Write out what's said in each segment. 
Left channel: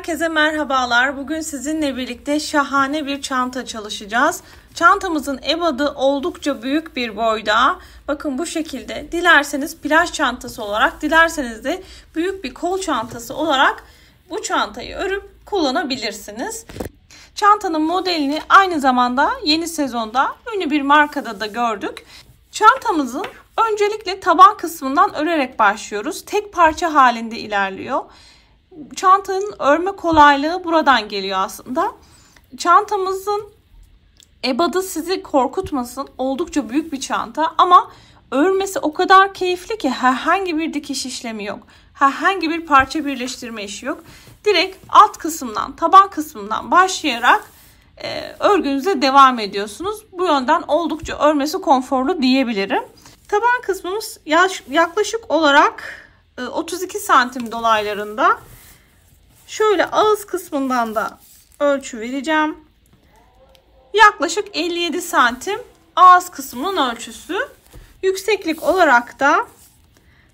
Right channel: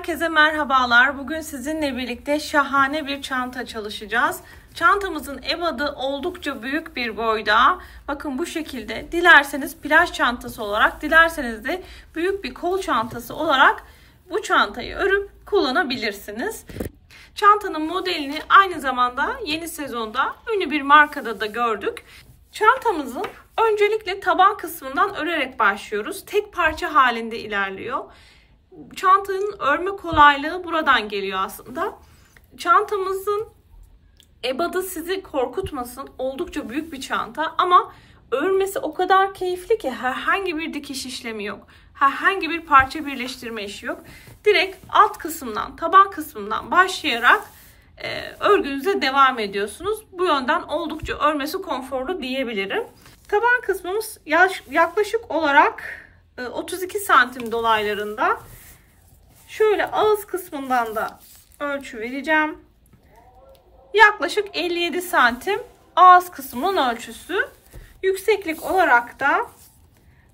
Herkese merhabalar. Bugün sizinle birlikte şahane bir çanta çalışacağız. Çantamızın ebadı oldukça büyük bir boyda. Bakın bu şekilde. Dilerseniz plaj çantası olarak, dilerseniz de büyük bir kol çantası olarak bu çantayı örüp kullanabilirsiniz. Çantanın modelini aynı zamanda yeni sezonda ünlü bir markada da gördük. Çantamızın öncelikle taban kısmından örerek başlıyoruz. Tek parça halinde ilerliyor. Çantanın örme kolaylığı buradan geliyor aslında. Çantamızın ebadı sizi korkutmasın. Oldukça büyük bir çanta ama örmesi o kadar keyifli ki herhangi bir dikiş işlemi yok. Herhangi bir parça birleştirme işi yok. Direkt alt kısımdan, taban kısmından başlayarak örgünüze devam ediyorsunuz. Bu yönden oldukça örmesi konforlu diyebilirim. Taban kısmımız yaklaşık olarak 32 santim dolaylarında. Şöyle ağız kısmından da ölçü vereceğim. Yaklaşık 57 santim ağız kısmının ölçüsü. Yükseklik olarak da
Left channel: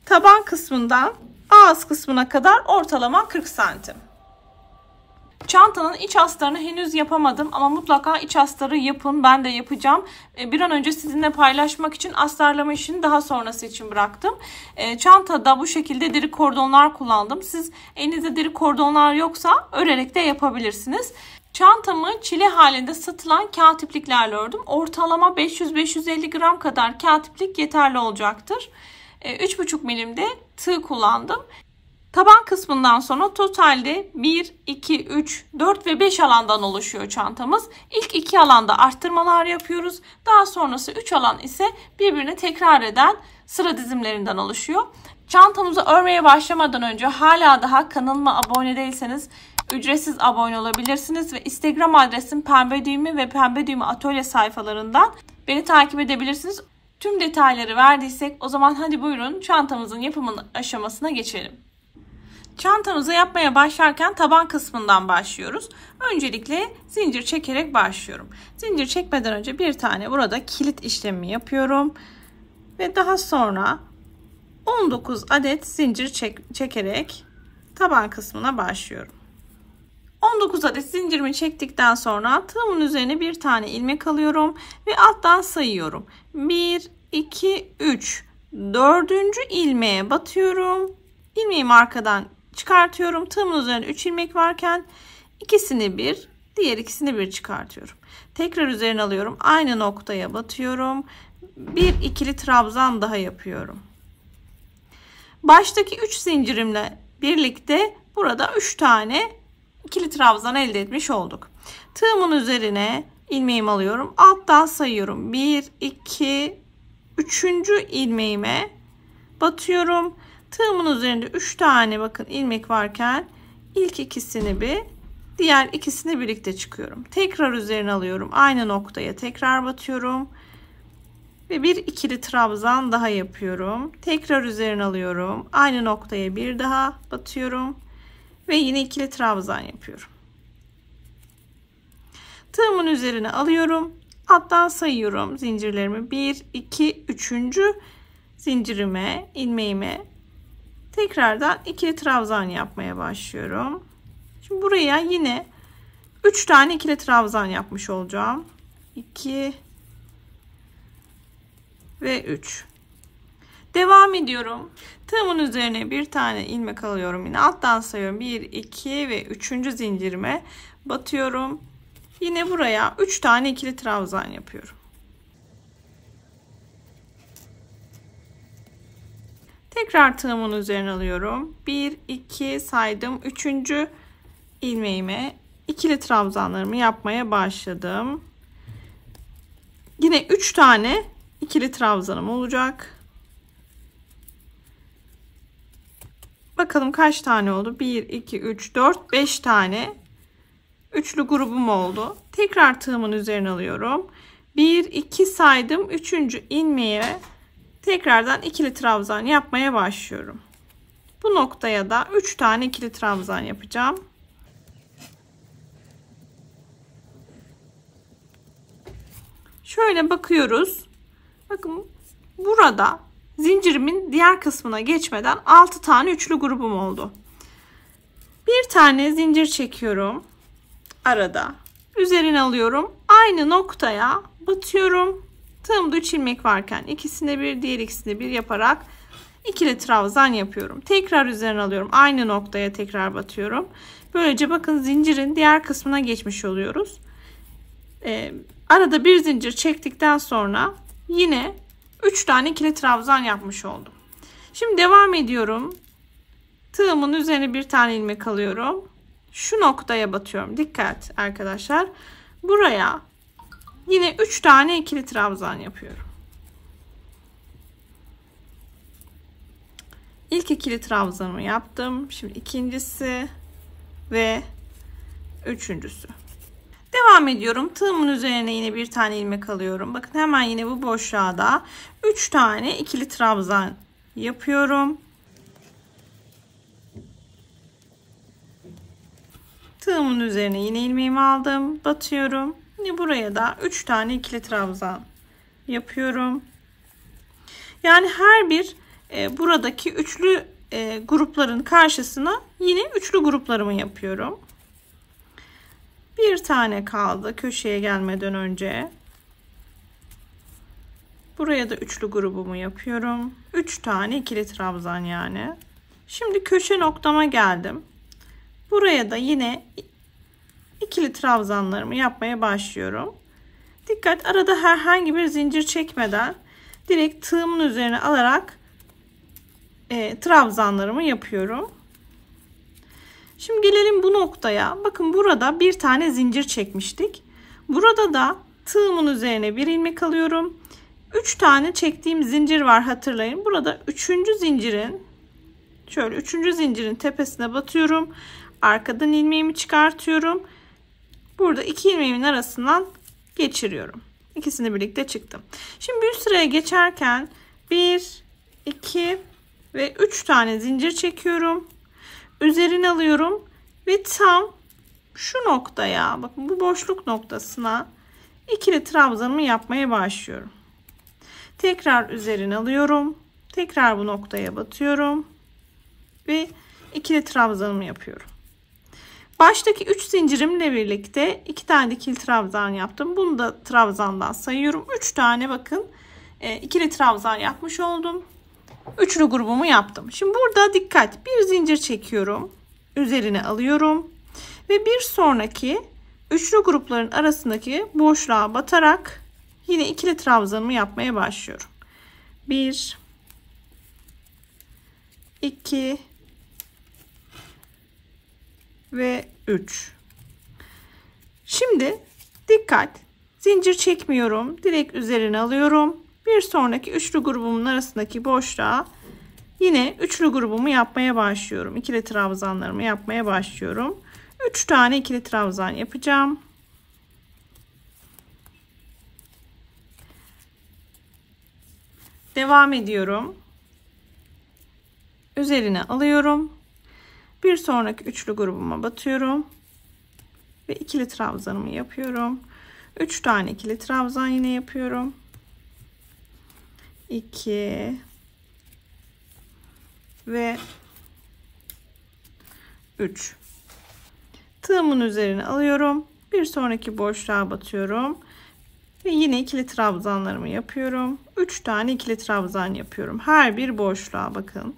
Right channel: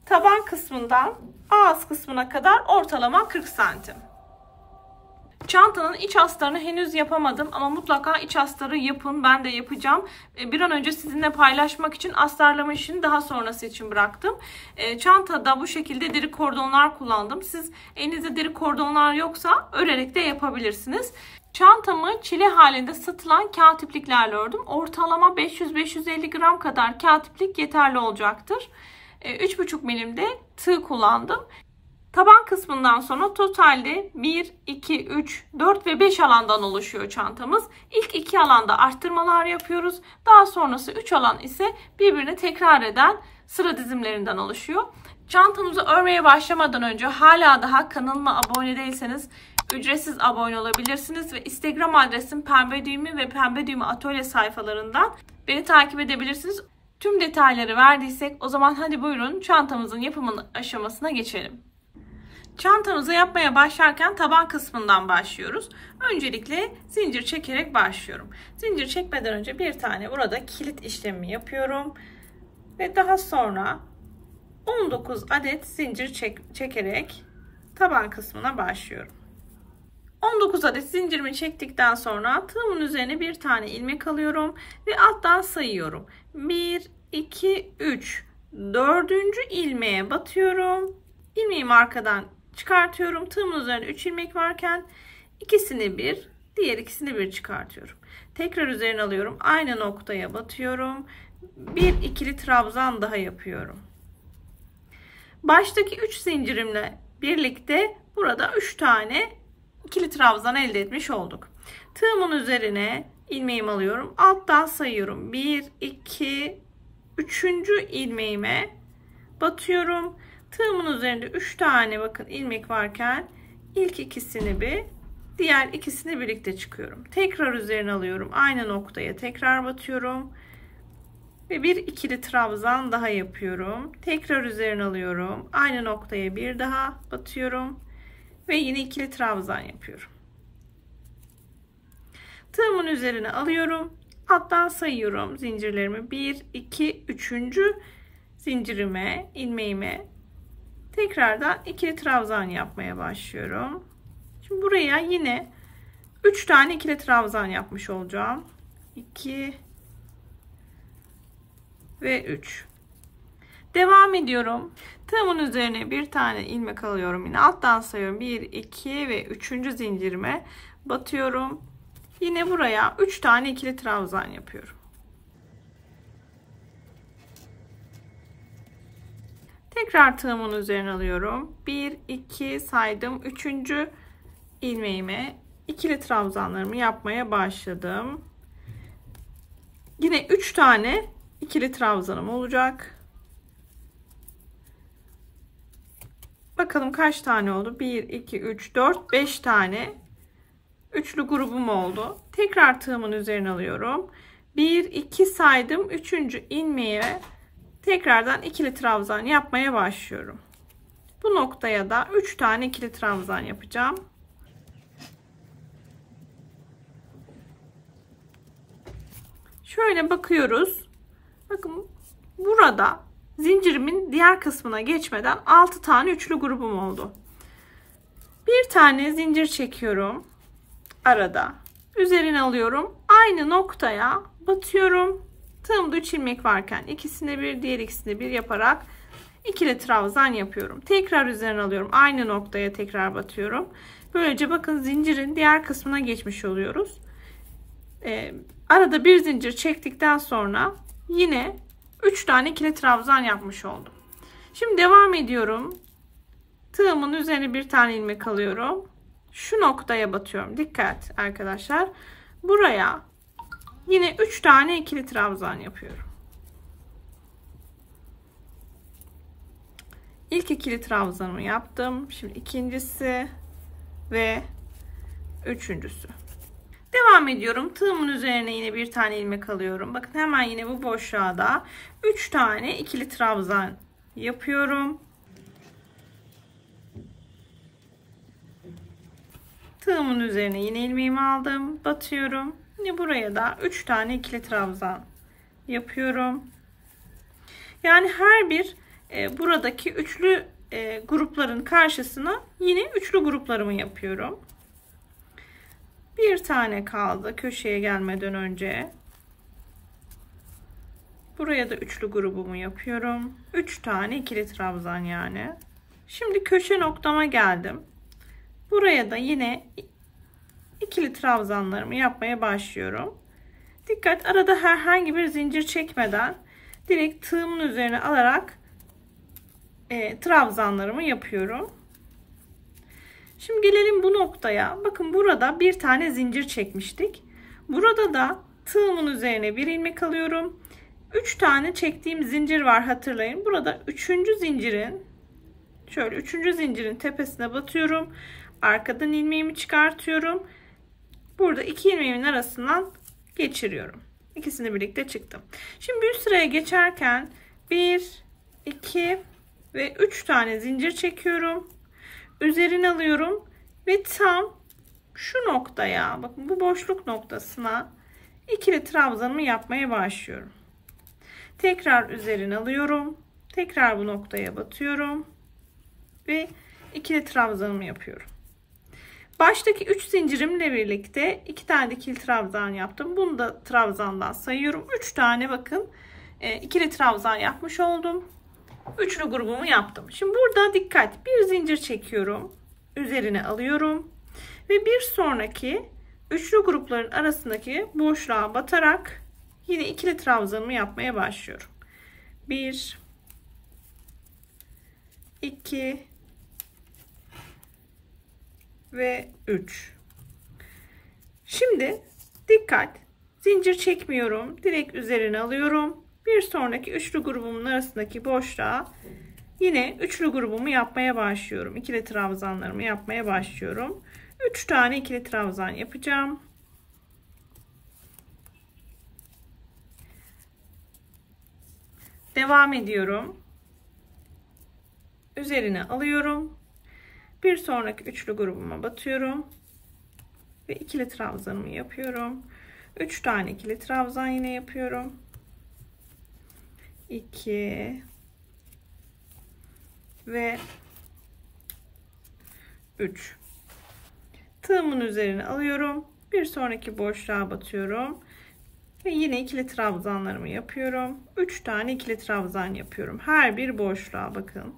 taban kısmından ağız kısmına kadar ortalama 40 santim. Çantanın iç astarını henüz yapamadım ama mutlaka iç astarı yapın. Ben de yapacağım. Bir an önce sizinle paylaşmak için astarlama işini daha sonrası için bıraktım. Çantada bu şekilde deri kordonlar kullandım. Siz elinizde deri kordonlar yoksa örerek de yapabilirsiniz. Çantamı çile halinde satılan kağıt ipliklerle ördüm. Ortalama 500-550 gram kadar kağıt iplik yeterli olacaktır. 3,5 milimde tığ kullandım. Taban kısmından sonra totalde 1, 2, 3, 4 ve 5 alandan oluşuyor çantamız. İlk 2 alanda arttırmalar yapıyoruz. Daha sonrası 3 alan ise birbirine tekrar eden sıra dizimlerinden oluşuyor. Çantamızı örmeye başlamadan önce hala daha kanalıma abone değilseniz ücretsiz abone olabilirsiniz. Ve Instagram adresim Pembe Düğümü ve Pembe Düğümü Atölye sayfalarından beni takip edebilirsiniz. Tüm detayları verdiysek o zaman hadi buyurun çantamızın yapımı aşamasına geçelim. Çantamızı yapmaya başlarken taban kısmından başlıyoruz. Öncelikle zincir çekerek başlıyorum. Zincir çekmeden önce bir tane burada kilit işlemi yapıyorum. Ve daha sonra 19 adet zincir çekerek taban kısmına başlıyorum. 19 adet zincirimi çektikten sonra tığımın üzerine bir tane ilmek alıyorum ve alttan sayıyorum. 1, 2, 3, 4. ilmeğe batıyorum. İlmeğimi arkadan çıkartıyorum. Tığımın üzerinde 3 ilmek varken ikisini bir, diğer ikisini bir çıkartıyorum. Tekrar üzerine alıyorum. Aynı noktaya batıyorum. Bir ikili trabzan daha yapıyorum. Baştaki 3 zincirimle birlikte burada 3 tane ikili trabzan elde etmiş olduk. Tığımın üzerine ilmeğimi alıyorum. Alttan sayıyorum. 1, 2, 3. ilmeğime batıyorum. Tığımın üzerinde 3 tane bakın ilmek varken ilk ikisini bir, diğer ikisini birlikte çıkıyorum. Tekrar üzerine alıyorum. Aynı noktaya tekrar batıyorum. Ve bir ikili trabzan daha yapıyorum. Tekrar üzerine alıyorum. Aynı noktaya bir daha batıyorum. Ve yine ikili trabzan yapıyorum. Tığımın üzerine alıyorum. Alttan sayıyorum zincirlerimi. 1, 2, 3. zincirime, ilmeğime tekrardan ikili trabzan yapmaya başlıyorum. Şimdi buraya yine 3 tane ikili trabzan yapmış olacağım. 2 ve 3. Devam ediyorum. Tığımın üzerine bir tane ilmek alıyorum. Yine alttan sayıyorum. 1, 2 ve 3. zincirime batıyorum. Yine buraya 3 tane ikili trabzan yapıyorum. Tekrar tığımın üzerine alıyorum. 1, 2 saydım. 3. ilmeğime ikili trabzanlarımı yapmaya başladım. Yine 3 tane ikili trabzanım olacak. Bakalım kaç tane oldu? 1, 2, 3, 4, 5 tane üçlü grubum oldu. Tekrar tığımın üzerine alıyorum. 1, 2 saydım. 3. ilmeğe tekrardan ikili trabzan yapmaya başlıyorum. Bu noktaya da 3 tane ikili trabzan yapacağım. Şöyle bakıyoruz. Bakın burada zincirimin diğer kısmına geçmeden 6 tane üçlü grubum oldu. Bir tane zincir çekiyorum arada. Üzerine alıyorum. Aynı noktaya batıyorum. Tığımda 3 ilmek varken ikisinde bir, diğer ikisinde bir yaparak ikili trabzan yapıyorum. Tekrar üzerine alıyorum. Aynı noktaya tekrar batıyorum. Böylece bakın zincirin diğer kısmına geçmiş oluyoruz. Arada bir zincir çektikten sonra yine 3 tane ikili trabzan yapmış oldum. Şimdi devam ediyorum. Tığımın üzerine bir tane ilmek alıyorum. Şu noktaya batıyorum. Dikkat arkadaşlar. Buraya yine 3 tane ikili trabzan yapıyorum. İlk ikili trabzanımı yaptım. Şimdi ikincisi ve üçüncüsü. Devam ediyorum. Tığımın üzerine yine bir tane ilmek alıyorum. Bakın hemen yine bu boşluğa da 3 tane ikili trabzan yapıyorum. Tığımın üzerine yine ilmeğimi aldım. Batıyorum. Yine buraya da 3 tane ikili trabzan yapıyorum. Yani her bir buradaki üçlü grupların karşısına yine üçlü gruplarımı yapıyorum. Bir tane kaldı köşeye gelmeden önce. Buraya da üçlü grubumu yapıyorum. 3 tane ikili trabzan yani. Şimdi köşe noktama geldim. Buraya da yine ikili trabzanlarımı yapmaya başlıyorum. Dikkat, arada herhangi bir zincir çekmeden direkt tığımın üzerine alarak trabzanlarımı yapıyorum. Şimdi gelelim bu noktaya. Bakın burada bir tane zincir çekmiştik. Burada da tığımın üzerine bir ilmek alıyorum. 3 tane çektiğim zincir var, hatırlayın. Burada 3. zincirin şöyle 3. zincirin tepesine batıyorum. Arkadan ilmeğimi çıkartıyorum. Burada 2 ilmeğimin arasından geçiriyorum. İkisini birlikte çıktım. Şimdi bir sıraya geçerken 1, 2 ve 3 tane zincir çekiyorum. Üzerine alıyorum ve tam şu noktaya, bakın bu boşluk noktasına ikili trabzanımı yapmaya başlıyorum. Tekrar üzerine alıyorum. Tekrar bu noktaya batıyorum ve ikili trabzanımı yapıyorum. Baştaki 3 zincirimle birlikte 2 tane ikili trabzan yaptım. Bunu da trabzandan sayıyorum. 3 tane bakın ikili trabzan yapmış oldum. Üçlü grubumu yaptım. Şimdi burada dikkat, bir zincir çekiyorum. Üzerine alıyorum. Ve bir sonraki üçlü grupların arasındaki boşluğa batarak yine ikili trabzanımı yapmaya başlıyorum. 1, 2 ve 3. Şimdi dikkat, zincir çekmiyorum. Direkt üzerine alıyorum. Bir sonraki üçlü grubumun arasındaki boşluğa yine üçlü grubumu yapmaya başlıyorum. İkili trabzanlarımı yapmaya başlıyorum. 3 tane ikili trabzan yapacağım. Devam ediyorum. Üzerine alıyorum. Bir sonraki üçlü grubuma batıyorum ve ikili trabzanımı yapıyorum. 3 tane ikili trabzan yine yapıyorum. 2 ve 3. Tığımın üzerine alıyorum. Bir sonraki boşluğa batıyorum ve yine ikili trabzanlarımı yapıyorum. 3 tane ikili trabzan yapıyorum. Her bir boşluğa bakın.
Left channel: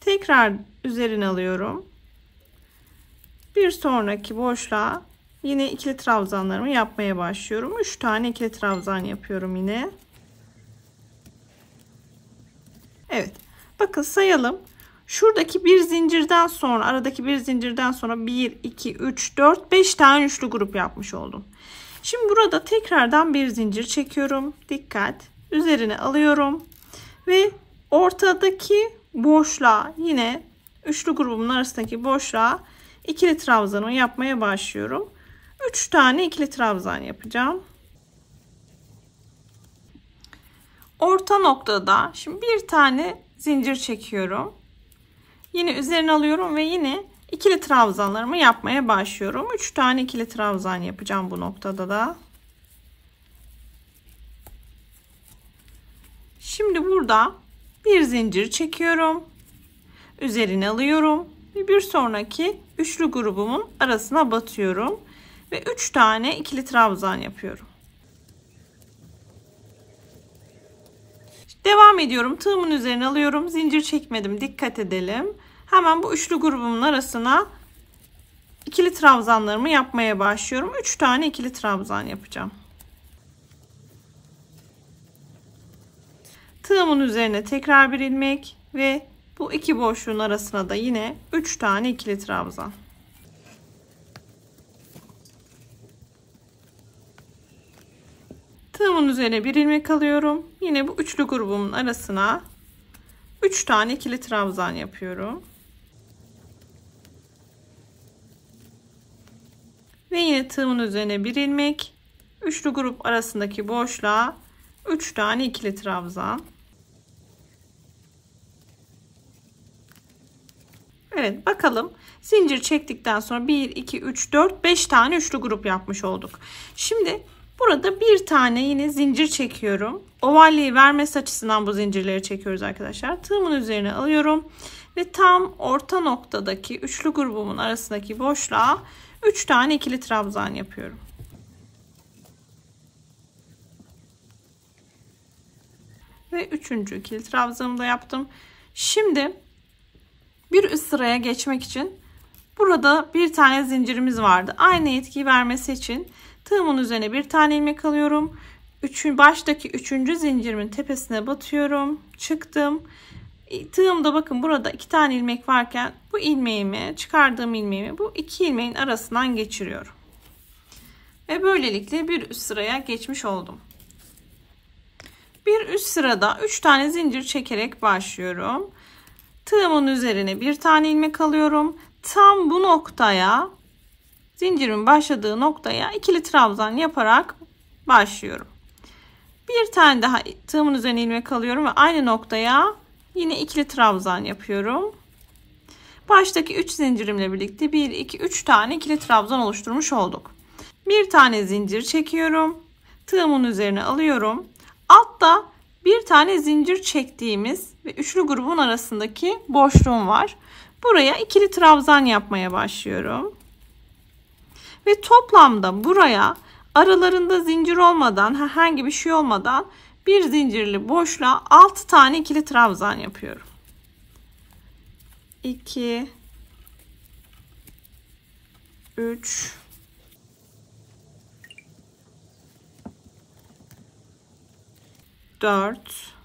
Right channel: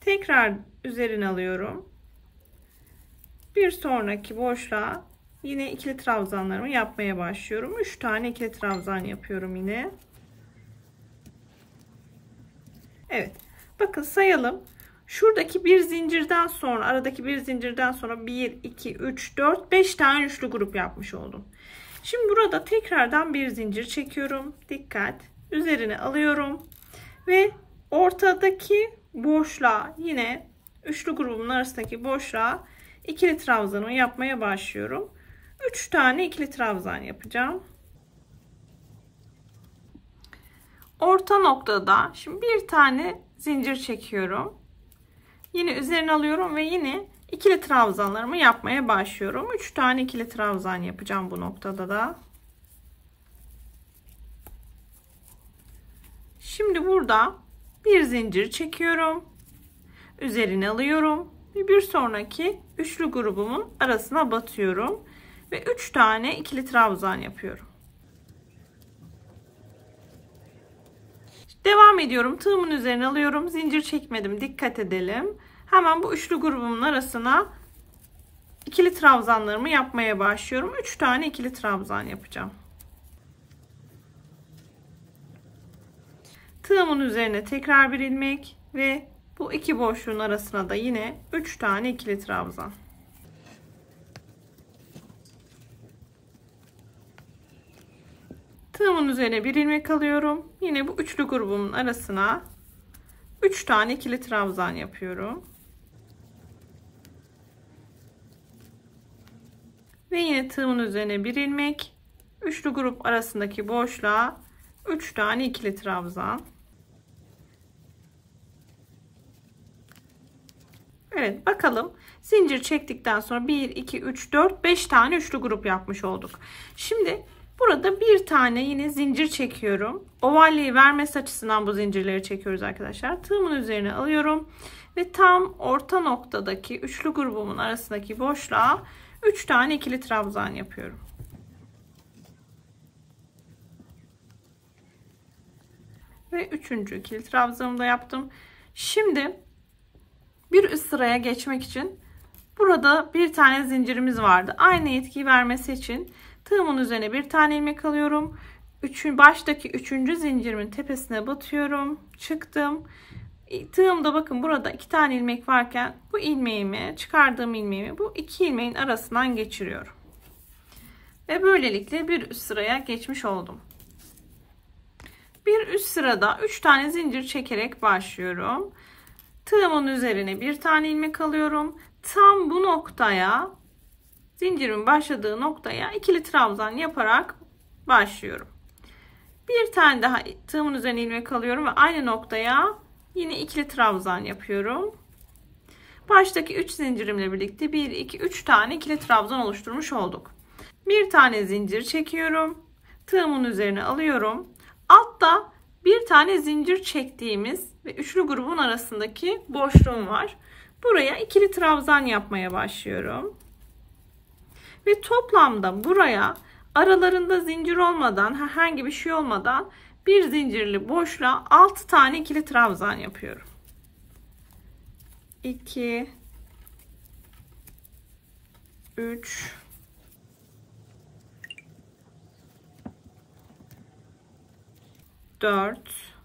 Tekrar üzerine alıyorum. Bir sonraki boşluğa yine ikili trabzanlarımı yapmaya başlıyorum. 3 tane ikili trabzan yapıyorum yine. Evet. Bakın sayalım. Şuradaki bir zincirden sonra, aradaki bir zincirden sonra 1, 2, 3, 4, 5 tane üçlü grup yapmış oldum. Şimdi burada tekrardan bir zincir çekiyorum. Dikkat. Üzerine alıyorum. Ve ortadaki boşluğa, yine üçlü grubumun arasındaki boşluğa ikili trabzanımı yapmaya başlıyorum. 3 tane ikili trabzan yapacağım. Orta noktada şimdi bir tane zincir çekiyorum. Yine üzerine alıyorum ve yine ikili trabzanlarımı yapmaya başlıyorum. 3 tane ikili trabzan yapacağım bu noktada da. Şimdi burada Bir zincir çekiyorum. Üzerine alıyorum ve bir sonraki üçlü grubumun arasına batıyorum ve 3 tane ikili trabzan yapıyorum. Devam ediyorum. Tığımın üzerine alıyorum. Zincir çekmedim. Dikkat edelim. Hemen bu üçlü grubumun arasına ikili trabzanlarımı yapmaya başlıyorum. 3 tane ikili trabzan yapacağım. Tığımın üzerine tekrar bir ilmek ve bu iki boşluğun arasına da yine 3 tane ikili trabzan. Tığımın üzerine bir ilmek alıyorum. Yine bu üçlü grubumun arasına 3 tane ikili trabzan yapıyorum. Ve yine tığımın üzerine bir ilmek, üçlü grup arasındaki boşluğa 3 tane ikili trabzan. Evet, bakalım. Zincir çektikten sonra 1, 2, 3, 4, 5 tane üçlü grup yapmış olduk. Şimdi burada bir tane yine zincir çekiyorum. Ovalliği vermesi açısından bu zincirleri çekiyoruz arkadaşlar. Tığımın üzerine alıyorum ve tam orta noktadaki üçlü grubumun arasındaki boşluğa 3 tane ikili trabzan yapıyorum. Ve 3. ikili trabzanımı da yaptım. Şimdi bir üst sıraya geçmek için burada bir tane zincirimiz vardı. Aynı etkiyi vermesi için tığımın üzerine bir tane ilmek alıyorum. Baştaki 3. zincirimin tepesine batıyorum. Çıktım. Tığımda bakın burada 2 tane ilmek varken bu ilmeğimi, çıkardığım ilmeğimi bu 2 ilmeğin arasından geçiriyorum. Ve böylelikle bir üst sıraya geçmiş oldum. Bir üst sırada 3 tane zincir çekerek başlıyorum. Tığımın üzerine bir tane ilmek alıyorum. Tam bu noktaya, zincirimin başladığı noktaya ikili trabzan yaparak başlıyorum. Bir tane daha tığımın üzerine ilmek alıyorum ve aynı noktaya yine ikili trabzan yapıyorum. Baştaki 3 zincirimle birlikte 1, 2, 3 tane ikili trabzan oluşturmuş olduk. Bir tane zincir çekiyorum. Tığımın üzerine alıyorum. Altta bir tane zincir çektiğimiz ve üçlü grubun arasındaki boşluğum var. Buraya ikili trabzan yapmaya başlıyorum. Ve toplamda buraya aralarında zincir olmadan, herhangi bir şey olmadan bir zincirli boşluğa 6 tane ikili trabzan yapıyorum. 2 3 4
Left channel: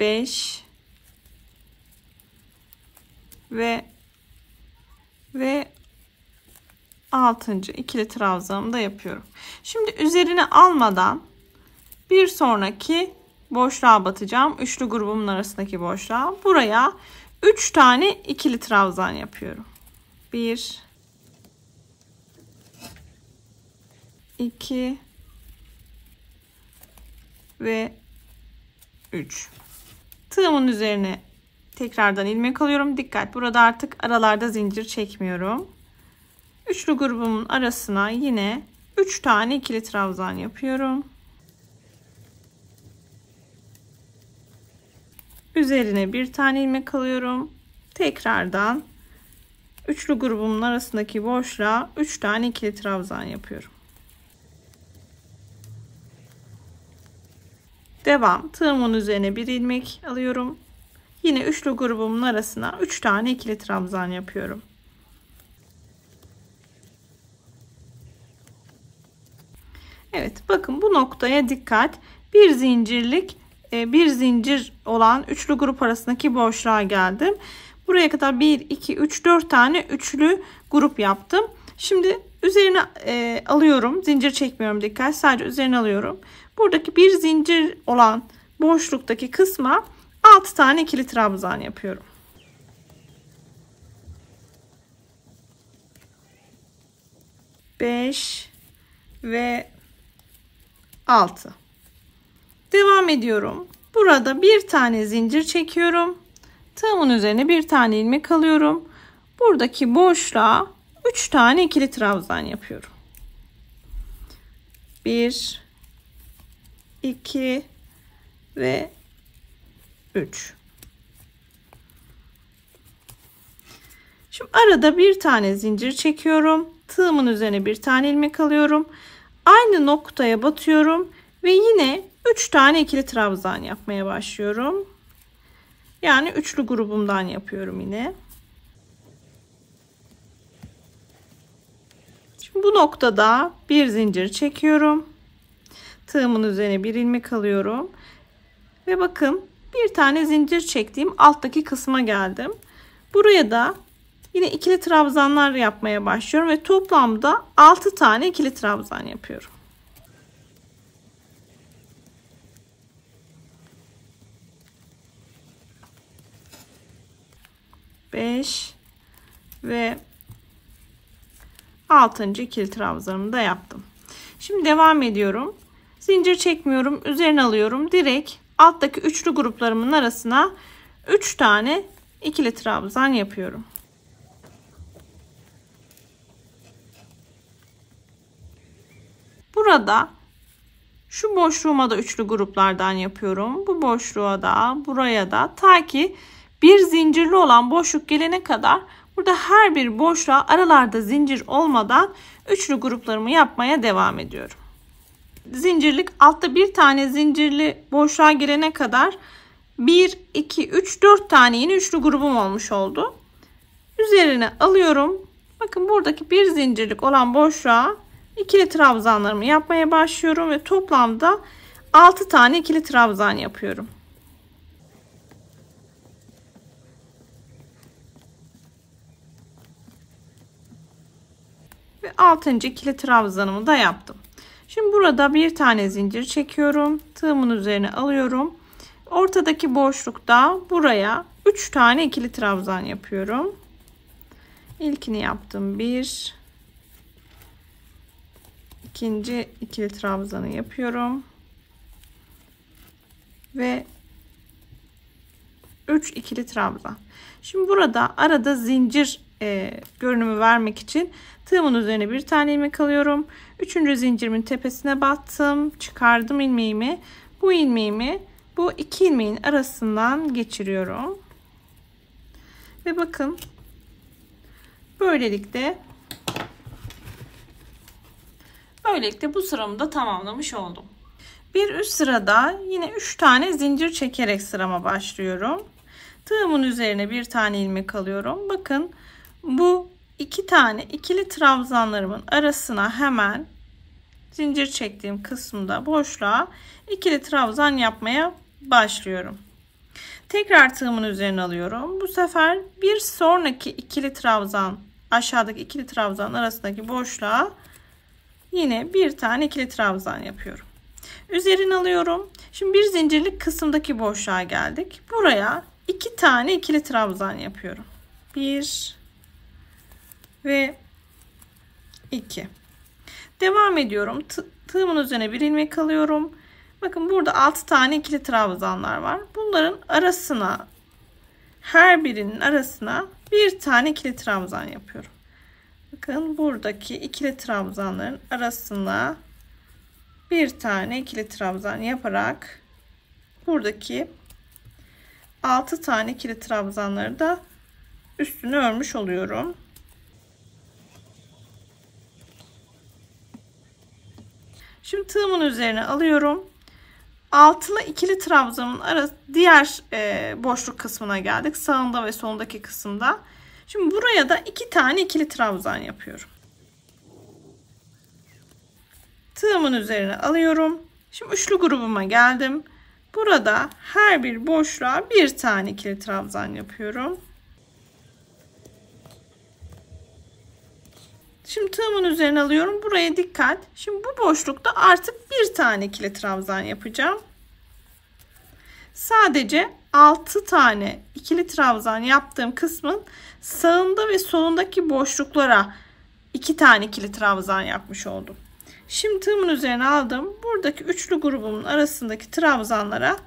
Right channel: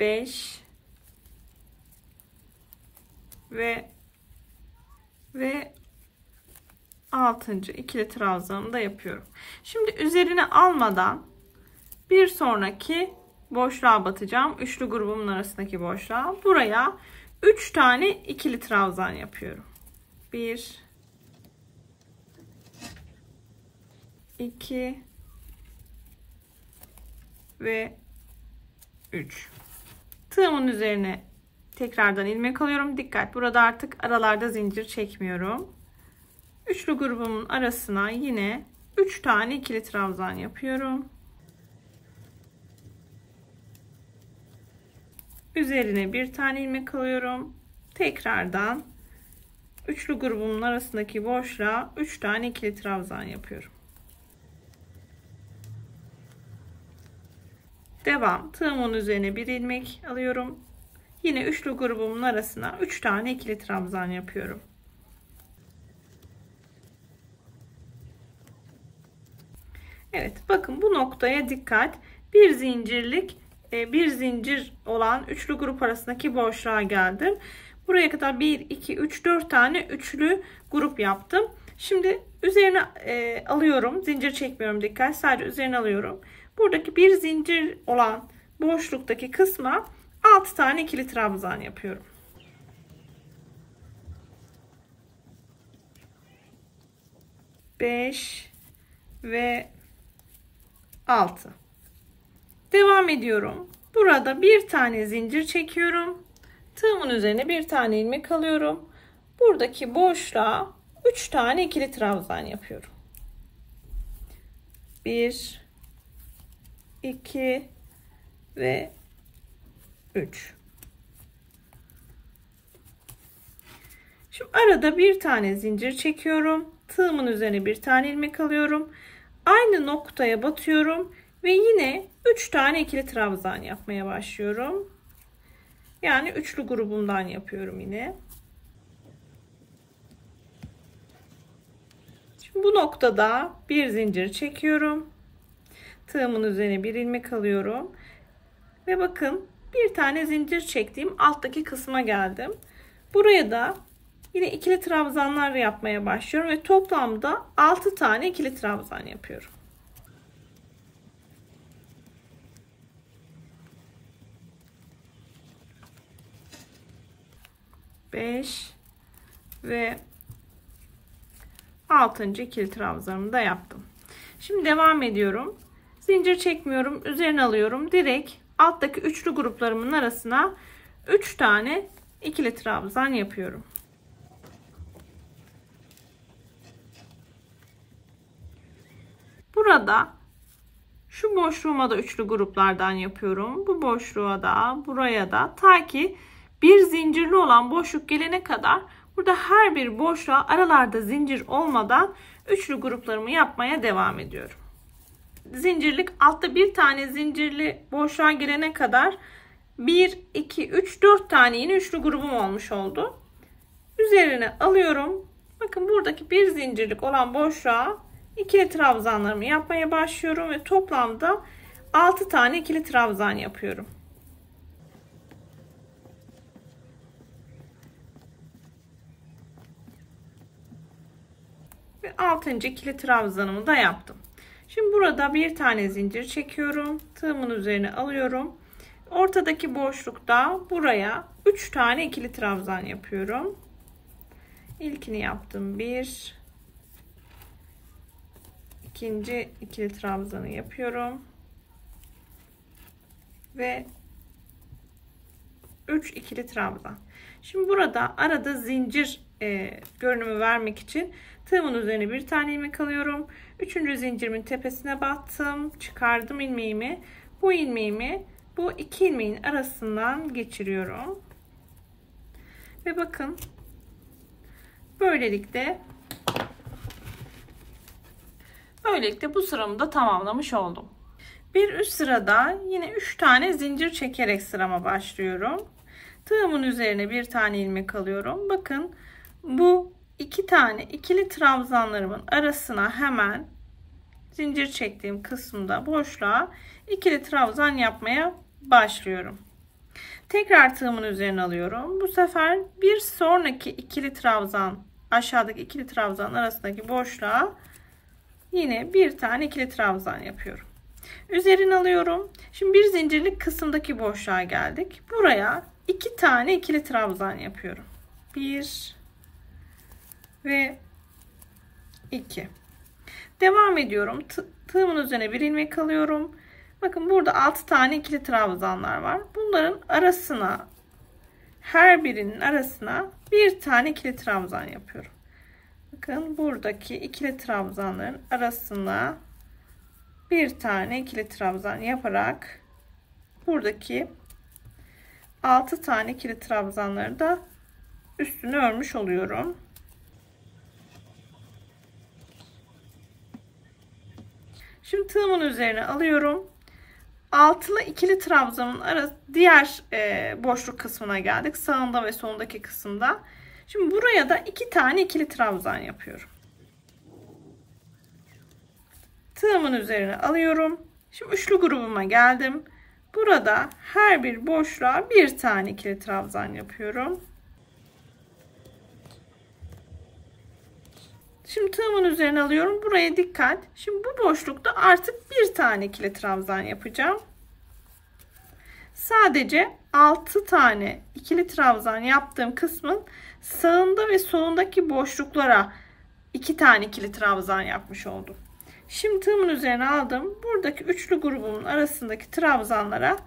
5 ve 6. ikili trabzanımı da yapıyorum. Şimdi üzerine almadan bir sonraki boşluğa batacağım. Üçlü grubumun arasındaki boşluğa. Buraya 3 tane ikili trabzan yapıyorum. 1 2 ve 3. Tığımın üzerine tekrardan ilmek alıyorum. Dikkat, burada artık aralarda zincir çekmiyorum. Üçlü grubumun arasına yine 3 tane ikili trabzan yapıyorum. Üzerine bir tane ilmek alıyorum. Tekrardan üçlü grubumun arasındaki boşluğa 3 tane ikili trabzan yapıyorum. Devam. Tığımın üzerine bir ilmek alıyorum. Yine üçlü grubumun arasına 3 tane ikili trabzan yapıyorum. Evet, bakın bu noktaya dikkat. Bir zincir olan üçlü grup arasındaki boşluğa geldim. Buraya kadar 1 2 3 4 tane üçlü grup yaptım. Şimdi üzerine alıyorum. Zincir çekmiyorum, dikkat. Sadece üzerine alıyorum. Buradaki bir zincir olan boşluktaki kısma 6 tane ikili trabzan yapıyorum. Beş ve 6. Devam ediyorum. Burada bir tane zincir çekiyorum. Tığımın üzerine bir tane ilmek alıyorum. Buradaki boşluğa 3 tane ikili trabzan yapıyorum. 1 2 ve 3. Şimdi arada bir tane zincir çekiyorum. Tığımın üzerine bir tane ilmek alıyorum. Aynı noktaya batıyorum ve yine 3 tane ikili trabzan yapmaya başlıyorum. Yani üçlü grubumdan yapıyorum yine. Şimdi bu noktada bir zincir çekiyorum. Tığımın üzerine bir ilmek alıyorum. Ve bakın bir tane zincir çektiğim alttaki kısma geldim. Buraya da yine ikili trabzanlar yapmaya başlıyorum ve toplamda 6 tane ikili trabzan yapıyorum. Beş ve 6. ikili trabzanımı da yaptım. Şimdi devam ediyorum. Zincir çekmiyorum, üzerine alıyorum. Direkt alttaki üçlü gruplarımın arasına 3 tane ikili trabzan yapıyorum. Burada şu boşluğuma da üçlü gruplardan yapıyorum. Bu boşluğa da, buraya da, ta ki bir zincirli olan boşluk gelene kadar burada her bir boşluğa aralarda zincir olmadan üçlü gruplarımı yapmaya devam ediyorum. Zincirlik altta bir tane zincirli boşluğa gelene kadar 1, 2, 3, 4 tane yine üçlü grubum olmuş oldu. Üzerine alıyorum. Bakın buradaki bir zincirlik olan boşluğa ikili trabzanlarımı yapmaya başlıyorum ve toplamda 6 tane ikili trabzan yapıyorum. Ve 6. ikili trabzanımı da yaptım. Şimdi burada bir tane zincir çekiyorum. Tığımın üzerine alıyorum. Ortadaki boşlukta buraya 3 tane ikili trabzan yapıyorum. İlkini yaptım. 1, ikinci ikili trabzanı yapıyorum. Ve 3 ikili trabzan. Şimdi burada arada zincir görünümü vermek için tığımın üzerine bir tane ilmek alıyorum. 3. zincirimin tepesine battım. Çıkardım ilmeğimi. Bu ilmeğimi bu iki ilmeğin arasından geçiriyorum. Ve bakın böylelikle bu sıramı da tamamlamış oldum. Bir üst sırada yine 3 tane zincir çekerek sırama başlıyorum. Tığımın üzerine bir tane ilmek alıyorum. Bakın bu 2 tane ikili trabzanlarımın arasına hemen zincir çektiğim kısımda boşluğa ikili trabzan yapmaya başlıyorum. Tekrar tığımın üzerine alıyorum. Bu sefer bir sonraki ikili trabzan, aşağıdaki ikili trabzan arasındaki boşluğa yine bir tane ikili trabzan yapıyorum. Üzerine alıyorum. Şimdi bir zincirlik kısımdaki boşluğa geldik. Buraya 2 tane ikili trabzan yapıyorum. 1 ve 2. Devam ediyorum. Tığımın üzerine bir ilmek alıyorum. Bakın burada 6 tane ikili trabzanlar var. Bunların arasına, her birinin arasına bir tane ikili trabzan yapıyorum. Bakın buradaki ikili trabzanların arasına bir tane ikili trabzan yaparak buradaki 6 tane ikili trabzanları da üstünü örmüş oluyorum. Şimdi tığımın üzerine alıyorum. Altılı ikili trabzanın arası diğer boşluk kısmına geldik. Sağında ve solundaki kısımda. Şimdi buraya da 2 tane ikili trabzan yapıyorum. Tığımın üzerine alıyorum. Şimdi üçlü grubuma geldim. Burada her bir boşluğa bir tane ikili trabzan yapıyorum. Şimdi tığımın üzerine alıyorum. Buraya dikkat. Şimdi bu boşlukta artık bir tane ikili trabzan yapacağım. Sadece 6 tane ikili trabzan yaptığım kısmın sağında ve solundaki boşluklara 2 tane ikili trabzan yapmış oldum. Şimdi tığımın üzerine aldım. Buradaki üçlü grubumun arasındaki trabzanlara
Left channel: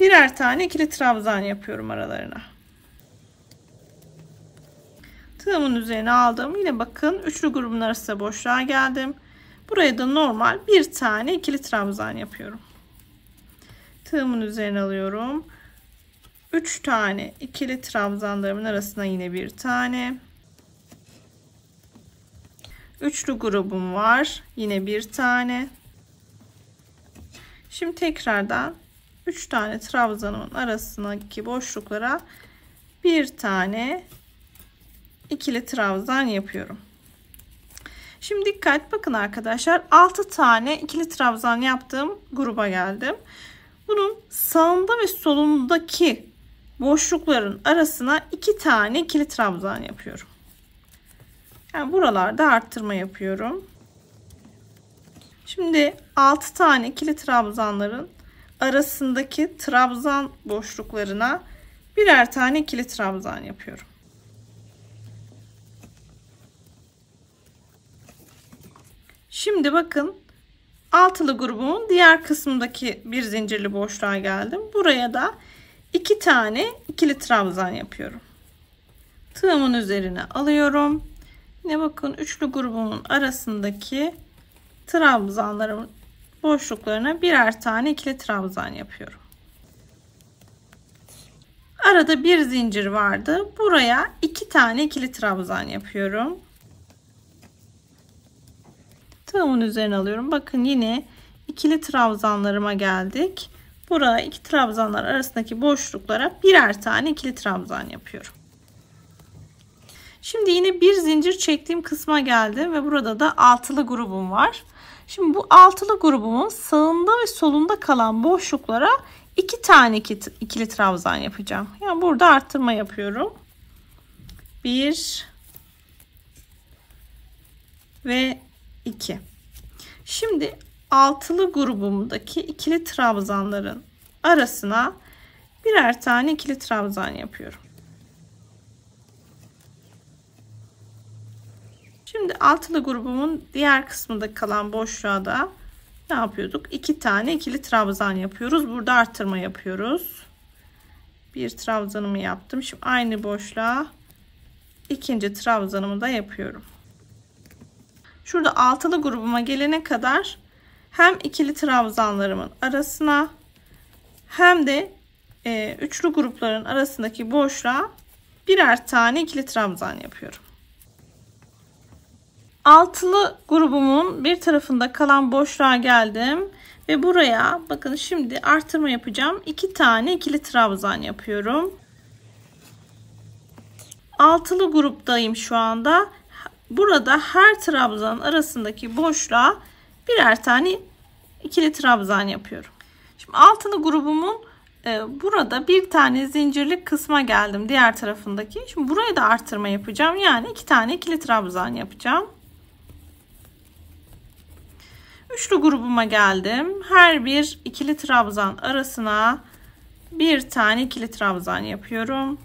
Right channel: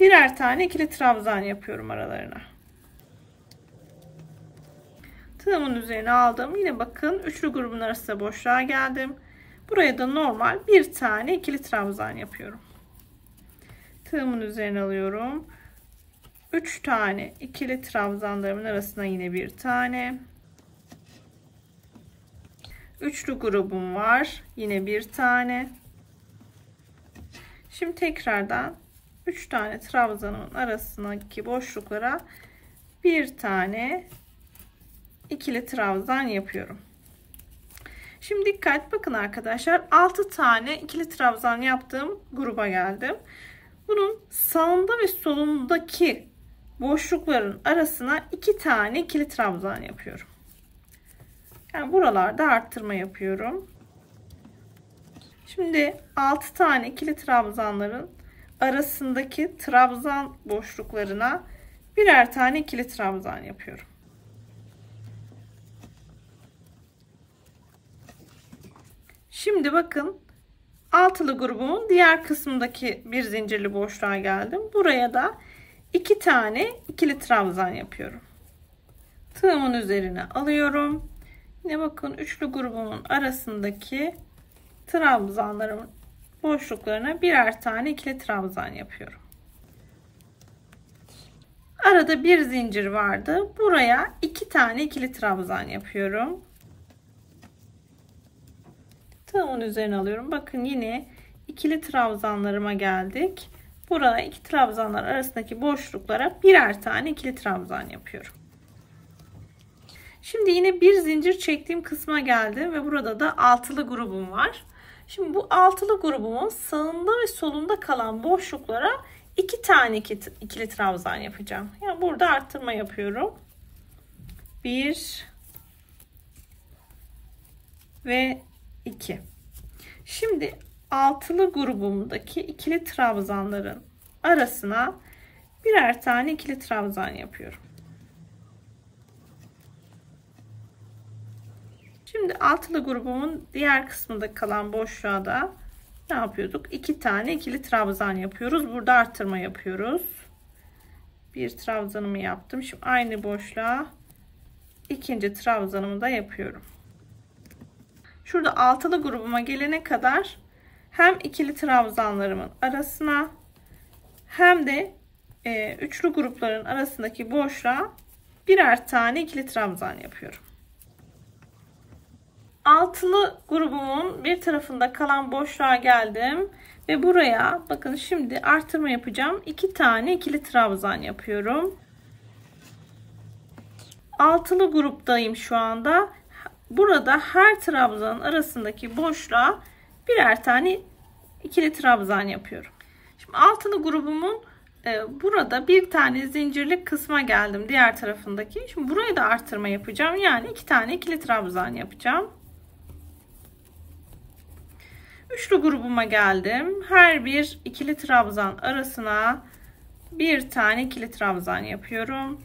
birer tane ikili trabzan yapıyorum aralarına. Tığımın üzerine aldım. Yine bakın üçlü grubun arasında boşluğa geldim. Buraya da normal bir tane ikili trabzan yapıyorum. Tığımın üzerine alıyorum. 3 tane ikili trabzanlarımın arasına yine bir tane. Üçlü grubum var. Yine bir tane. Şimdi tekrardan 3 tane trabzanımın arasındaki boşluklara bir tane ikili trabzan yapıyorum. Şimdi dikkat, bakın arkadaşlar, 6 tane ikili trabzan yaptığım gruba geldim. Bunun sağında ve solundaki boşlukların arasına 2 tane ikili trabzan yapıyorum. Yani buralarda arttırma yapıyorum. Şimdi 6 tane ikili trabzanların arasındaki trabzan boşluklarına birer tane ikili trabzan yapıyorum. Şimdi bakın, altılı grubumun diğer kısmındaki bir zincirli boşluğa geldim. Buraya da 2 tane ikili trabzan yapıyorum. Tığımın üzerine alıyorum. Yine bakın, üçlü grubumun arasındaki trabzanlarımın boşluklarına birer tane ikili trabzan yapıyorum. Arada bir zincir vardı. Buraya 2 tane ikili trabzan yapıyorum. Tığımın üzerine alıyorum. Bakın, yine ikili trabzanlarıma geldik. Burada iki trabzanlar arasındaki boşluklara birer tane ikili trabzan yapıyorum. Şimdi yine bir zincir çektiğim kısma geldim ve burada da altılı grubum var. Şimdi bu altılı grubumun sağında ve solunda kalan boşluklara 2 tane ikili trabzan yapacağım. Yani burada arttırma yapıyorum. 1 ve 2. Şimdi altılı grubumdaki ikili trabzanların arasına birer tane ikili trabzan yapıyorum. Şimdi altılı grubumun diğer kısmında kalan boşluğa da ne yapıyorduk? 2 tane ikili trabzan yapıyoruz. Burada arttırma yapıyoruz. Bir trabzanımı yaptım. Şimdi aynı boşluğa ikinci trabzanımı da yapıyorum. Şurada altılı grubuma gelene kadar hem ikili trabzanlarımın arasına hem de üçlü grupların arasındaki boşluğa birer tane ikili trabzan yapıyorum. Altılı grubumun bir tarafında kalan boşluğa geldim ve buraya bakın, şimdi artırma yapacağım. 2 tane ikili trabzan yapıyorum. Altılı gruptayım şu anda. Burada her trabzanın arasındaki boşluğa birer tane ikili trabzan yapıyorum. Şimdi altılı grubumun burada bir tane zincirlik kısma geldim, diğer tarafındaki. Şimdi buraya da artırma yapacağım. Yani 2 tane ikili trabzan yapacağım. Üçlü grubuma geldim. Her bir ikili trabzan arasına bir tane ikili trabzan yapıyorum.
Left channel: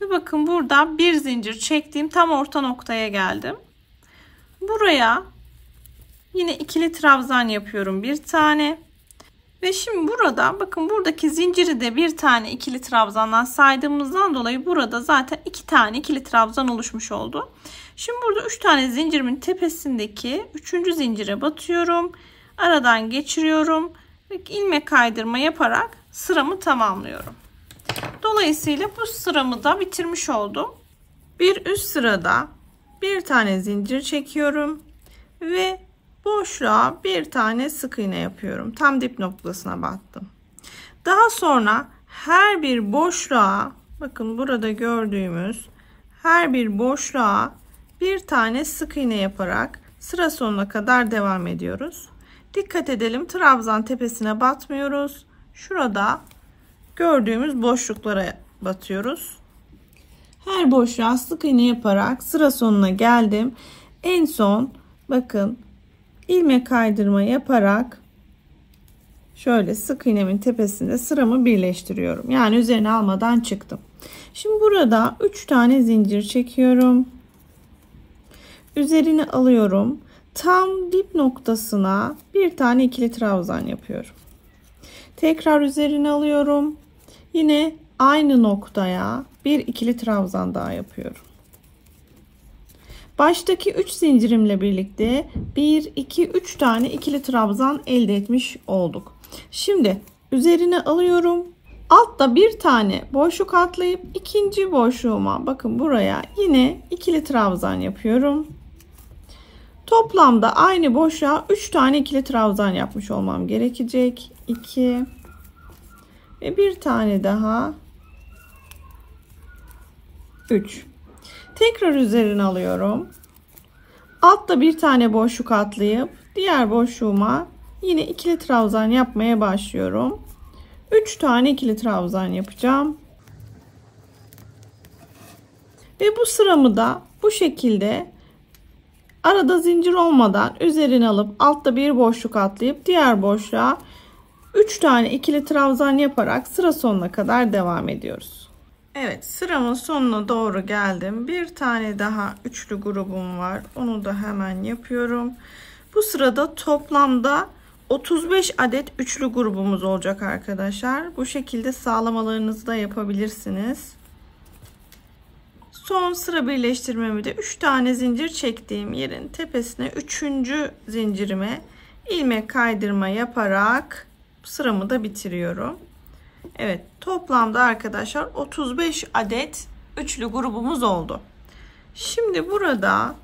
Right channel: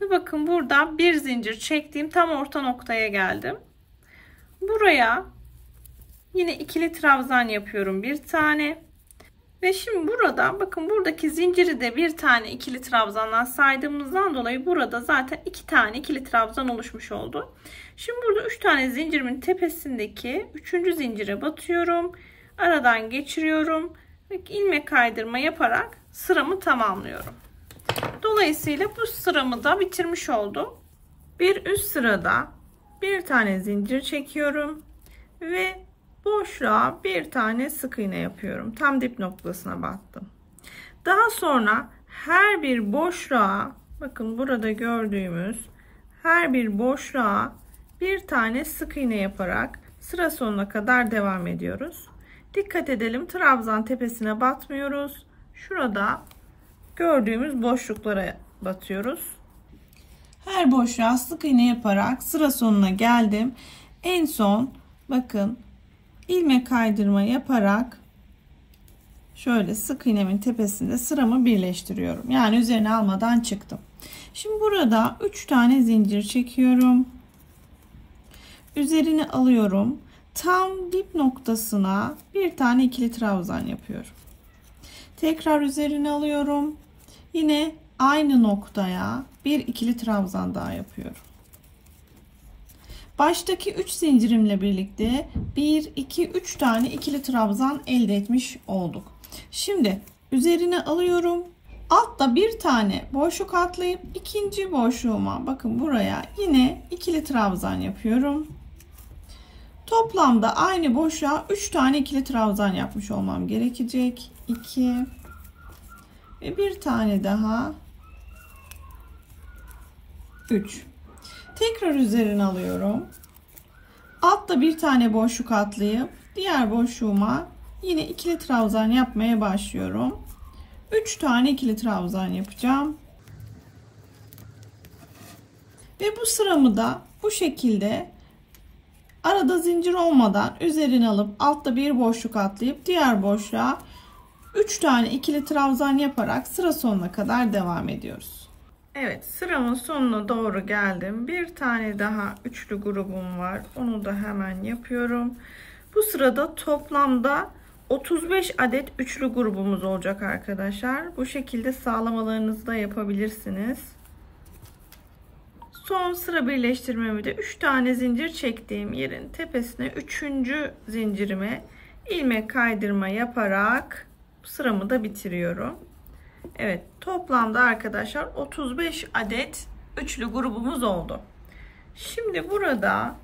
Ve bakın, burada bir zincir çektiğim tam orta noktaya geldim. Buraya yine ikili trabzan yapıyorum, bir tane. Ve şimdi burada bakın, buradaki zinciri de bir tane ikili trabzandan saydığımızdan dolayı burada zaten 2 tane ikili trabzan oluşmuş oldu. Şimdi burada 3 tane zincirimin tepesindeki 3. zincire batıyorum. Aradan geçiriyorum ve ilmek kaydırma yaparak sıramı tamamlıyorum. Dolayısıyla bu sıramı da bitirmiş oldum. Bir üst sırada bir tane zincir çekiyorum ve boşluğa bir tane sık iğne yapıyorum. Tam dip noktasına battım. Daha sonra her bir boşluğa, bakın burada gördüğümüz her bir boşluğa bir tane sık iğne yaparak sıra sonuna kadar devam ediyoruz. Dikkat edelim, trabzan tepesine batmıyoruz. Şurada gördüğümüz boşluklara batıyoruz. Her boşluğa sık iğne yaparak sıra sonuna geldim. En son bakın, ilmek kaydırma yaparak şöyle sık iğnemin tepesinde sıramı birleştiriyorum. Yani üzerine almadan çıktım. Şimdi burada 3 tane zincir çekiyorum. Üzerine alıyorum. Tam dip noktasına bir tane ikili trabzan yapıyorum. Tekrar üzerine alıyorum. Yine aynı noktaya bir ikili trabzan daha yapıyorum. Baştaki 3 zincirimle birlikte 1, 2, 3 tane ikili trabzan elde etmiş olduk. Şimdi üzerine alıyorum. Altta bir tane boşluk atlayıp ikinci boşluğuma, bakın buraya yine ikili trabzan yapıyorum. Toplamda aynı boşluğa 3 tane ikili trabzan yapmış olmam gerekecek. 2 ve bir tane daha 3. Tekrar üzerine alıyorum. Altta bir tane boşluk atlayıp diğer boşluğuma yine ikili trabzan yapmaya başlıyorum. 3 tane ikili trabzan yapacağım. Ve bu sıramı da bu şekilde arada zincir olmadan üzerine alıp altta bir boşluk atlayıp diğer boşluğa 3 tane ikili trabzan yaparak sıra sonuna kadar devam ediyoruz. Evet, sıramın sonuna doğru geldim. Bir tane daha üçlü grubum var. Onu da hemen yapıyorum. Bu sırada toplamda 35 adet üçlü grubumuz olacak arkadaşlar. Bu şekilde sağlamalarınızı da yapabilirsiniz. Son sıra birleştirmemi de 3 tane zincir çektiğim yerin tepesine 3. zincirime ilmek kaydırma yaparak sıramı da bitiriyorum. Evet, toplamda arkadaşlar 35 adet üçlü grubumuz oldu. Şimdi burada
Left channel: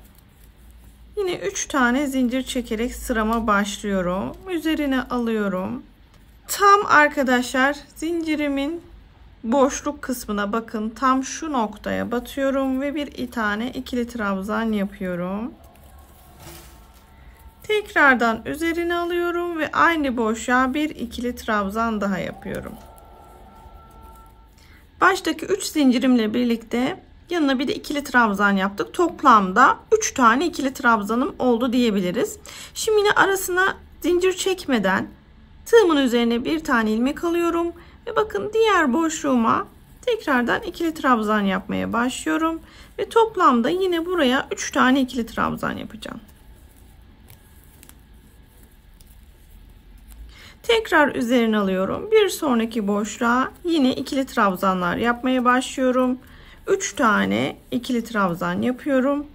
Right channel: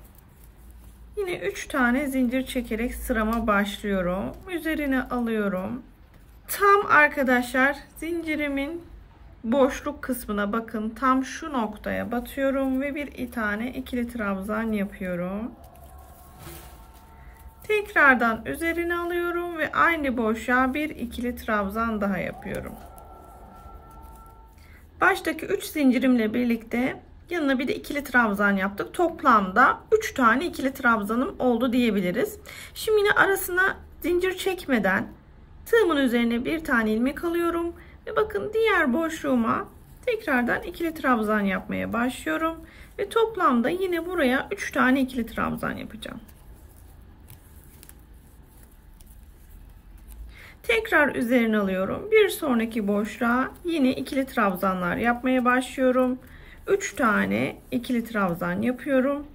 yine 3 tane zincir çekerek sırama başlıyorum. Üzerine alıyorum. Tam arkadaşlar zincirimin boşluk kısmına, bakın tam şu noktaya batıyorum ve bir tane ikili trabzan yapıyorum. Tekrardan üzerine alıyorum ve aynı boşluğa bir ikili trabzan daha yapıyorum. Baştaki 3 zincirimle birlikte yanına bir de ikili trabzan yaptık. Toplamda 3 tane ikili trabzanım oldu diyebiliriz. Şimdi yine arasına zincir çekmeden tığımın üzerine bir tane ilmek alıyorum ve bakın diğer boşluğuma tekrardan ikili trabzan yapmaya başlıyorum ve toplamda yine buraya 3 tane ikili trabzan yapacağım. Tekrar üzerine alıyorum. Bir sonraki boşluğa yine ikili trabzanlar yapmaya başlıyorum. 3 tane ikili trabzan yapıyorum.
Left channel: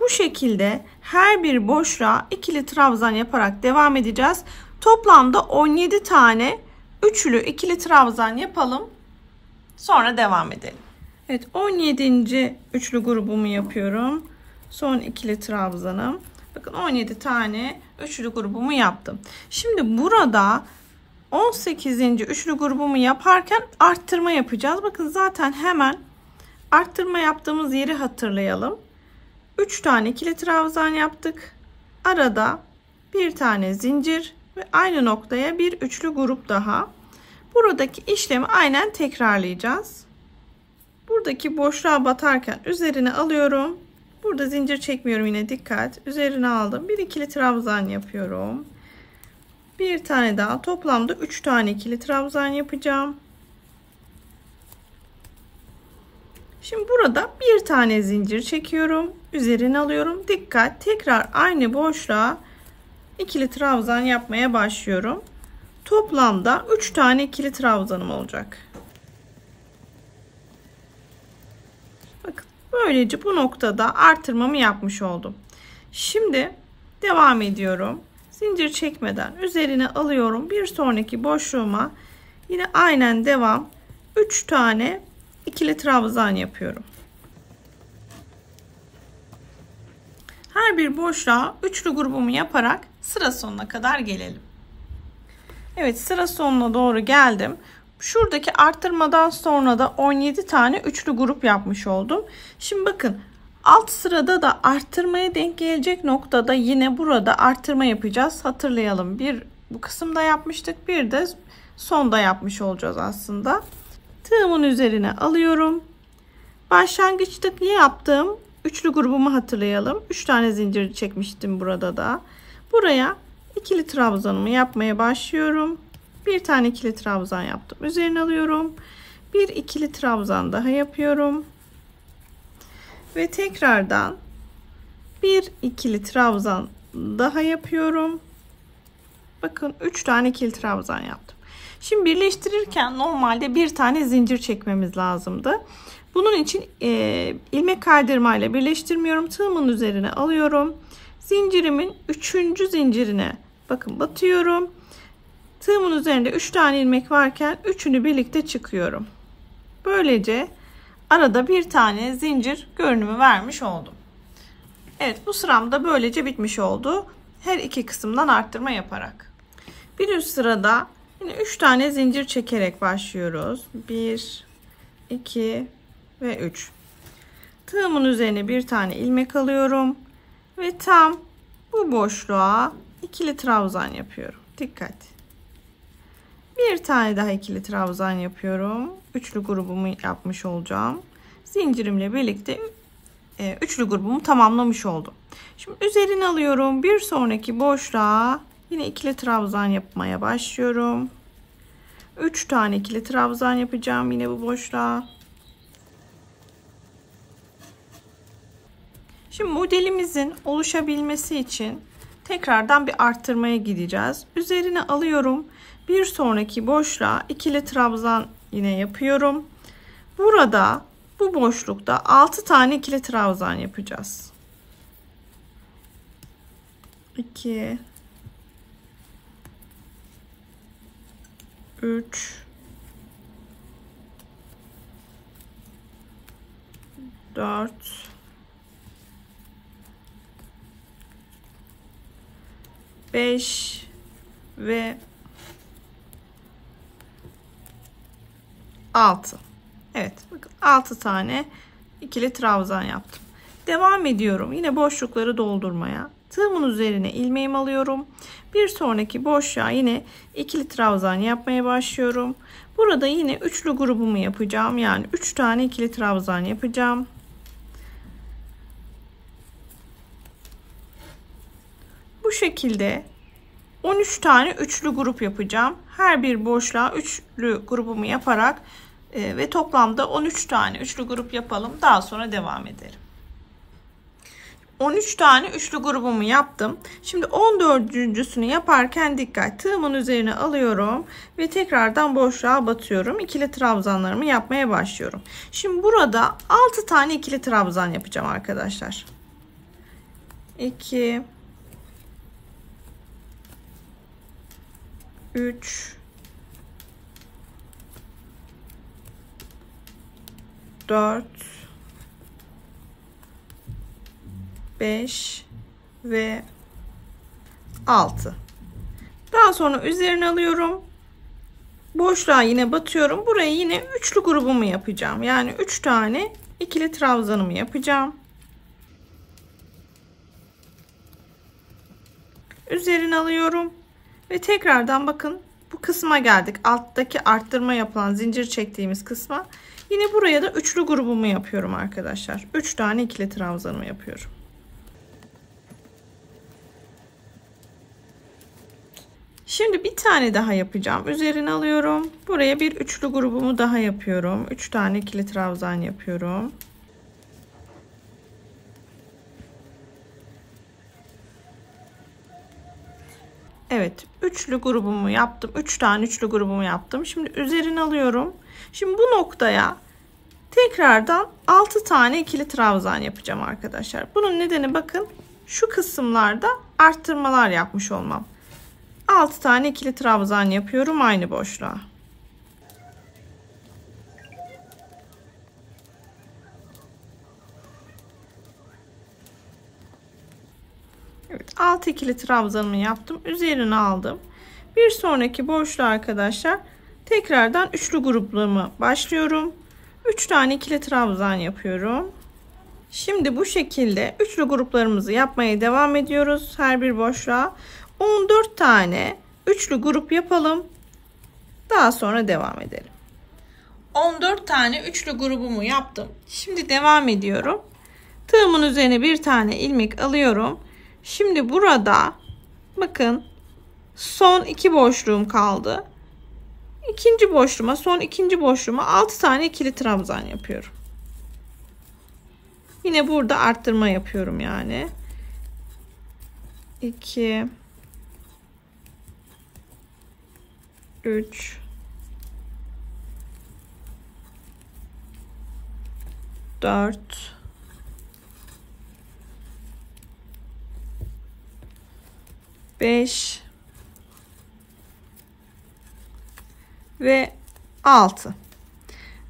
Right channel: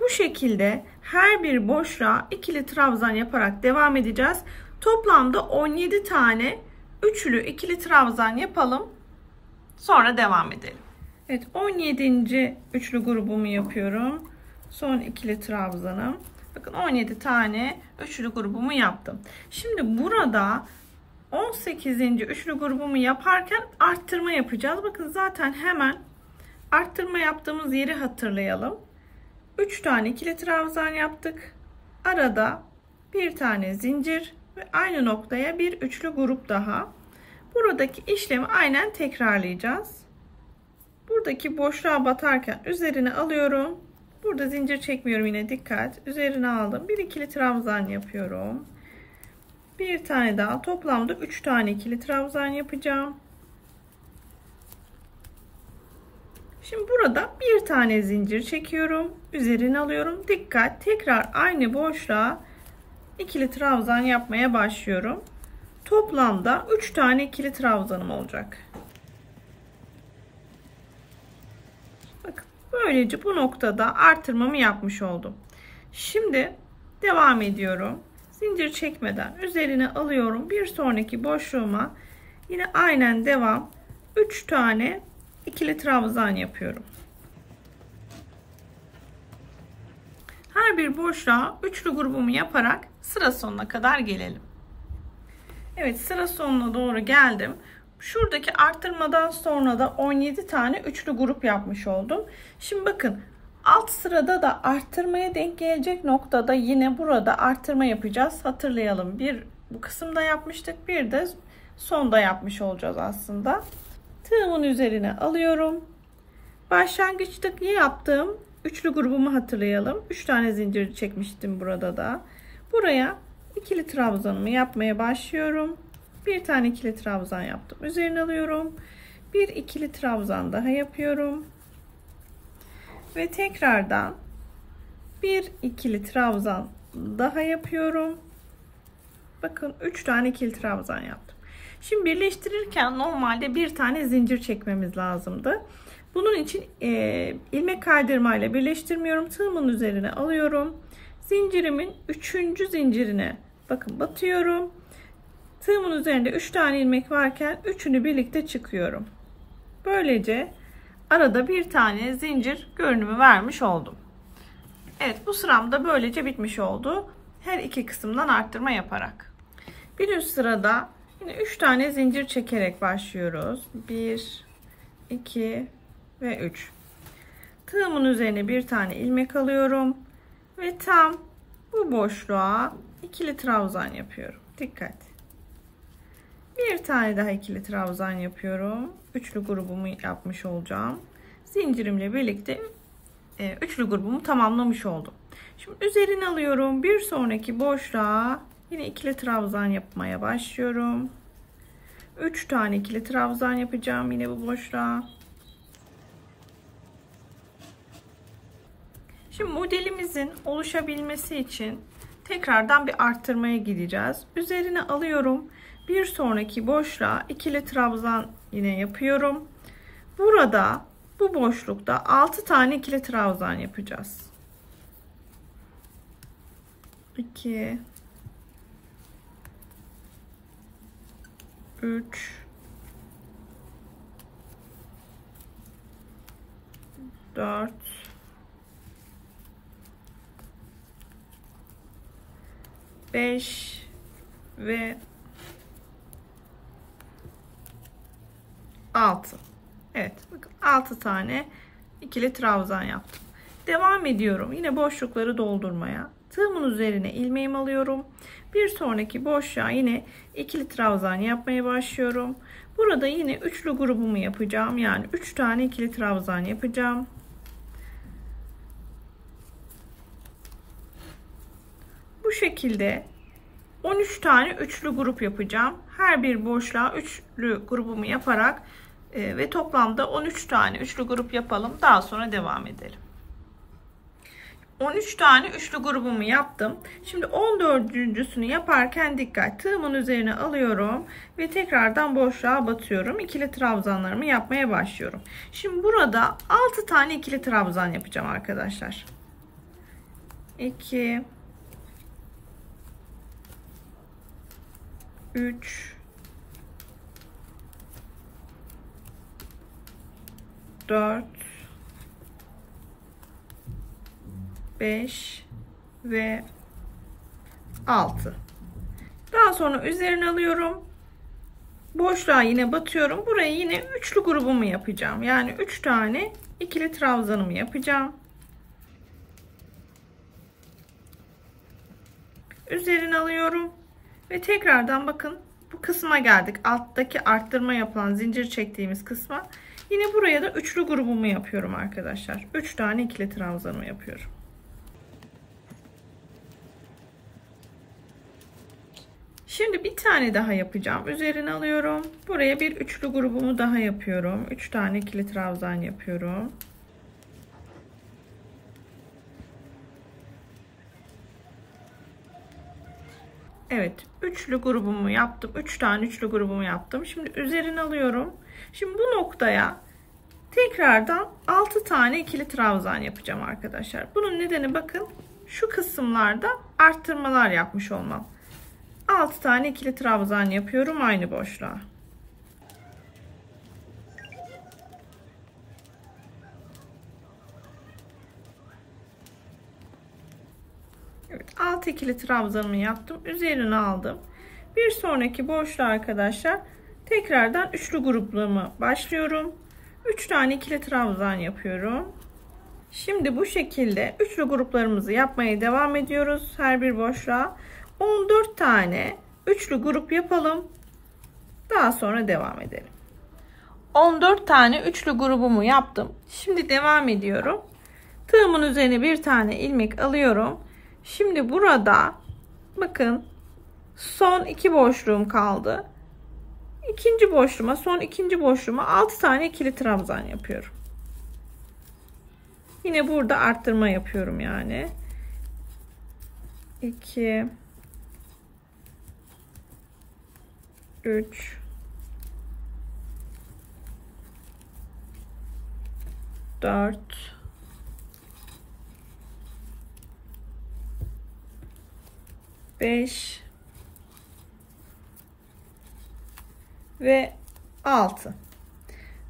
Bu şekilde her bir boşluğa ikili trabzan yaparak devam edeceğiz. Toplamda 17 tane üçlü ikili trabzan yapalım. Sonra devam edelim. Evet, 17. üçlü grubumu yapıyorum. Son ikili trabzanım. Bakın 17 tane üçlü grubumu yaptım. Şimdi burada 18. üçlü grubumu yaparken arttırma yapacağız. Bakın zaten hemen arttırma yaptığımız yeri hatırlayalım. 3 tane ikili trabzan yaptık. Arada bir tane zincir ve aynı noktaya bir üçlü grup daha. Buradaki işlemi aynen tekrarlayacağız. Buradaki boşluğa batarken üzerine alıyorum. Burada zincir çekmiyorum, yine dikkat. Üzerine aldım. Bir ikili trabzan yapıyorum. Bir tane daha, toplamda 3 tane ikili trabzan yapacağım. Şimdi burada bir tane zincir çekiyorum. Üzerine alıyorum. Dikkat. Tekrar aynı boşluğa ikili trabzan yapmaya başlıyorum. Toplamda 3 tane ikili trabzanım olacak. Bakın böylece bu noktada artırmamı yapmış oldum. Şimdi devam ediyorum. Zincir çekmeden üzerine alıyorum. Bir sonraki boşluğuma yine aynen devam. 3 tane ikili trabzan yapıyorum. Her bir boşluğa üçlü grubumu yaparak sıra sonuna kadar gelelim. Evet, sıra sonuna doğru geldim. Şuradaki arttırmadan sonra da 17 tane üçlü grup yapmış oldum. Şimdi bakın alt sırada da arttırmaya denk gelecek noktada yine burada arttırma yapacağız. Hatırlayalım, bir bu kısımda yapmıştık, bir de sonda yapmış olacağız aslında. Tığımın üzerine alıyorum. Başlangıçta yaptığım üçlü grubumu hatırlayalım. 3 tane zincir çekmiştim burada da. Buraya ikili trabzanımı yapmaya başlıyorum. Bir tane ikili trabzan yaptım. Üzerine alıyorum. Bir ikili trabzan daha yapıyorum. Ve tekrardan bir ikili trabzan daha yapıyorum. Bakın 3 tane ikili trabzan yaptım. Şimdi birleştirirken normalde bir tane zincir çekmemiz lazımdı. Bunun için ilmek kaydırmayla birleştirmiyorum. Tığımın üzerine alıyorum. Zincirimin 3. zincirine bakın batıyorum. Tığımın üzerinde 3 tane ilmek varken üçünü birlikte çıkıyorum. Böylece arada bir tane zincir görünümü vermiş oldum. Evet, bu sıram da böylece bitmiş oldu. Her iki kısımdan arttırma yaparak. Bir üst sırada yine 3 tane zincir çekerek başlıyoruz. 1, 2 ve 3. Tığımın üzerine bir tane ilmek alıyorum ve tam bu boşluğa ikili trabzan yapıyorum. Dikkat. Bir tane daha ikili trabzan yapıyorum. Üçlü grubumu yapmış olacağım. Zincirimle birlikte üçlü grubumu tamamlamış oldum. Şimdi üzerine alıyorum. Bir sonraki boşluğa yine ikili trabzan yapmaya başlıyorum. 3 tane ikili trabzan yapacağım yine bu boşluğa. Şimdi modelimizin oluşabilmesi için tekrardan bir arttırmaya gideceğiz. Üzerine alıyorum. Bir sonraki boşluğa ikili trabzan yine yapıyorum. Burada bu boşlukta 6 tane ikili trabzan yapacağız. 2 3 4 5 ve 6. Evet, bakın 6 tane ikili trabzan yaptım. Devam ediyorum yine boşlukları doldurmaya. Tığımın üzerine ilmeğimi alıyorum. Bir sonraki boşluğa yine ikili trabzan yapmaya başlıyorum. Burada yine üçlü grubumu yapacağım. Yani 3 tane ikili trabzan yapacağım. Bu şekilde 13 tane üçlü grup yapacağım. Her bir boşluğa üçlü grubumu yaparak ve toplamda 13 tane üçlü grup yapalım. Daha sonra devam edelim. 13 tane üçlü grubumu yaptım. Şimdi 14.'sünü yaparken dikkat. Tığımın üzerine alıyorum ve tekrardan boşluğa batıyorum. İkili trabzanlarımı yapmaya başlıyorum. Şimdi burada 6 tane ikili trabzan yapacağım arkadaşlar. 2 3 4 5 ve 6. Daha sonra üzerine alıyorum. Boşluğa yine batıyorum. Buraya yine üçlü grubumu yapacağım. Yani 3 tane ikili trabzanımı yapacağım. Üzerine alıyorum. Ve tekrardan bakın bu kısma geldik. Alttaki arttırma yapılan zincir çektiğimiz kısma. Yine buraya da üçlü grubumu yapıyorum arkadaşlar. 3 tane ikili trabzanımı yapıyorum. Şimdi bir tane daha yapacağım. Üzerine alıyorum. Buraya bir üçlü grubumu daha yapıyorum. 3 tane ikili trabzan yapıyorum. Evet, üçlü grubumu yaptım. 3 tane üçlü grubumu yaptım. Şimdi üzerine alıyorum. Şimdi bu noktaya tekrardan 6 tane ikili trabzan yapacağım arkadaşlar. Bunun nedeni bakın şu kısımlarda arttırmalar yapmış olmam. 6 tane ikili trabzan yapıyorum aynı boşluğa. Evet, 6 ikili trabzanımı yaptım. Üzerine aldım. Bir sonraki boşluğa arkadaşlar tekrardan üçlü gruplarıma başlıyorum. 3 tane ikili trabzan yapıyorum. Şimdi bu şekilde üçlü gruplarımızı yapmaya devam ediyoruz. Her bir boşluğa 14 tane üçlü grup yapalım. Daha sonra devam edelim. 14 tane üçlü grubumu yaptım. Şimdi devam ediyorum. Tığımın üzerine bir tane ilmek alıyorum. Şimdi burada bakın son 2 boşluğum kaldı. İkinci boşluğuma, son ikinci boşluğuma 6 tane ikili trabzan yapıyorum. Yine burada arttırma yapıyorum yani. 2 3 4 5 ve 6.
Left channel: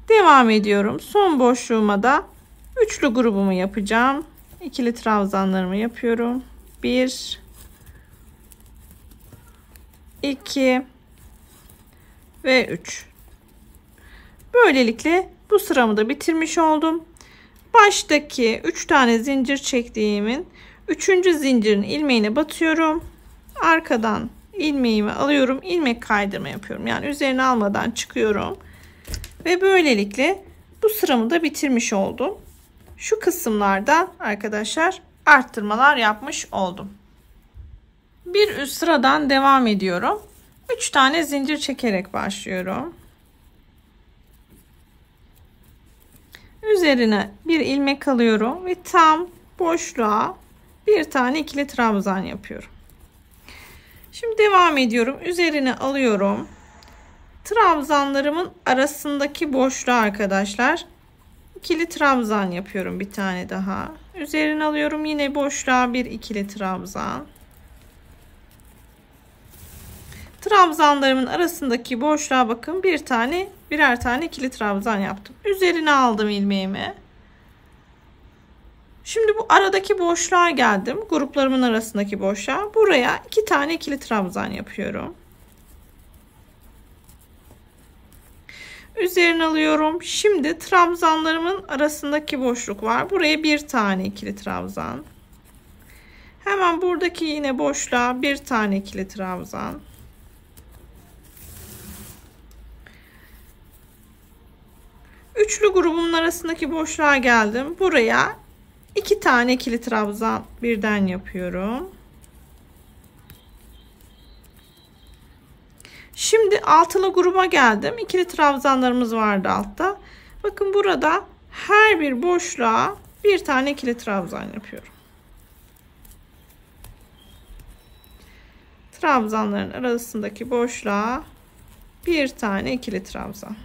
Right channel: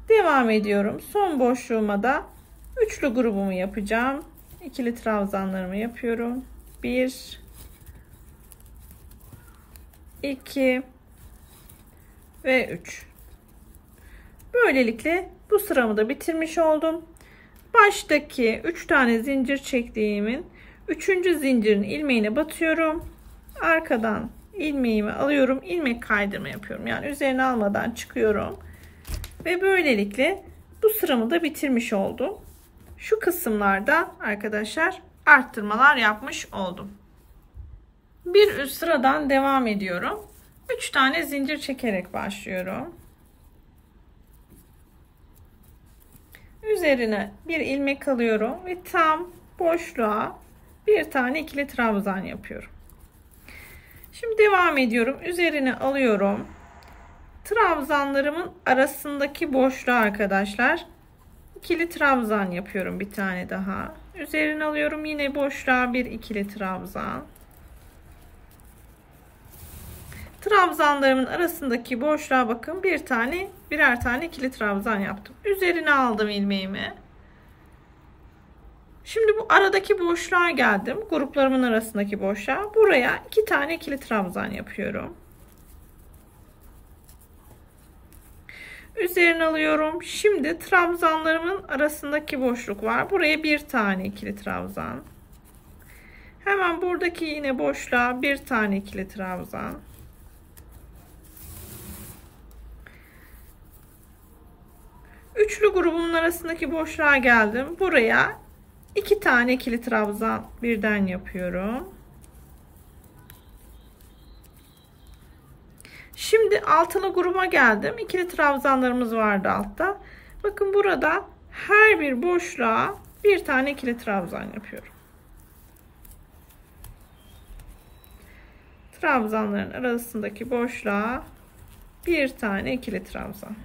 Devam ediyorum. Son boşluğuma da üçlü grubumu yapacağım. İkili trabzanlarımı yapıyorum. 1 2 ve 3. Böylelikle bu sıramı da bitirmiş oldum. Baştaki 3 tane zincir çektiğimin 3. zincirin ilmeğine batıyorum. Arkadan ilmeğimi alıyorum. İlmek kaydırma yapıyorum. Yani üzerine almadan çıkıyorum. Ve böylelikle bu sıramı da bitirmiş oldum. Şu kısımlarda arkadaşlar arttırmalar yapmış oldum. Bir üst sıradan devam ediyorum. 3 tane zincir çekerek başlıyorum. Üzerine bir ilmek alıyorum ve tam boşluğa bir tane ikili trabzan yapıyorum. Şimdi devam ediyorum. Üzerine alıyorum. Trabzanlarımın arasındaki boşluğa arkadaşlar ikili trabzan yapıyorum, bir tane daha. Üzerine alıyorum. Yine boşluğa bir ikili trabzan. Trabzanlarımın arasındaki boşluğa bakın, birer tane ikili trabzan yaptım. Üzerine aldım ilmeğimi. Şimdi bu aradaki boşluğa geldim. Gruplarımın arasındaki boşluğa. Buraya 2 tane ikili trabzan yapıyorum. Üzerine alıyorum. Şimdi trabzanlarımın arasındaki boşluk var. Buraya bir tane ikili trabzan. Hemen buradaki yine boşluğa bir tane ikili trabzan. Üçlü grubumun arasındaki boşluğa geldim. Buraya 2 tane ikili trabzan birden yapıyorum. Şimdi altılı gruba geldim. İkili trabzanlarımız vardı altta. Bakın burada her bir boşluğa bir tane ikili trabzan yapıyorum. Trabzanların arasındaki boşluğa bir tane ikili trabzan.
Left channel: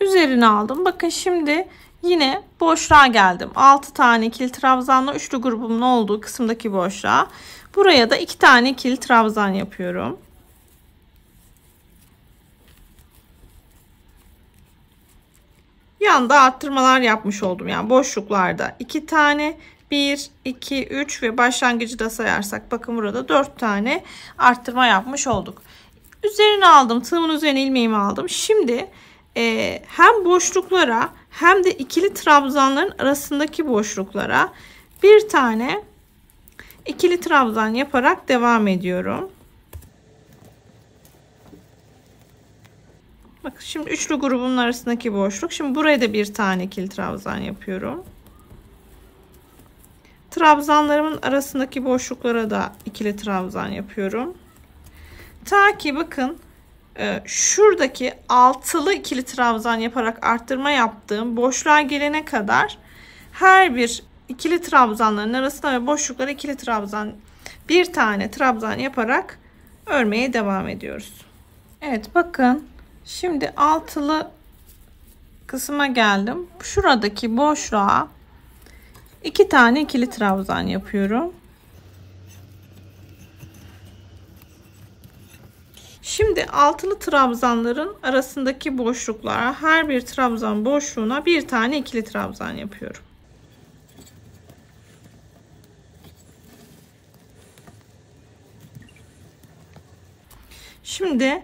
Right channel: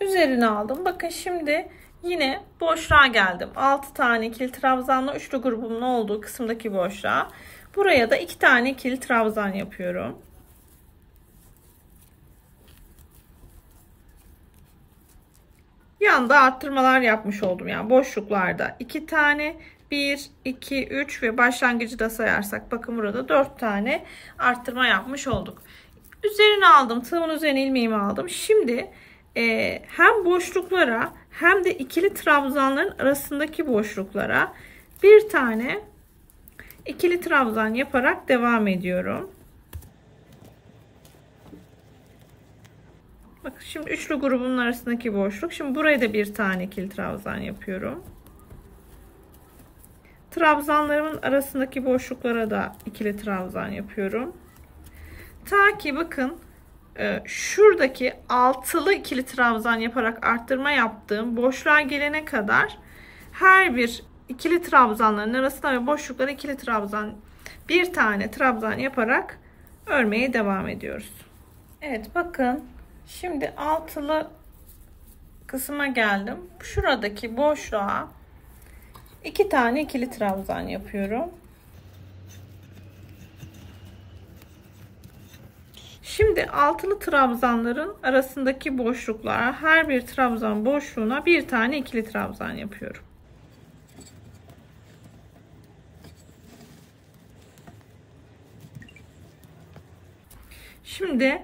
Üzerine aldım. Bakın şimdi yine boşluğa geldim. 6 tane ikili trabzanla üçlü grubumun olduğu kısımdaki boşluğa. Buraya da 2 tane ikili trabzan yapıyorum. Yanda arttırmalar yapmış oldum. Yani boşluklarda 2 tane, 1, 2, 3 ve başlangıcı da sayarsak bakın burada 4 tane arttırma yapmış olduk. Üzerine aldım. Tığımın üzerine ilmeğimi aldım. Şimdi hem boşluklara hem de ikili trabzanların arasındaki boşluklara bir tane ikili trabzan yaparak devam ediyorum. Bakın şimdi üçlü grubun arasındaki boşluk. Şimdi buraya da bir tane ikili trabzan yapıyorum. Trabzanlarımın arasındaki boşluklara da ikili trabzan yapıyorum. Ta ki bakın şuradaki altılı ikili trabzan yaparak arttırma yaptığım boşluğa gelene kadar her bir ikili trabzanların arasına ve boşluklara ikili trabzan, bir tane trabzan yaparak örmeye devam ediyoruz. Evet bakın şimdi altılı kısma geldim. Şuradaki boşluğa 2 tane ikili trabzan yapıyorum. Şimdi altılı trabzanların arasındaki boşluklara her bir trabzan boşluğuna bir tane ikili trabzan yapıyorum. Şimdi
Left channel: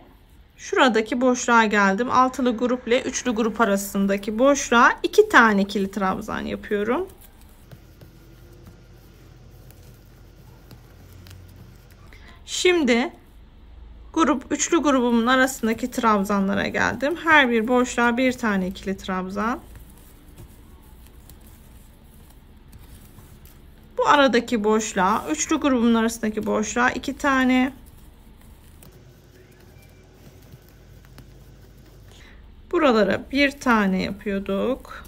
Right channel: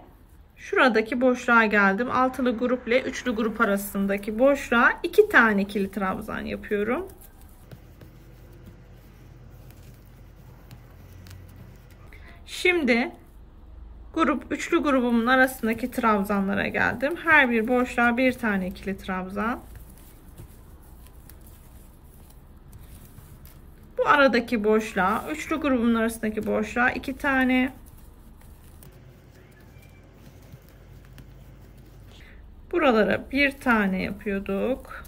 şuradaki boşluğa geldim. Altılı grup ile üçlü grup arasındaki boşluğa 2 tane ikili trabzan yapıyorum. Şimdi üçlü grubumun arasındaki trabzanlara geldim. Her bir boşluğa bir tane ikili trabzan. Bu aradaki boşluğa, üçlü grubumun arasındaki boşluğa 2 tane. Buralara bir tane yapıyorduk.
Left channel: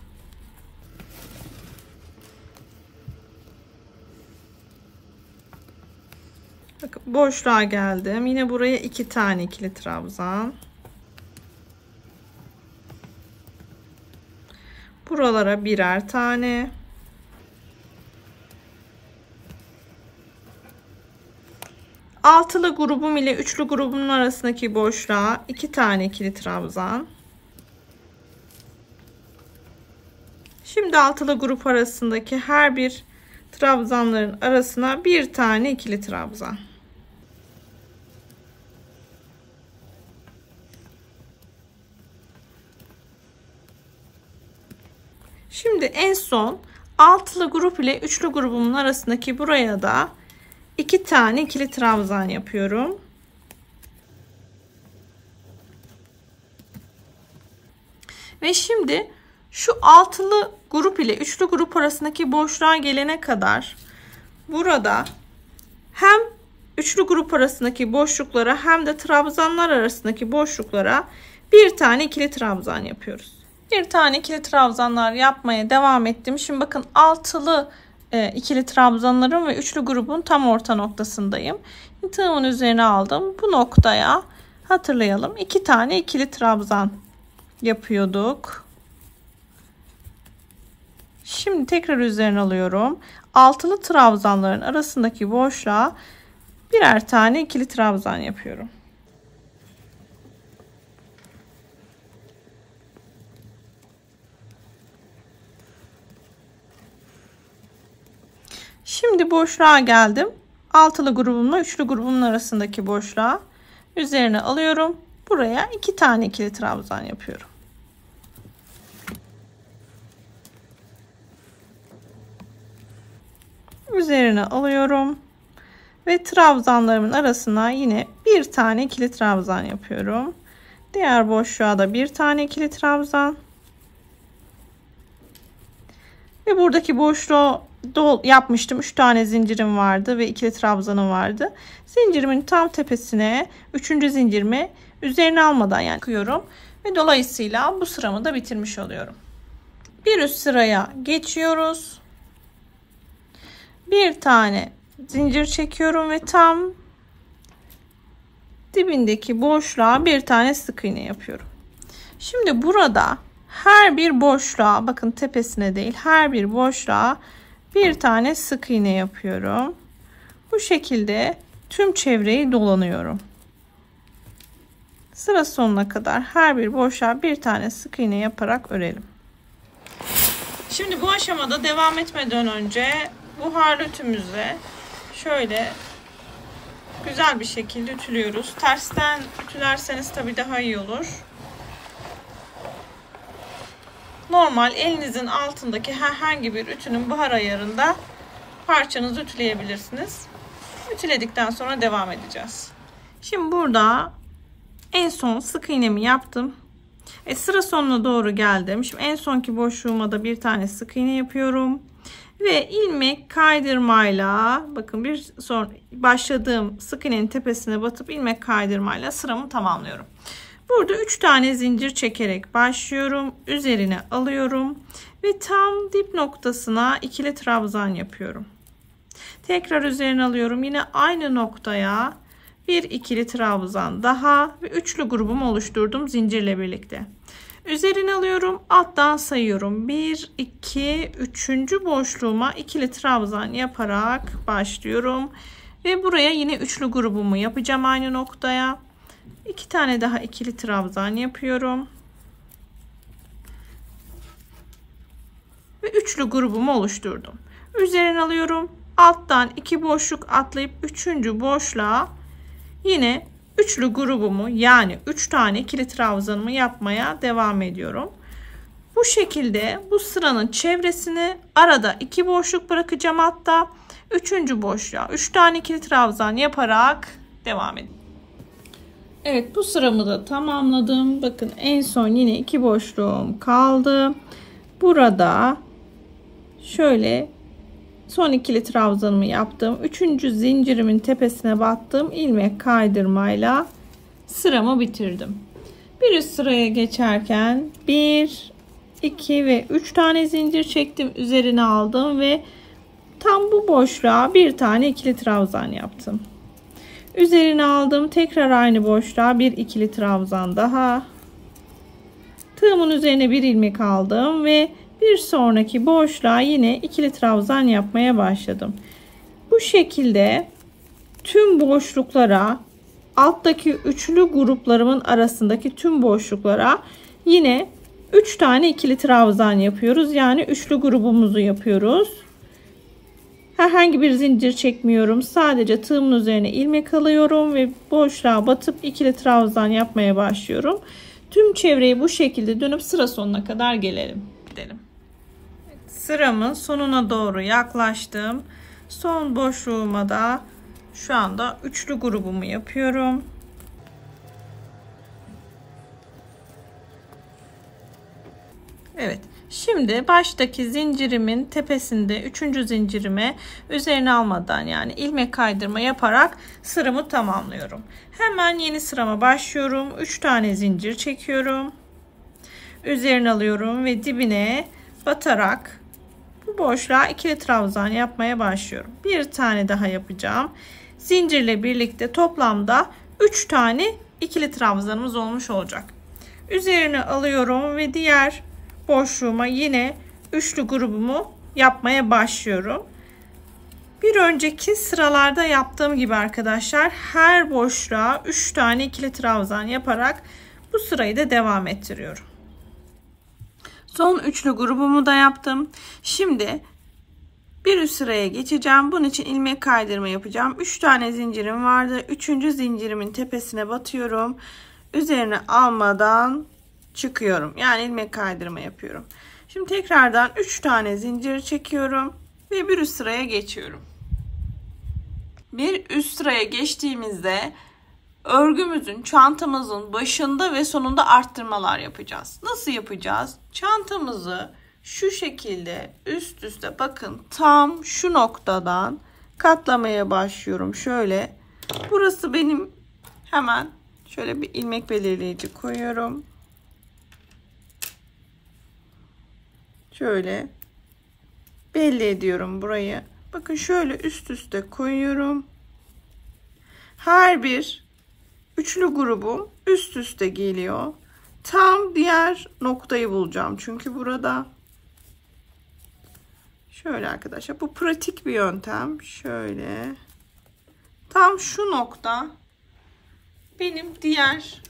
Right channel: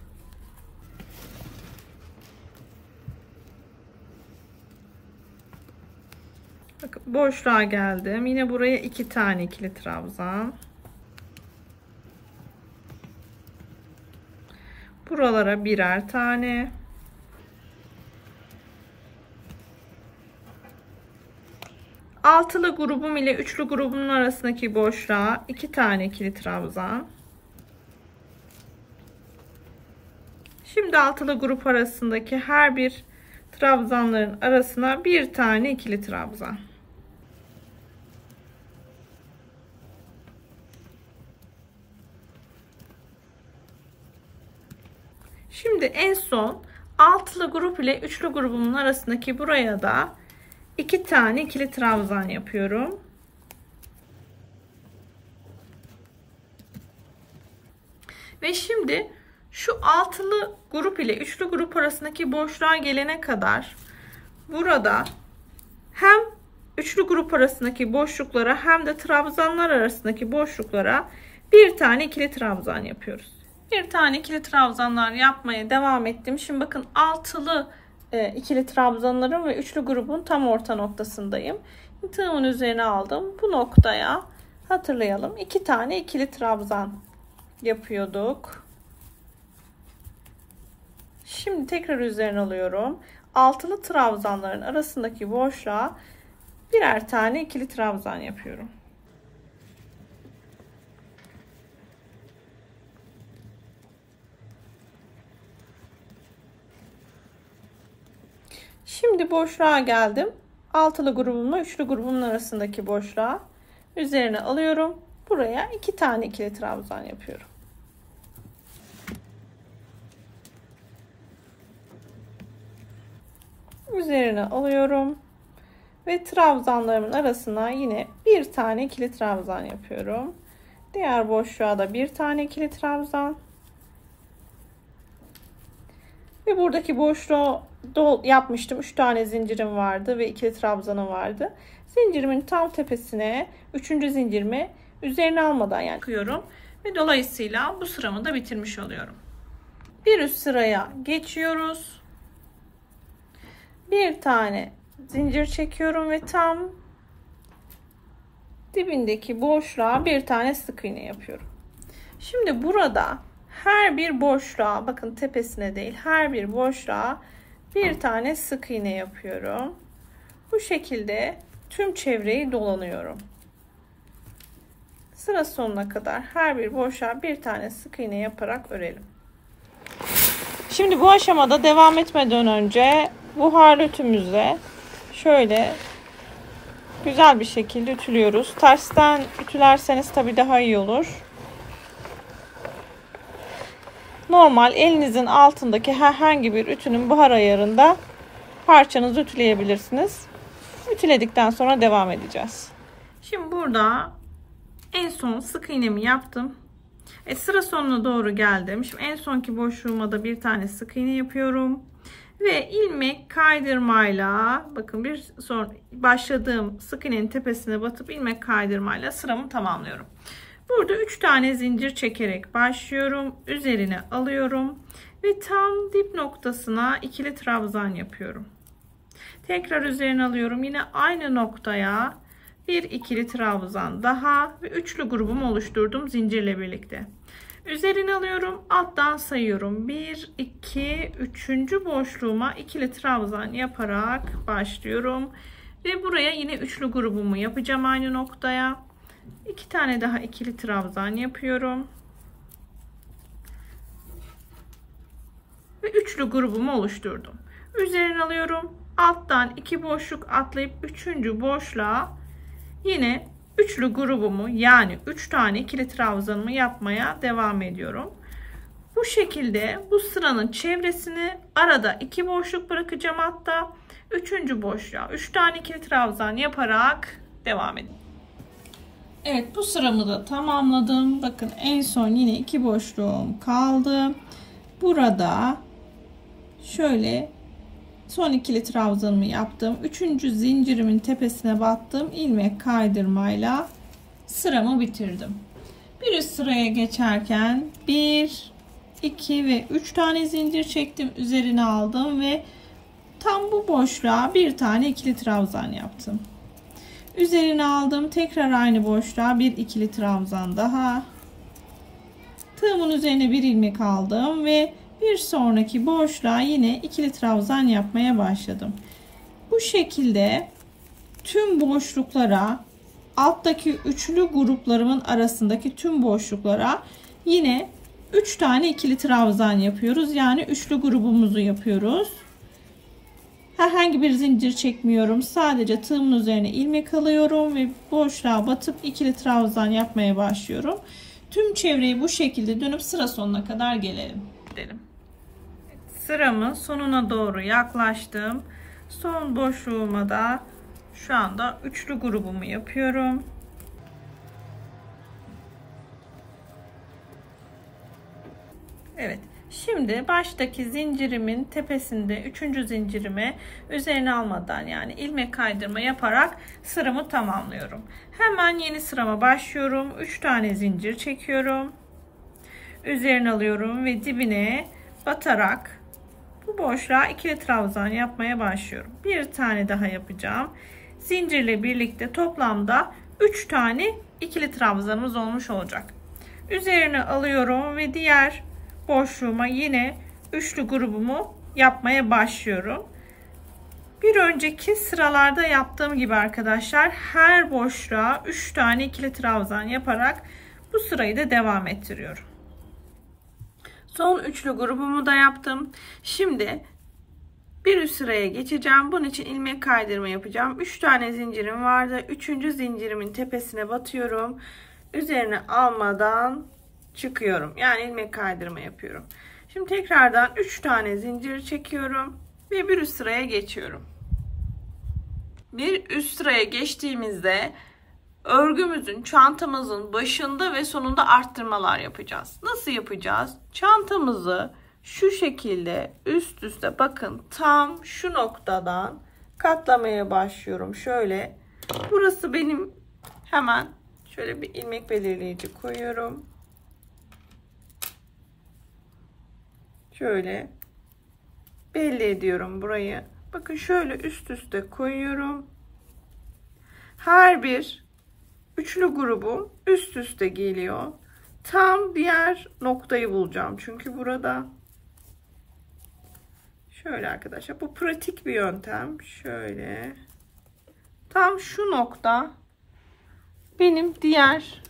Bakın boşluğa geldim. Yine buraya 2 tane ikili trabzan. Buralara birer tane. Altılı grubum ile üçlü grubumun arasındaki boşluğa 2 tane ikili trabzan. Şimdi altılı grup arasındaki her bir trabzanların arasına bir tane ikili trabzan. Şimdi en son altılı grup ile üçlü grubumun arasındaki buraya da 2 tane ikili trabzan yapıyorum. Ve şimdi şu altılı grup ile üçlü grup arasındaki boşluğa gelene kadar burada hem üçlü grup arasındaki boşluklara hem de trabzanlar arasındaki boşluklara bir tane ikili trabzan yapıyoruz. Bir tane ikili trabzanlar yapmaya devam ettim. Şimdi bakın altılı ikili trabzanların ve üçlü grubun tam orta noktasındayım. Tığımın üzerine aldım. Bu noktaya hatırlayalım. 2 tane ikili trabzan yapıyorduk. Şimdi tekrar üzerine alıyorum. Altılı trabzanların arasındaki boşluğa birer tane ikili trabzan yapıyorum. Şimdi boşluğa geldim. Altılı grubumla üçlü grubumun arasındaki boşluğa üzerine alıyorum. Buraya 2 tane ikili trabzan yapıyorum. Üzerine alıyorum ve trabzanlarımın arasına yine bir tane ikili trabzan yapıyorum. Diğer boşluğa da bir tane ikili trabzan. Ve buradaki boşluğu yapmıştım. 3 tane zincirim vardı ve ikili trabzanım vardı. Zincirimin tam tepesine 3. zincirimi üzerine almadan yakıyorum. Ve dolayısıyla bu sıramı da bitirmiş oluyorum. Bir üst sıraya geçiyoruz. Bir tane zincir çekiyorum ve tam dibindeki boşluğa bir tane sık iğne yapıyorum. Şimdi burada her bir boşluğa, bakın tepesine değil, her bir boşluğa bir tane sık iğne yapıyorum. Bu şekilde tüm çevreyi dolanıyorum. Sıra sonuna kadar her bir boşluğa bir tane sık iğne yaparak örelim. Şimdi bu aşamada devam etmeden önce buharlı ütümüzle şöyle güzel bir şekilde ütülüyoruz. Tersten ütülerseniz tabii daha iyi olur. Normal elinizin altındaki herhangi bir ütünün buhar ayarında parçanızı ütüleyebilirsiniz. Ütüledikten sonra devam edeceğiz. Şimdi burada en son sık iğnemi yaptım. Sıra sonuna doğru geldim. Şimdi en sonki boşluğuma da bir tane sık iğne yapıyorum. Ve ilmek kaydırmayla, bakın bir son başladığım sık iğnenin tepesine batıp ilmek kaydırmayla sıramı tamamlıyorum. Burada 3 tane zincir çekerek başlıyorum. Üzerine alıyorum ve tam dip noktasına ikili trabzan yapıyorum. Tekrar üzerine alıyorum. Yine aynı noktaya bir ikili trabzan daha ve üçlü grubumu oluşturdum zincirle birlikte. Üzerine alıyorum. Alttan sayıyorum. 1, 2, 3. boşluğuma ikili trabzan yaparak başlıyorum. Ve buraya yine üçlü grubumu yapacağım aynı noktaya. 2 tane daha ikili trabzan yapıyorum. Ve üçlü grubumu oluşturdum. Üzerine alıyorum. Alttan 2 boşluk atlayıp 3. boşluğa yine üçlü grubumu, yani 3 tane ikili trabzanımı yapmaya devam ediyorum. Bu şekilde bu sıranın çevresini arada 2 boşluk bırakacağım, hatta 3. boşluğa 3 tane ikili trabzan yaparak devam edin. Evet, bu sıramı da tamamladım. Bakın en son yine 2 boşluğum kaldı. Burada şöyle son ikili trabzanımı yaptım. 3. zincirimin tepesine battım. İlmek kaydırmayla sıramı bitirdim. Bir üst sıraya geçerken 1, 2 ve 3 tane zincir çektim. Üzerine aldım ve tam bu boşluğa bir tane ikili trabzan yaptım. Üzerine aldım. Tekrar aynı boşluğa bir ikili trabzan daha. Tığımın üzerine bir ilmek aldım ve Bir sonraki boşluğa yine ikili trabzan yapmaya başladım. Bu şekilde tüm boşluklara, alttaki üçlü gruplarımın arasındaki tüm boşluklara yine 3 tane ikili trabzan yapıyoruz. Yani üçlü grubumuzu yapıyoruz. Herhangi bir zincir çekmiyorum. Sadece tığımın üzerine ilmek alıyorum ve boşluğa batıp ikili trabzan yapmaya başlıyorum. Tüm çevreyi bu şekilde dönüp sıra sonuna kadar gelelim. Sıramın sonuna doğru yaklaştım. Son boşluğuma da şu anda üçlü grubumu yapıyorum. Evet. Şimdi baştaki zincirimin tepesinde 3. zincirime üzerine almadan yani ilmek kaydırma yaparak sıramı tamamlıyorum. Hemen yeni sırama başlıyorum. 3 tane zincir çekiyorum. Üzerine alıyorum ve dibine batarak bu boşluğa ikili trabzan yapmaya başlıyorum. Bir tane daha yapacağım. Zincirle birlikte toplamda 3 tane ikili trabzanımız olmuş olacak. Üzerine alıyorum ve diğer boşluğuma yine üçlü grubumu yapmaya başlıyorum. Bir önceki sıralarda yaptığım gibi arkadaşlar her boşluğa 3 tane ikili trabzan yaparak bu sırayı da devam ettiriyorum. Son üçlü grubumu da yaptım. Şimdi bir üst sıraya geçeceğim. Bunun için ilmek kaydırma yapacağım. 3 tane zincirim vardı. 3. zincirimin tepesine batıyorum. Üzerine almadan çıkıyorum. Yani ilmek kaydırma yapıyorum. Şimdi tekrardan 3 tane zincir çekiyorum ve bir üst sıraya geçiyorum. Bir üst sıraya geçtiğimizde örgümüzün, çantamızın başında ve sonunda arttırmalar yapacağız. Nasıl yapacağız? Çantamızı şu şekilde üst üste bakın tam şu noktadan katlamaya başlıyorum. Şöyle. Burası benim hemen şöyle bir ilmek belirleyici koyuyorum. Şöyle belli ediyorum burayı. Bakın şöyle üst üste koyuyorum. Her bir üçlü grubum üst üste geliyor. Tam diğer noktayı bulacağım. Çünkü burada şöyle arkadaşlar bu pratik bir yöntem. Şöyle tam şu nokta benim diğer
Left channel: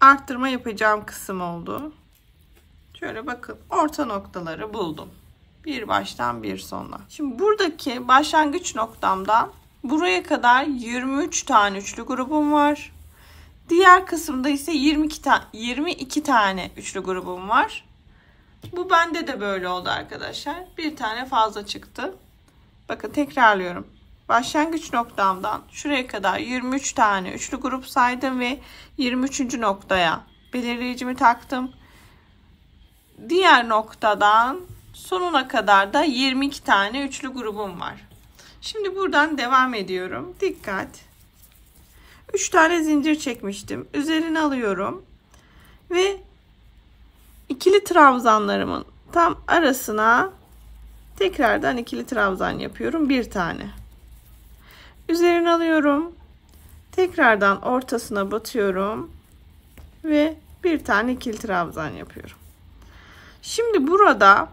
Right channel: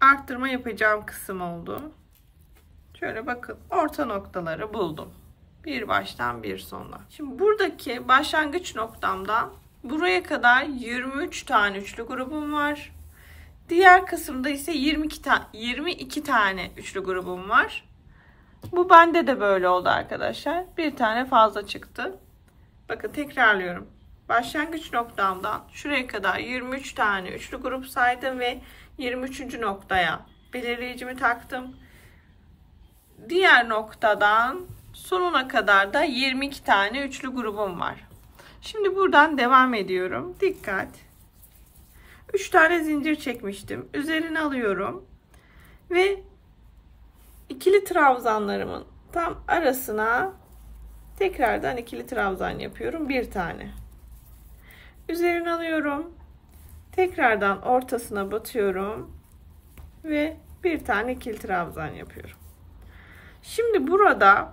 arttırma yapacağım kısım oldu. Şöyle bakın orta noktaları buldum. Bir baştan bir sona. Şimdi buradaki başlangıç noktamdan buraya kadar 23 tane üçlü grubum var. Diğer kısımda ise 22 tane üçlü grubum var. Bu bende de böyle oldu arkadaşlar. Bir tane fazla çıktı. Bakın tekrarlıyorum. Başlangıç noktamdan şuraya kadar 23 tane üçlü grup saydım ve 23. noktaya belirleyicimi taktım. Diğer noktadan sonuna kadar da 22 tane üçlü grubum var. Şimdi buradan devam ediyorum. Dikkat. 3 tane zincir çekmiştim. Üzerine alıyorum. Ve ikili trabzanlarımın tam arasına tekrardan ikili trabzan yapıyorum. Bir tane. Üzerine alıyorum. Tekrardan ortasına batıyorum. Ve bir tane ikili trabzan yapıyorum. Şimdi burada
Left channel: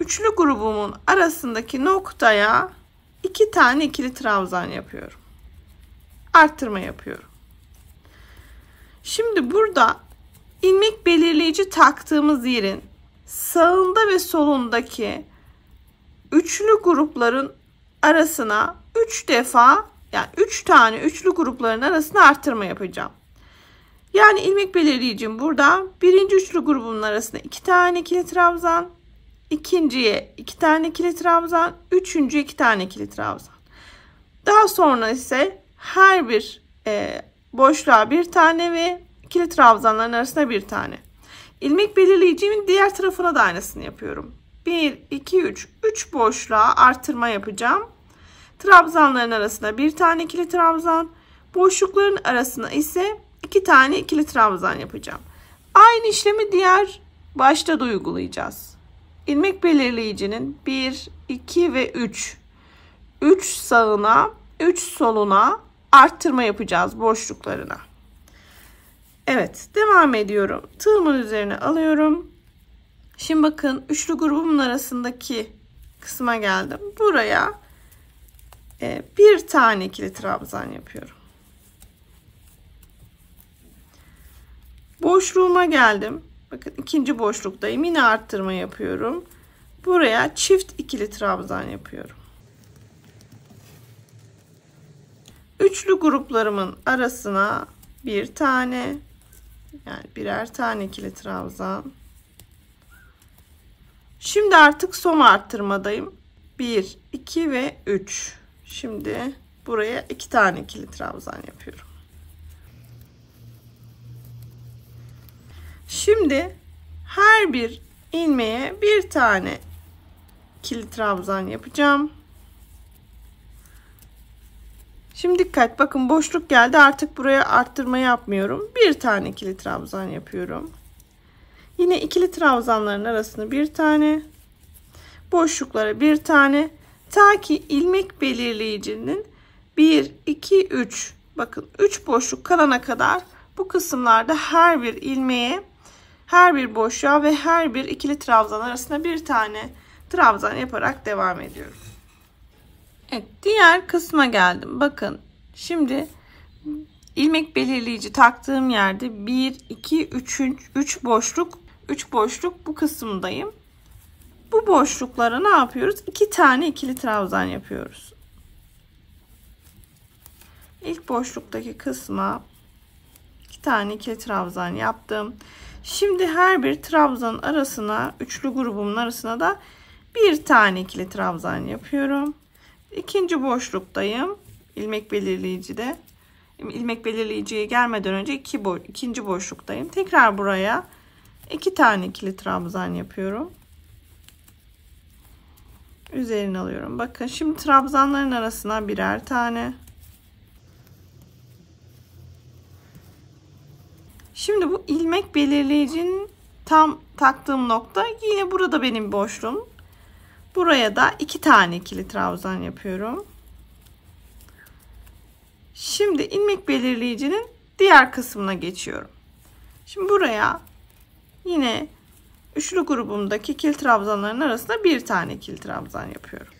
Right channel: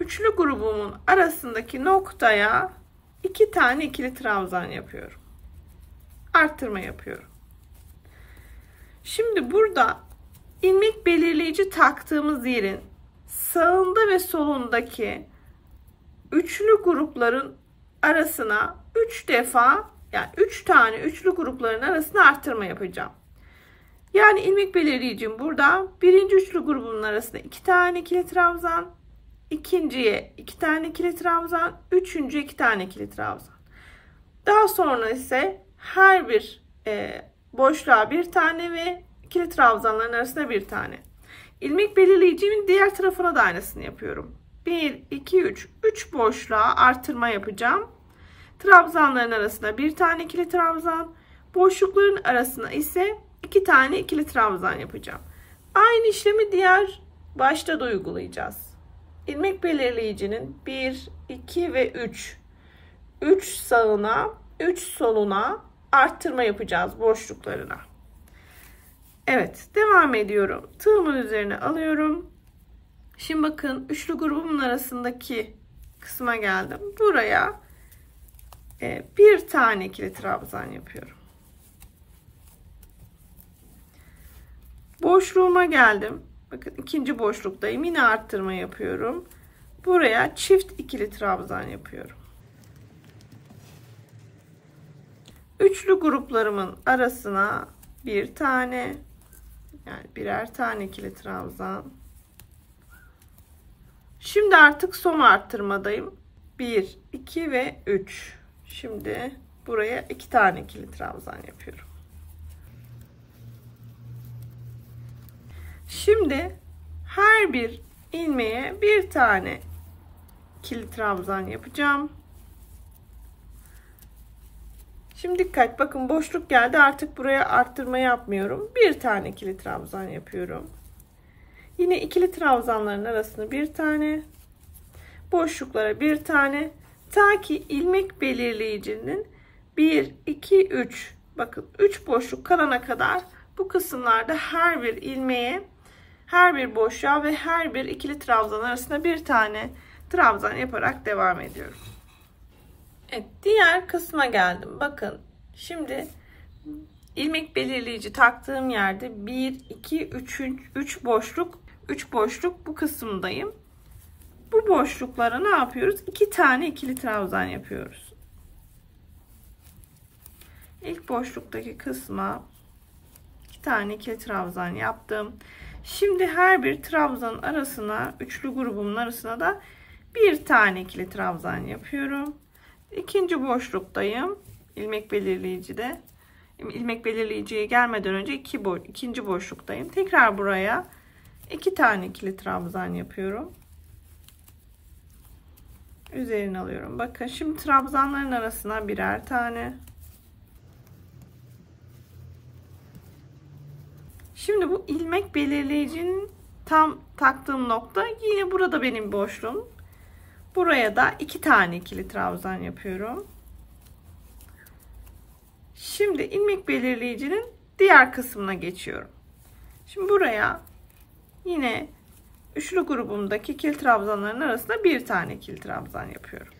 üçlü grubumun arasındaki noktaya 2 tane ikili trabzan yapıyorum. Arttırma yapıyorum. Şimdi burada ilmek belirleyici taktığımız yerin sağında ve solundaki üçlü grupların arasına 3 defa yani 3 tane üçlü grupların arasına arttırma yapacağım. Yani ilmek belirleyicim burada birinci üçlü grubunun arasında 2 tane ikili trabzan, ikinciye 2 tane ikili trabzan, üçüncüye 2 tane ikili trabzan. Daha sonra ise her bir boşluğa bir tane ve ikili trabzanların arasında bir tane. İlmek belirleyicimin diğer tarafına da aynısını yapıyorum. 1, 2, 3. 3 boşluğa artırma yapacağım. Trabzanların arasına bir tane ikili trabzan. Boşlukların arasına ise 2 tane ikili trabzan yapacağım. Aynı işlemi diğer başta da uygulayacağız. İlmek belirleyicinin 1, 2 ve 3. 3 sağına, 3 soluna arttırma yapacağız Şimdi bakın üçlü grubumun arasındaki kısma geldim. Buraya bir tane ikili trabzan yapıyorum. Boşluğuma geldim. Bakın ikinci boşluktayım. Yine arttırma yapıyorum. Buraya çift ikili trabzan yapıyorum. Üçlü gruplarımın arasına bir tane, yani birer tane ikili trabzan. Şimdi artık son arttırmadayım. 1, 2 ve 3. Şimdi buraya 2 tane ikili trabzan yapıyorum. Şimdi her bir ilmeğe bir tane ikili trabzan yapacağım. Şimdi dikkat, bakın boşluk geldi, artık buraya arttırma yapmıyorum. Bir tane ikili trabzan yapıyorum. Yine ikili trabzanların arasına bir tane, boşluklara bir tane, ta ki ilmek belirleyicinin 1, 2, 3, bakın 3 boşluk kalana kadar bu kısımlarda her bir ilmeğe, her bir boşluğa ve her bir ikili trabzan arasında bir tane trabzan yaparak devam ediyorum. Evet, diğer kısma geldim. Bakın şimdi ilmek belirleyici taktığım yerde 1, 2, 3 boşluk bu kısımdayım. Bu boşluklara ne yapıyoruz? 2 tane ikili trabzan yapıyoruz. İlk boşluktaki kısma 2 tane ikili trabzan yaptım. Şimdi her bir trabzanın arasına, üçlü grubumun arasına da bir tane ikili trabzan yapıyorum. İkinci boşluktayım. İlmek belirleyicide. İlmek belirleyiciye gelmeden önce ikinci boşluktayım. Tekrar buraya 2 tane ikili trabzan yapıyorum. Üzerine alıyorum. Bakın şimdi trabzanların arasına birer tane. Şimdi bu ilmek belirleyicinin tam taktığım nokta yine burada benim boşluğum. Buraya da 2 tane ikili trabzan yapıyorum. Şimdi ilmek belirleyicinin diğer kısmına geçiyorum. Şimdi buraya yine üçlü grubumdaki ikili trabzanların arasında bir tane ikili trabzan yapıyorum.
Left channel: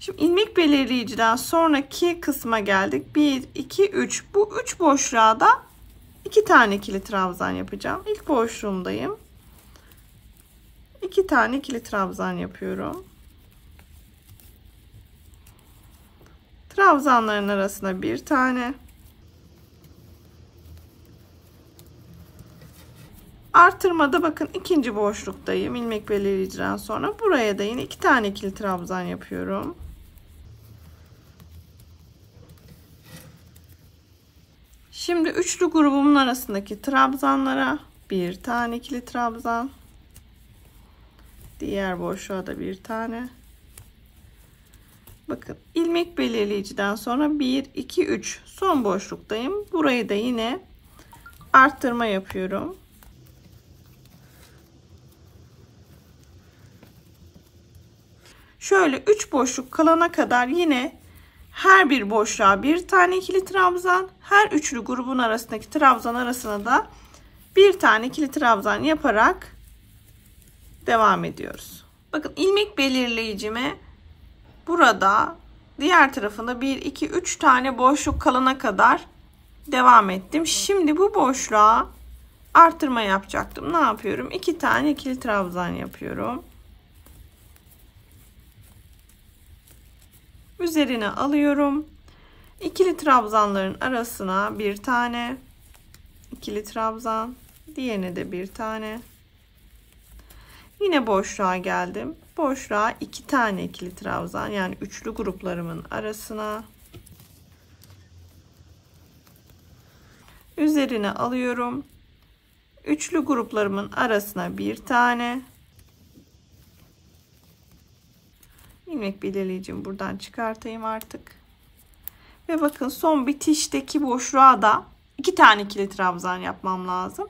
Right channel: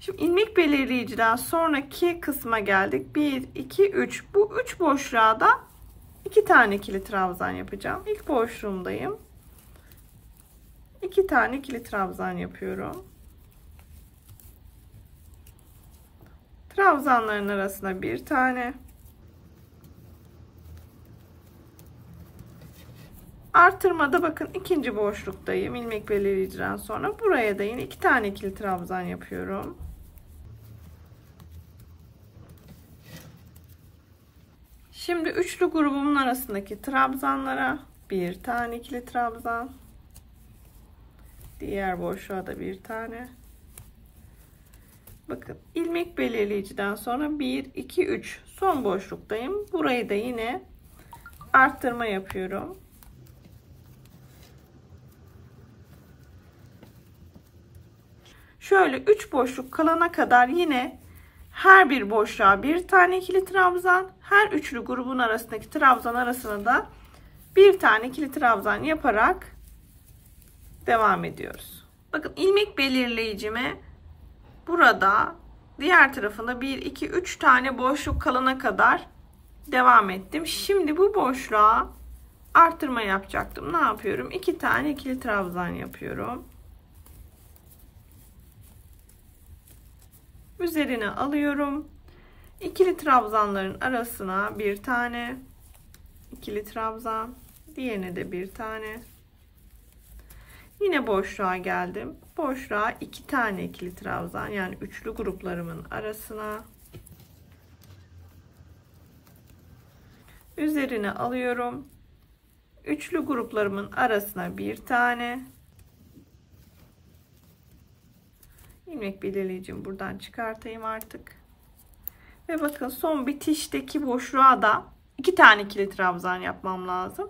Şimdi ilmek belirleyiciden sonraki kısma geldik. 1, 2, 3. Bu 3 boşluğa da 2 tane ikili trabzan yapacağım. İlk boşluğumdayım. 2 tane ikili trabzan yapıyorum. Trabzanların arasına bir tane. Artırmada bakın ikinci boşluktayım. İlmek belirleyiciden sonra buraya da yine 2 tane ikili trabzan yapıyorum. Şimdi üçlü grubumun arasındaki trabzanlara bir tane ikili trabzan. Diğer boşluğa da bir tane. Bakın ilmek belirleyiciden sonra 1, 2, 3 son boşluktayım. Burayı da yine arttırma yapıyorum. Şöyle 3 boşluk kalana kadar yine her bir boşluğa bir tane ikili trabzan, her üçlü grubun arasındaki trabzan arasına da bir tane ikili trabzan yaparak devam ediyoruz. Bakın ilmek belirleyicime burada diğer tarafında 1, 2, 3 tane boşluk kalana kadar devam ettim. Şimdi bu boşluğa artırma yapacaktım. Ne yapıyorum? 2 tane ikili trabzan yapıyorum. Üzerine alıyorum. İkili trabzanların arasına bir tane ikili trabzan, diğerine de bir tane. Yine boşluğa geldim. Boşluğa 2 tane ikili trabzan, yani üçlü gruplarımın arasına. Üzerine alıyorum. Üçlü gruplarımın arasına bir tane. İlmek belirleyicimi buradan çıkartayım artık. Ve bakın son bitişteki boşluğa da 2 tane ikili trabzan yapmam lazım.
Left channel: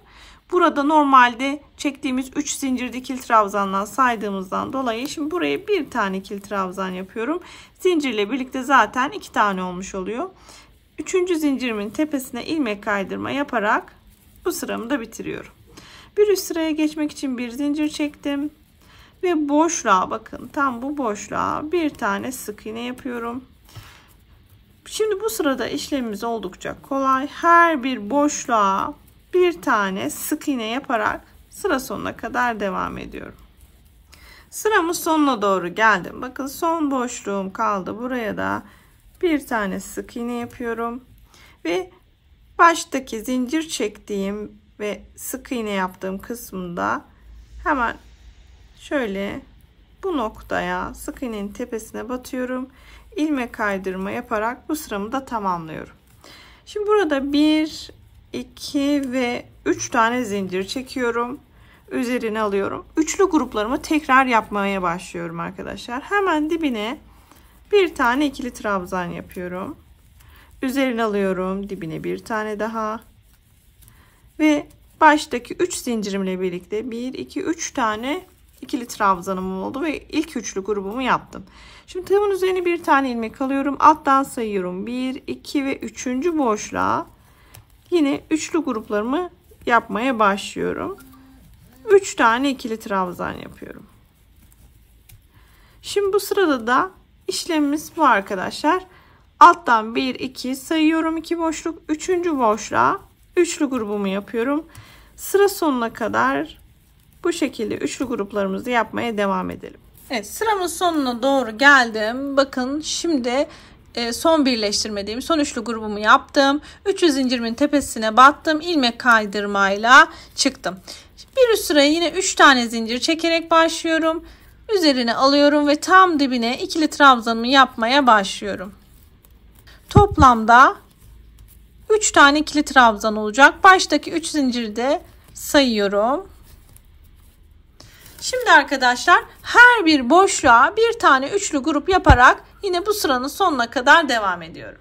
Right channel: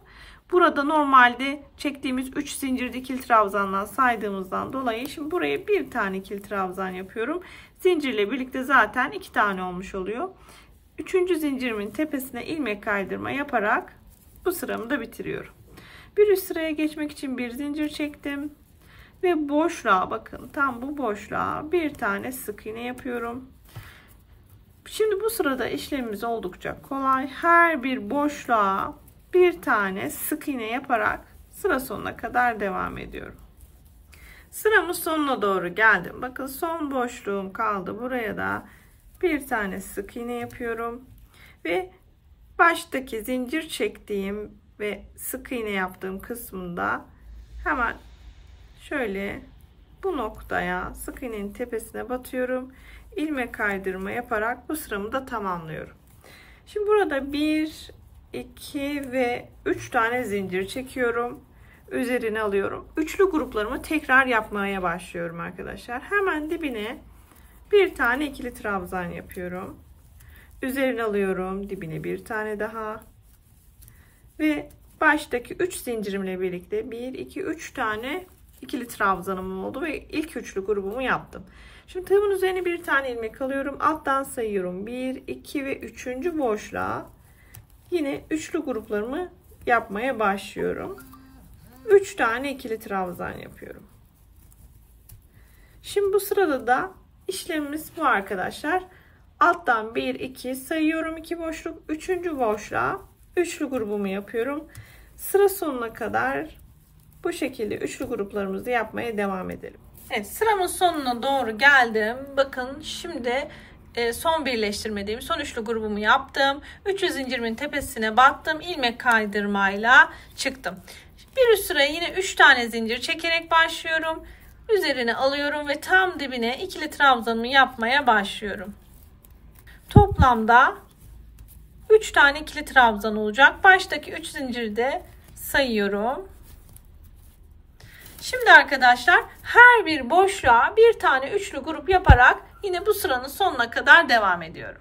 Burada normalde çektiğimiz 3 zincirli ikili trabzandan saydığımızdan dolayı şimdi buraya bir tane ikili trabzan yapıyorum. Zincirle birlikte zaten 2 tane olmuş oluyor. 3. zincirimin tepesine ilmek kaydırma yaparak bu sıramı da bitiriyorum. Bir üst sıraya geçmek için bir zincir çektim. Ve boşluğa bakın, tam bu boşluğa bir tane sık iğne yapıyorum. Şimdi bu sırada işlemimiz oldukça kolay. Her bir boşluğa bir tane sık iğne yaparak sıra sonuna kadar devam ediyorum. Sıramın sonuna doğru geldim. Bakın son boşluğum kaldı. Buraya da bir tane sık iğne yapıyorum. Ve baştaki zincir çektiğim ve sık iğne yaptığım kısmında hemen şöyle bu noktaya sık iğnenin tepesine batıyorum. İlmek kaydırma yaparak bu sıramı da tamamlıyorum. Şimdi burada 1, 2 ve 3 tane zincir çekiyorum. Üzerine alıyorum. Üçlü gruplarımı tekrar yapmaya başlıyorum arkadaşlar. Hemen dibine bir tane ikili trabzan yapıyorum. Üzerine alıyorum. Dibine bir tane daha. Ve baştaki 3 zincirimle birlikte 1, 2, 3 tane ikili trabzanım oldu ve ilk üçlü grubumu yaptım. Şimdi tığımın üzerine bir tane ilmek alıyorum. Alttan sayıyorum. 1, 2 ve 3. boşluğa yine üçlü gruplarımı yapmaya başlıyorum. 3 tane ikili trabzan yapıyorum. Şimdi bu sırada da işlemimiz bu arkadaşlar. Alttan 1, 2 sayıyorum. 2 boşluk. 3. boşluğa üçlü grubumu yapıyorum. Sıra sonuna kadar bu şekilde üçlü gruplarımızı yapmaya devam edelim. Evet, sıramın sonuna doğru geldim. Bakın şimdi son birleştirmediğim son üçlü grubumu yaptım. 300 zincirimin tepesine battım. İlmek kaydırmayla çıktım. Bir üst sıraya yine 3 tane zincir çekerek başlıyorum. Üzerine alıyorum ve tam dibine ikili trabzanımı yapmaya başlıyorum. Toplamda 3 tane ikili trabzan olacak. Baştaki 3 zinciri de sayıyorum. Şimdi arkadaşlar her bir boşluğa bir tane üçlü grup yaparak yine bu sıranın sonuna kadar devam ediyorum.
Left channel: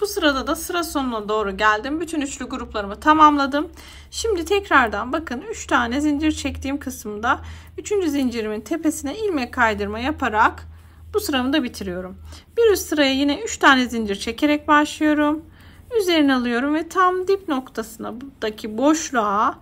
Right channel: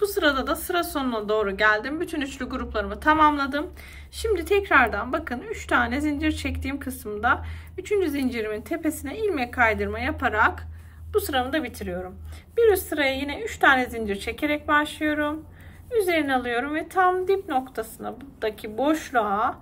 Bu sırada da sıra sonuna doğru geldim. Bütün üçlü gruplarımı tamamladım. Şimdi tekrardan bakın 3 tane zincir çektiğim kısımda 3. zincirimin tepesine ilmek kaydırma yaparak bu sıramı da bitiriyorum. Bir üst sıraya yine 3 tane zincir çekerek başlıyorum. Üzerine alıyorum ve tam dip noktasına buradaki boşluğa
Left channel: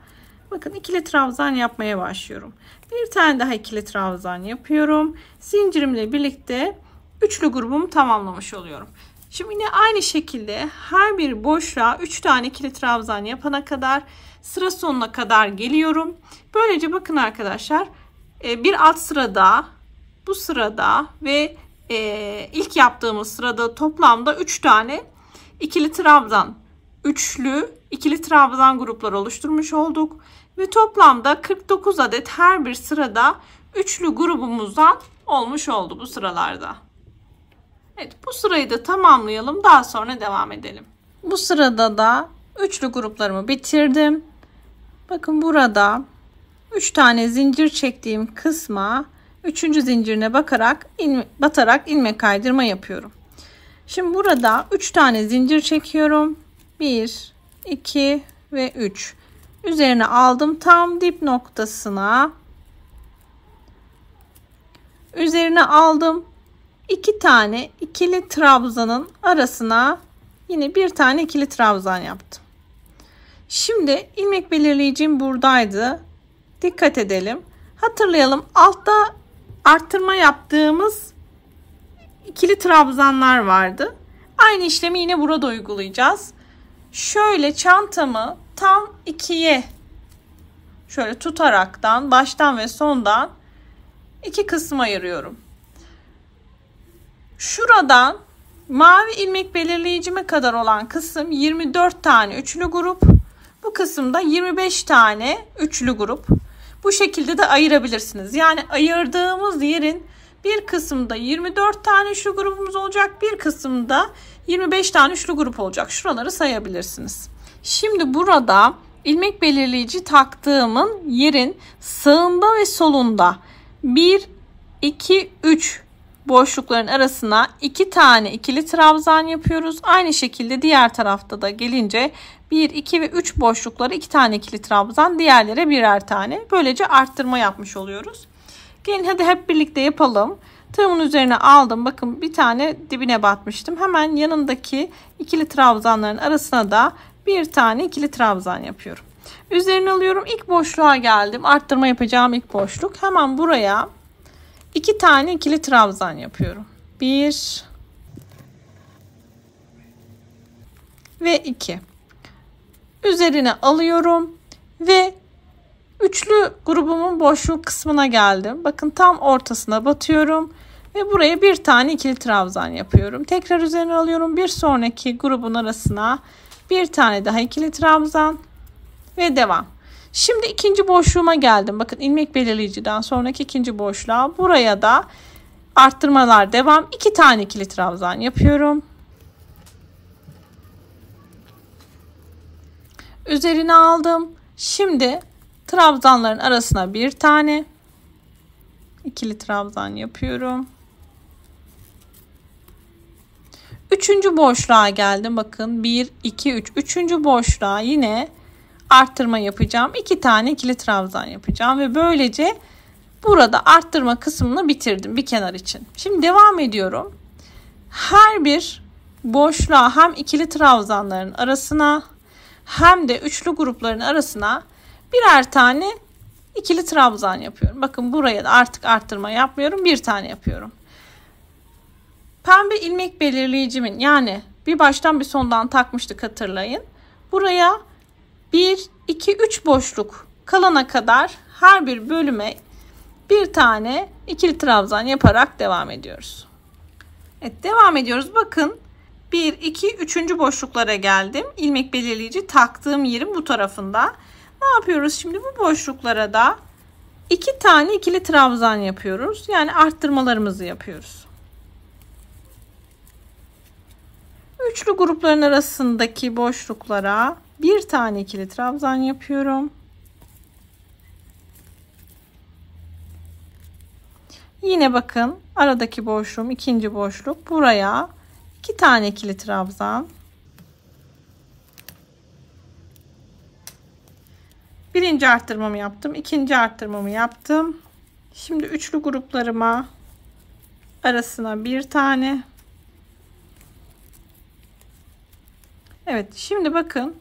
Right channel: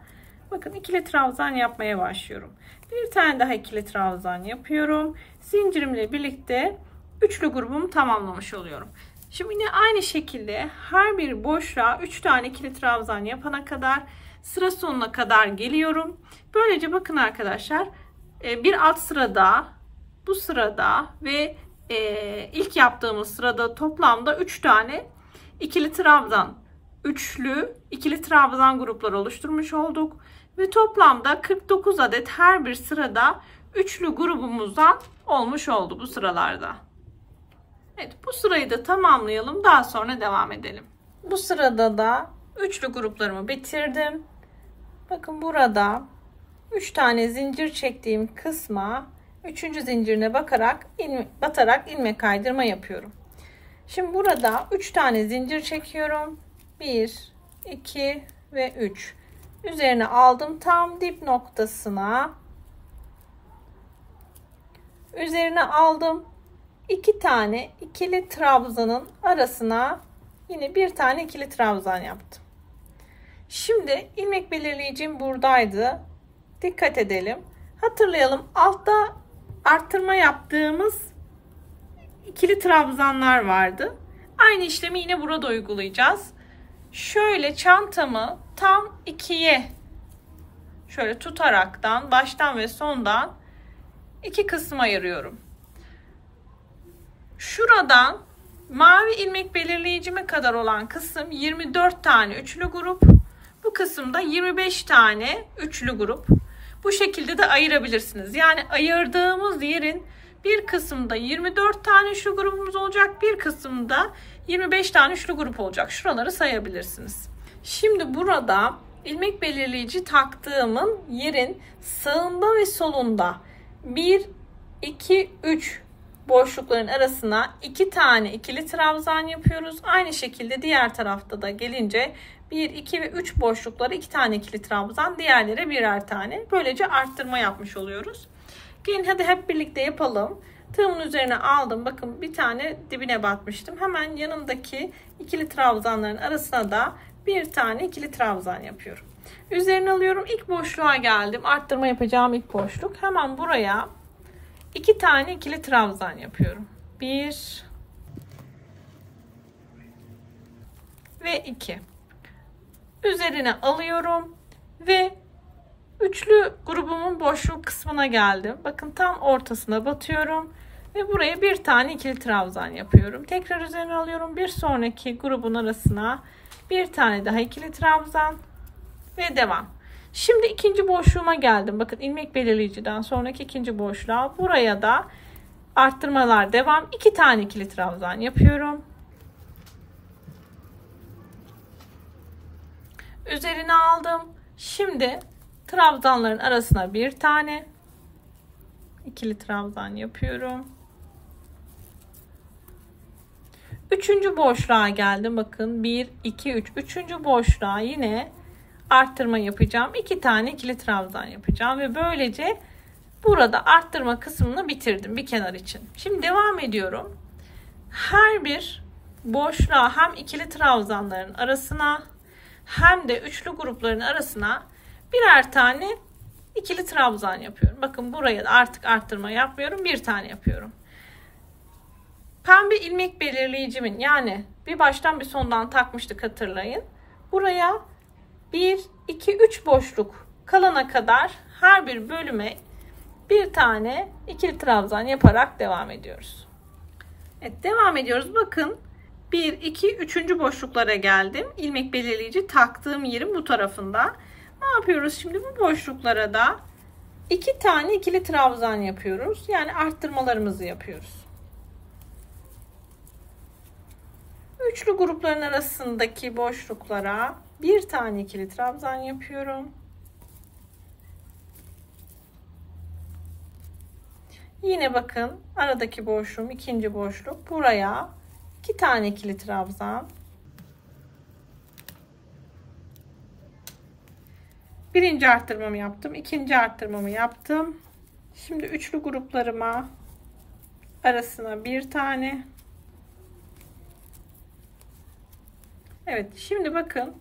bakın ikili trabzan yapmaya başlıyorum. Bir tane daha ikili trabzan yapıyorum. Zincirimle birlikte üçlü grubumu tamamlamış oluyorum. Şimdi yine aynı şekilde her bir boşluğa 3 tane ikili trabzan yapana kadar sıra sonuna kadar geliyorum. Böylece bakın arkadaşlar bir alt sırada, bu sırada ve ilk yaptığımız sırada toplamda 3 tane ikili trabzan, üçlü ikili trabzan grupları oluşturmuş olduk. Ve toplamda 49 adet her bir sırada üçlü grubumuzdan olmuş oldu bu sıralarda. Evet, bu sırayı da tamamlayalım. Daha sonra devam edelim. Bu sırada da üçlü gruplarımı bitirdim. Bakın burada 3 tane zincir çektiğim kısma 3. zincirine batarak ilmek kaydırma yapıyorum. Şimdi burada 3 tane zincir çekiyorum. 1, 2 ve 3. Üzerine aldım tam dip noktasına. Üzerine aldım. 2 tane ikili trabzanın arasına yine bir tane ikili trabzan yaptım. Şimdi ilmek belirleyicim buradaydı. Dikkat edelim. Hatırlayalım. Altta arttırma yaptığımız ikili trabzanlar vardı. Aynı işlemi yine burada uygulayacağız. Şöyle çantamı tam ikiye şöyle tutaraktan baştan ve sondan iki kısım ayırıyorum. Şuradan mavi ilmek belirleyicime kadar olan kısım 24 tane üçlü grup. Bu kısımda 25 tane üçlü grup. Bu şekilde de ayırabilirsiniz. Yani ayırdığımız yerin bir kısımda 24 tane üçlü grubumuz olacak. Bir kısımda 25 tane üçlü grup olacak. Şuraları sayabilirsiniz. Şimdi burada ilmek belirleyici taktığımın yerin sağında ve solunda 1, 2, 3 boşlukların arasına 2 tane ikili trabzan yapıyoruz. Aynı şekilde diğer tarafta da gelince 1, 2 ve 3 boşlukları 2 tane ikili trabzan, diğerlere birer tane. Böylece arttırma yapmış oluyoruz. Gelin hadi hep birlikte yapalım. Tığımın üzerine aldım. Bakın bir tane dibine batmıştım. Hemen yanındaki ikili trabzanların arasına da bir tane ikili trabzan yapıyorum. Üzerine alıyorum. İlk boşluğa geldim. Arttırma yapacağım ilk boşluk. Hemen buraya 2 tane ikili trabzan yapıyorum. 1 ve 2. Üzerine alıyorum ve üçlü grubumun boşluk kısmına geldim. Bakın tam ortasına batıyorum ve buraya bir tane ikili trabzan yapıyorum. Tekrar üzerine alıyorum. Bir sonraki grubun arasına bir tane daha ikili trabzan ve devam. Şimdi ikinci boşluğuma geldim. Bakın ilmek belirleyiciden sonraki ikinci boşluğa. Buraya da arttırmalar devam. 2 tane ikili trabzan yapıyorum. Üzerine aldım. Şimdi trabzanların arasına bir tane ikili trabzan yapıyorum. Üçüncü boşluğa geldim. Bakın 1, 2, 3. Üçüncü boşluğa yine arttırma yapacağım. 2 tane ikili trabzan yapacağım ve böylece burada arttırma kısmını bitirdim bir kenar için. Şimdi devam ediyorum. Her bir boşluğa hem ikili trabzanların arasına hem de üçlü grupların arasına birer tane ikili trabzan yapıyorum. Bakın buraya da artık arttırma yapmıyorum. Bir tane yapıyorum. Pembe ilmek belirleyicimin, yani bir baştan bir sondan takmıştık, hatırlayın. Buraya 1, 2, 3 boşluk kalana kadar her bir bölüme bir tane ikili trabzan yaparak devam ediyoruz. Evet, devam ediyoruz. Bakın 1, 2, 3. boşluklara geldim. İlmek belirleyici taktığım yerin bu tarafında. Ne yapıyoruz şimdi? Bu boşluklara da 2 tane ikili trabzan yapıyoruz. Yani arttırmalarımızı yapıyoruz. Üçlü grupların arasındaki boşluklara bir tane ikili trabzan yapıyorum. Yine bakın aradaki boşluğum, ikinci boşluk. Buraya 2 tane ikili trabzan. Birinci arttırmamı yaptım. İkinci arttırmamı yaptım. Şimdi üçlü gruplarıma arasına bir tane. Evet, şimdi bakın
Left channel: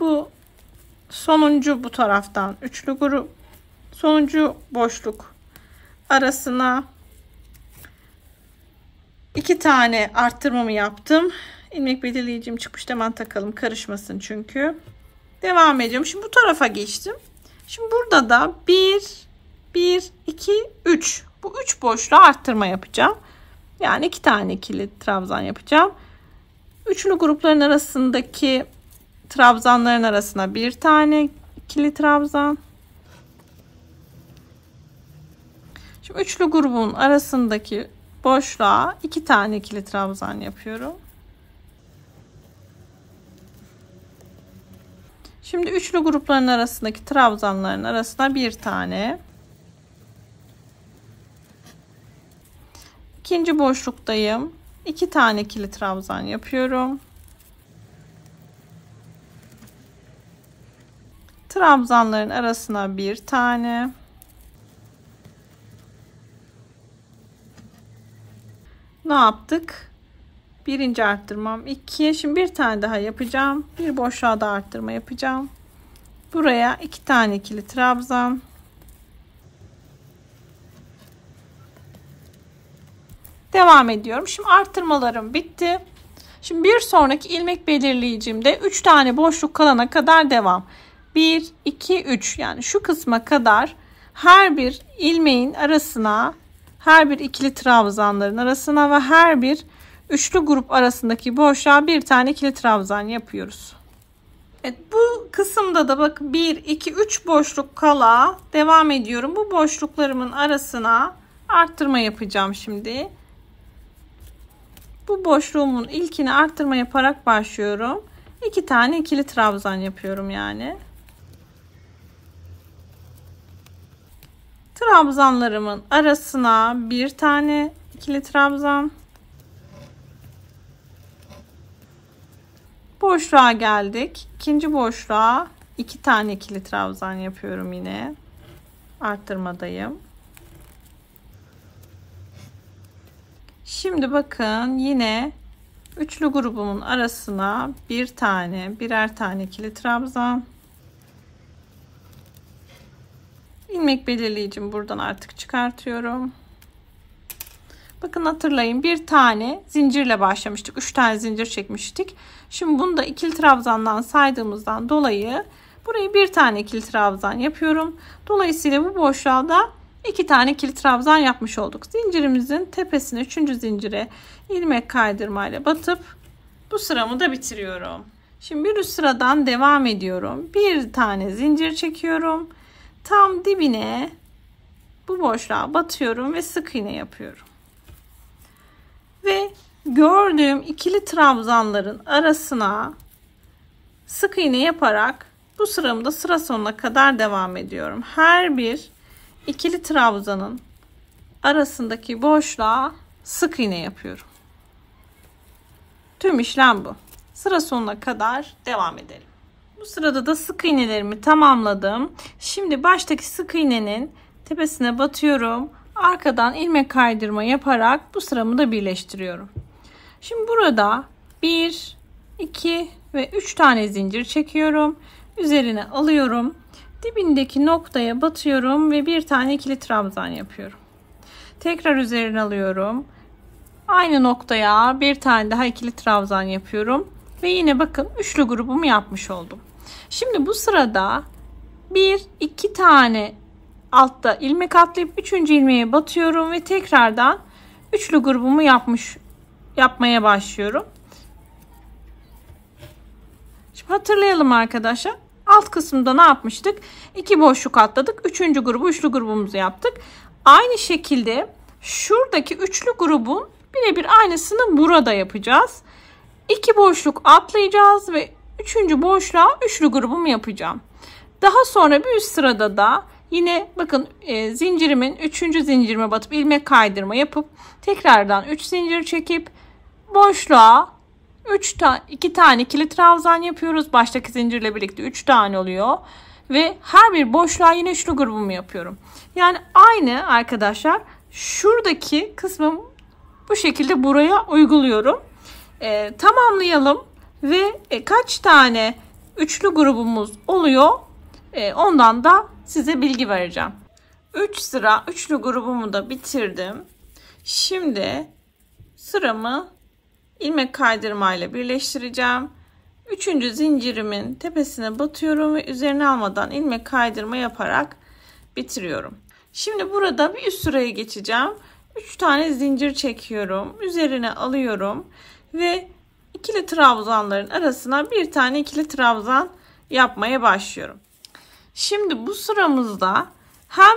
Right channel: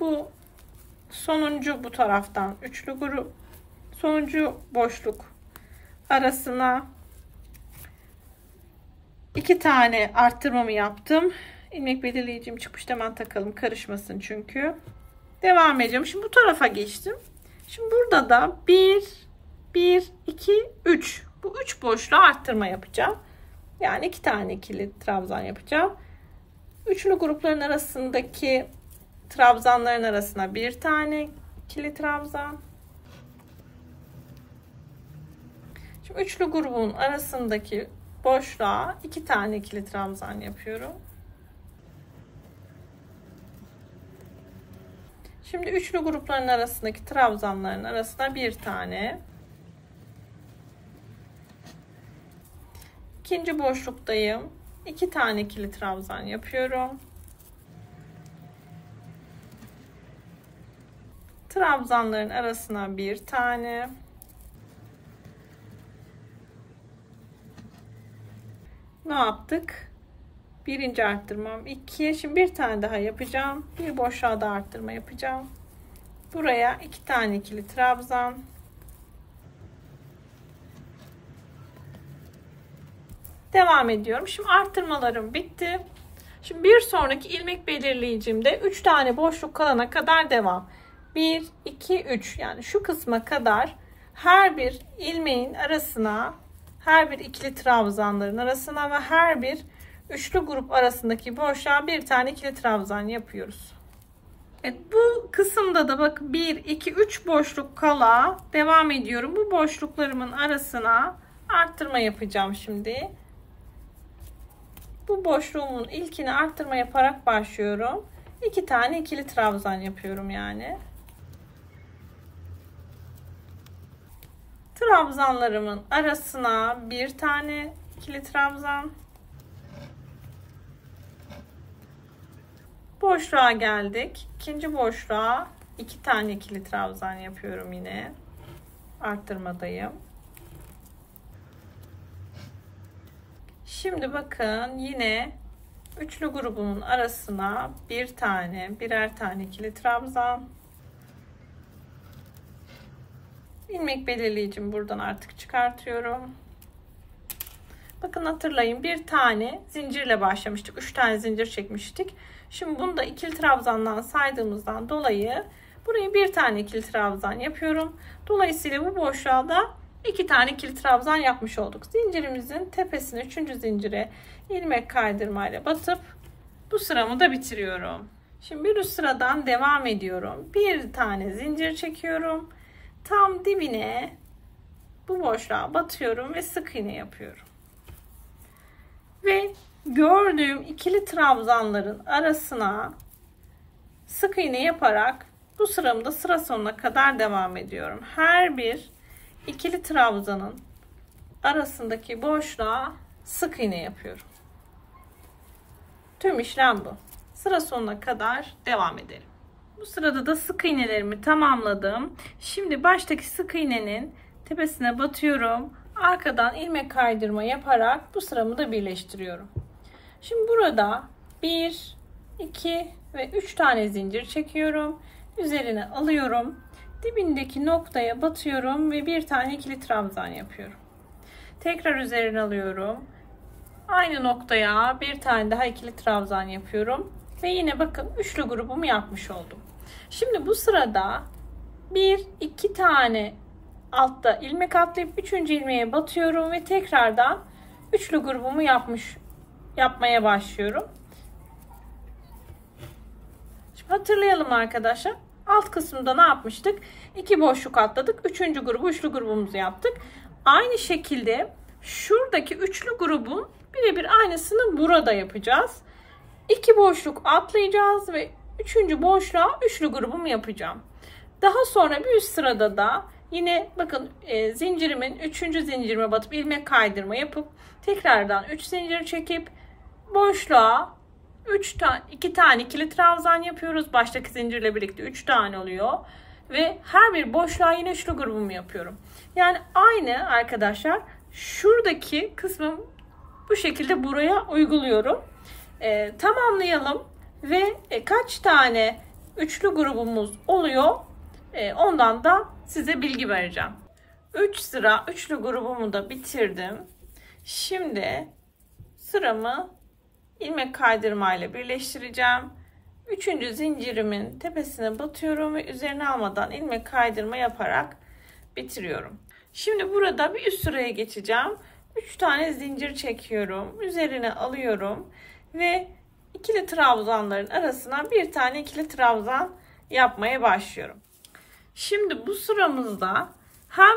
bu sonuncu, bu taraftan üçlü grup, sonuncu boşluk arasına 2 tane arttırmamı yaptım. İlmek belirleyicim çıkmış, hemen takalım karışmasın çünkü. Devam ediyorum. Şimdi bu tarafa geçtim. Şimdi burada da 1, 2, 3. Bu 3 boşluğa arttırma yapacağım. Yani 2 tane ikili trabzan yapacağım. Üçlü grupların arasındaki trabzanların arasına bir tane ikili trabzan. Şimdi üçlü grubun arasındaki boşluğa 2 tane ikili trabzan yapıyorum. Şimdi üçlü grupların arasındaki trabzanların arasına bir tane. İkinci boşluktayım. 2 tane ikili trabzan yapıyorum. Trabzanların arasına bir tane. Ne yaptık? Birinci arttırmam 2. Şimdi bir tane daha yapacağım. Bir boşluğa da arttırma yapacağım. Buraya 2 tane ikili trabzan. Devam ediyorum. Şimdi arttırmalarım bitti. Şimdi bir sonraki ilmek belirleyicimde 3 tane boşluk kalana kadar devam. 1, 2, 3, yani şu kısma kadar her bir ilmeğin arasına, her bir ikili trabzanların arasına ve her bir üçlü grup arasındaki boşluğa bir tane ikili trabzan yapıyoruz. Evet, bu kısımda da bak 1, 2, 3 boşluk kala devam ediyorum. Bu boşluklarımın arasına arttırma yapacağım şimdi. Bu boşluğumun ilkini arttırma yaparak başlıyorum. 2 tane ikili trabzan yapıyorum yani. Trabzanlarımın arasına bir tane ikili trabzan. Boşluğa geldik. İkinci boşluğa 2 tane ikili trabzan yapıyorum yine. Arttırmadayım. Şimdi bakın yine üçlü grubumun arasına bir tane, birer tane ikili trabzan. ilmek belirleyicimi buradan artık çıkartıyorum. Bakın hatırlayın, bir tane zincirle başlamıştık. 3 tane zincir çekmiştik. Şimdi bunu da ikili trabzandan saydığımızdan dolayı buraya bir tane ikili trabzan yapıyorum. Dolayısıyla bu boşluğa da 2 tane ikili trabzan yapmış olduk. Zincirimizin tepesine 3. zincire ilmek kaydırmayla batıp bu sıramı da bitiriyorum. Şimdi bir üst sıradan devam ediyorum. Bir tane zincir çekiyorum. Tam dibine bu boşluğa batıyorum ve sık iğne yapıyorum. Ve gördüğüm ikili trabzanların arasına sık iğne yaparak bu sıramı da sıra sonuna kadar devam ediyorum. Her bir ikili trabzanın arasındaki boşluğa sık iğne yapıyorum. Tüm işlem bu. Sıra sonuna kadar devam edelim. Bu sırada da sık iğnelerimi tamamladım. Şimdi baştaki sık iğnenin tepesine batıyorum. Arkadan ilmek kaydırma yaparak bu sıramı da birleştiriyorum. Şimdi burada 1, 2 ve 3 tane zincir çekiyorum. Üzerine alıyorum. Dibindeki noktaya batıyorum ve bir tane ikili trabzan yapıyorum. Tekrar üzerine alıyorum. Aynı noktaya bir tane daha ikili trabzan yapıyorum. Ve yine bakın üçlü grubumu yapmış oldum. Şimdi bu sırada 1-2 tane altta ilmek atlayıp 3. ilmeğe batıyorum ve tekrardan üçlü grubumu yapmaya başlıyorum. Şimdi hatırlayalım arkadaşlar. Alt kısımda ne yapmıştık? 2 boşluk atladık. 3. grubu üçlü grubumuzu yaptık. Aynı şekilde şuradaki üçlü grubun birebir aynısını burada yapacağız. 2 boşluk atlayacağız ve 3. boşluğa üçlü grubumu yapacağım. Daha sonra bir üst sırada da yine bakın zincirimin 3. zincirime batıp ilmek kaydırma yapıp tekrardan 3 zincir çekip boşluğa 2 tane ikili trabzan yapıyoruz. Baştaki zincirle birlikte 3 tane oluyor. Ve her bir boşluğa yine üçlü grubumu yapıyorum. Yani aynı arkadaşlar şuradaki kısmı bu şekilde buraya uyguluyorum. Tamamlayalım ve kaç tane üçlü grubumuz oluyor ondan da size bilgi vereceğim. 3 sıra üçlü grubumu da bitirdim. Şimdi sıramı ilmek kaydırmayla birleştireceğim. 3. zincirimin tepesine batıyorum ve üzerine almadan ilmek kaydırma yaparak bitiriyorum. Şimdi burada bir üst sıraya geçeceğim. 3 tane zincir çekiyorum. Üzerine alıyorum ve ikili trabzanların arasına bir tane ikili trabzan yapmaya başlıyorum. Şimdi bu sıramızda hem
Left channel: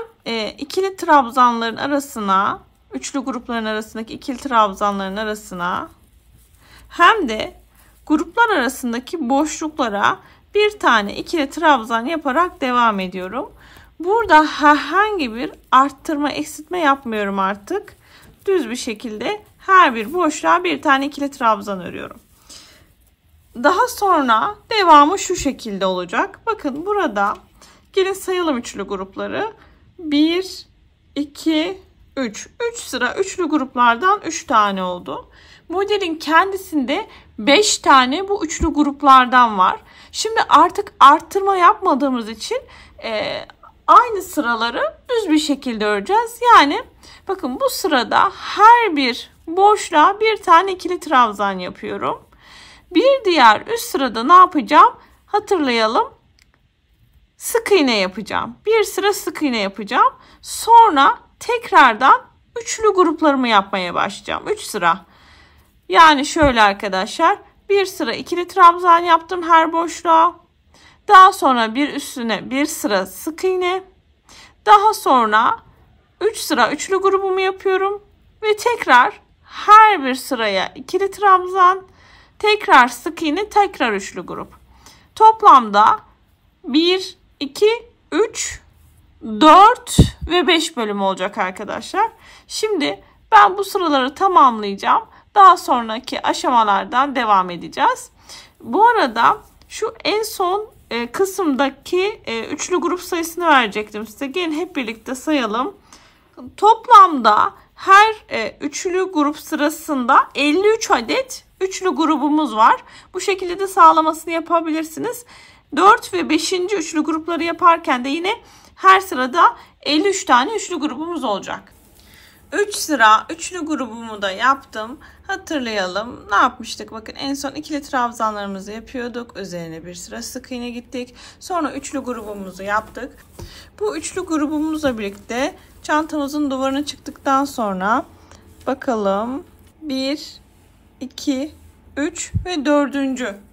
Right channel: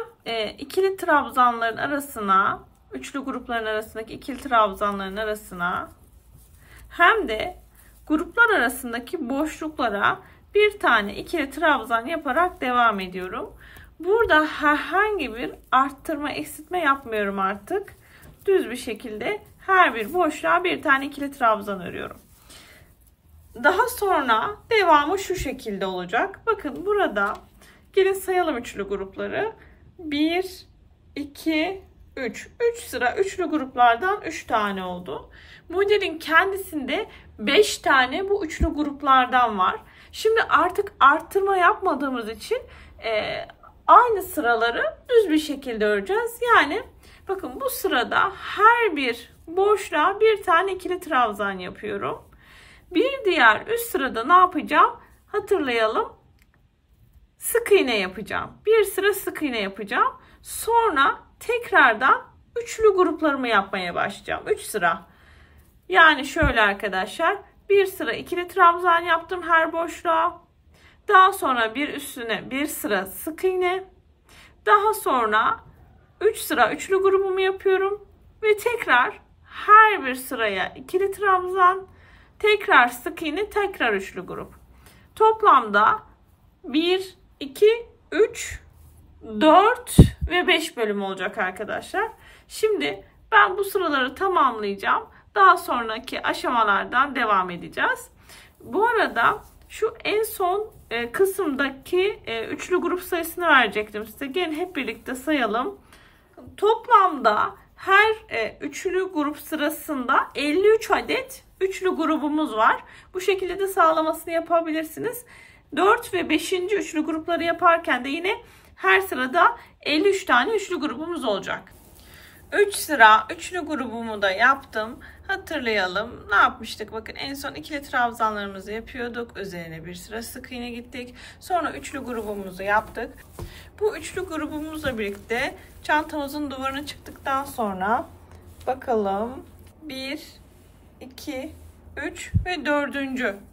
ikili trabzanların arasına, üçlü grupların arasındaki ikili trabzanların arasına hem de gruplar arasındaki boşluklara bir tane ikili trabzan yaparak devam ediyorum. Burada herhangi bir arttırma, eksiltme yapmıyorum artık. Düz bir şekilde her bir boşluğa bir tane ikili trabzan örüyorum. Daha sonra devamı şu şekilde olacak. Bakın burada gelin sayalım üçlü grupları. 1, 2, 3. 3 sıra üçlü gruplardan 3 tane oldu. Modelin kendisinde 5 tane bu üçlü gruplardan var. Şimdi artık arttırma yapmadığımız için aynı sıraları düz bir şekilde öreceğiz. Yani bakın bu sırada her bir boşluğa bir tane ikili trabzan yapıyorum. Bir diğer üst sırada ne yapacağım? Hatırlayalım. Sık iğne yapacağım. Bir sıra sık iğne yapacağım. Sonra tekrardan üçlü gruplarımı yapmaya başlayacağım. 3 sıra. Yani şöyle arkadaşlar. Bir sıra ikili trabzan yaptım her boşluğa. Daha sonra bir üstüne bir sıra sık iğne. Daha sonra 3 sıra üçlü grubumu yapıyorum. Ve tekrar her bir sıraya ikili trabzan. Tekrar sık iğne, tekrar üçlü grup. Toplamda 1, 2, 3, 4 ve 5 bölüm olacak arkadaşlar. Şimdi ben bu sıraları tamamlayacağım. Daha sonraki aşamalardan devam edeceğiz. Bu arada şu en son kısımdaki üçlü grup sayısını verecektim size. Gelin hep birlikte sayalım. Toplamda her üçlü grup sırasında 53 adet üçlü grubumuz var. Bu şekilde de sağlamasını yapabilirsiniz. 4 ve 5. üçlü grupları yaparken de yine her sırada 53 tane üçlü grubumuz olacak. 3 sıra üçlü grubumu da yaptım. Hatırlayalım. Ne yapmıştık? Bakın en son ikili trabzanlarımızı yapıyorduk. Üzerine bir sıra sık iğne gittik. Sonra üçlü grubumuzu yaptık. Bu üçlü grubumuzla birlikte çantamızın duvarına çıktıktan sonra bakalım 1, 2, 3 ve 4.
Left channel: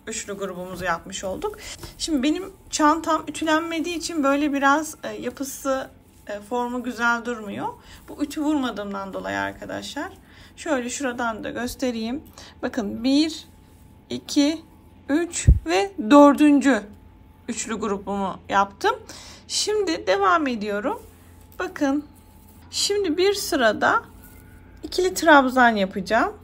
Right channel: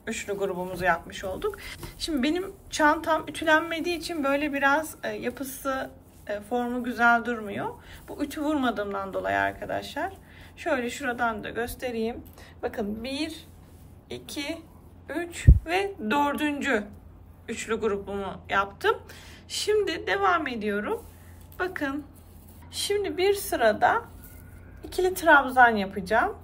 üçlü grubumuzu yapmış olduk. Şimdi benim çantam ütülenmediği için böyle biraz yapısı, formu güzel durmuyor. Bu ütü vurmadığımdan dolayı arkadaşlar. Şöyle şuradan da göstereyim. Bakın 1, 2, 3 ve 4. üçlü grubumu yaptım. Şimdi devam ediyorum. Bakın şimdi bir sırada ikili trabzan yapacağım.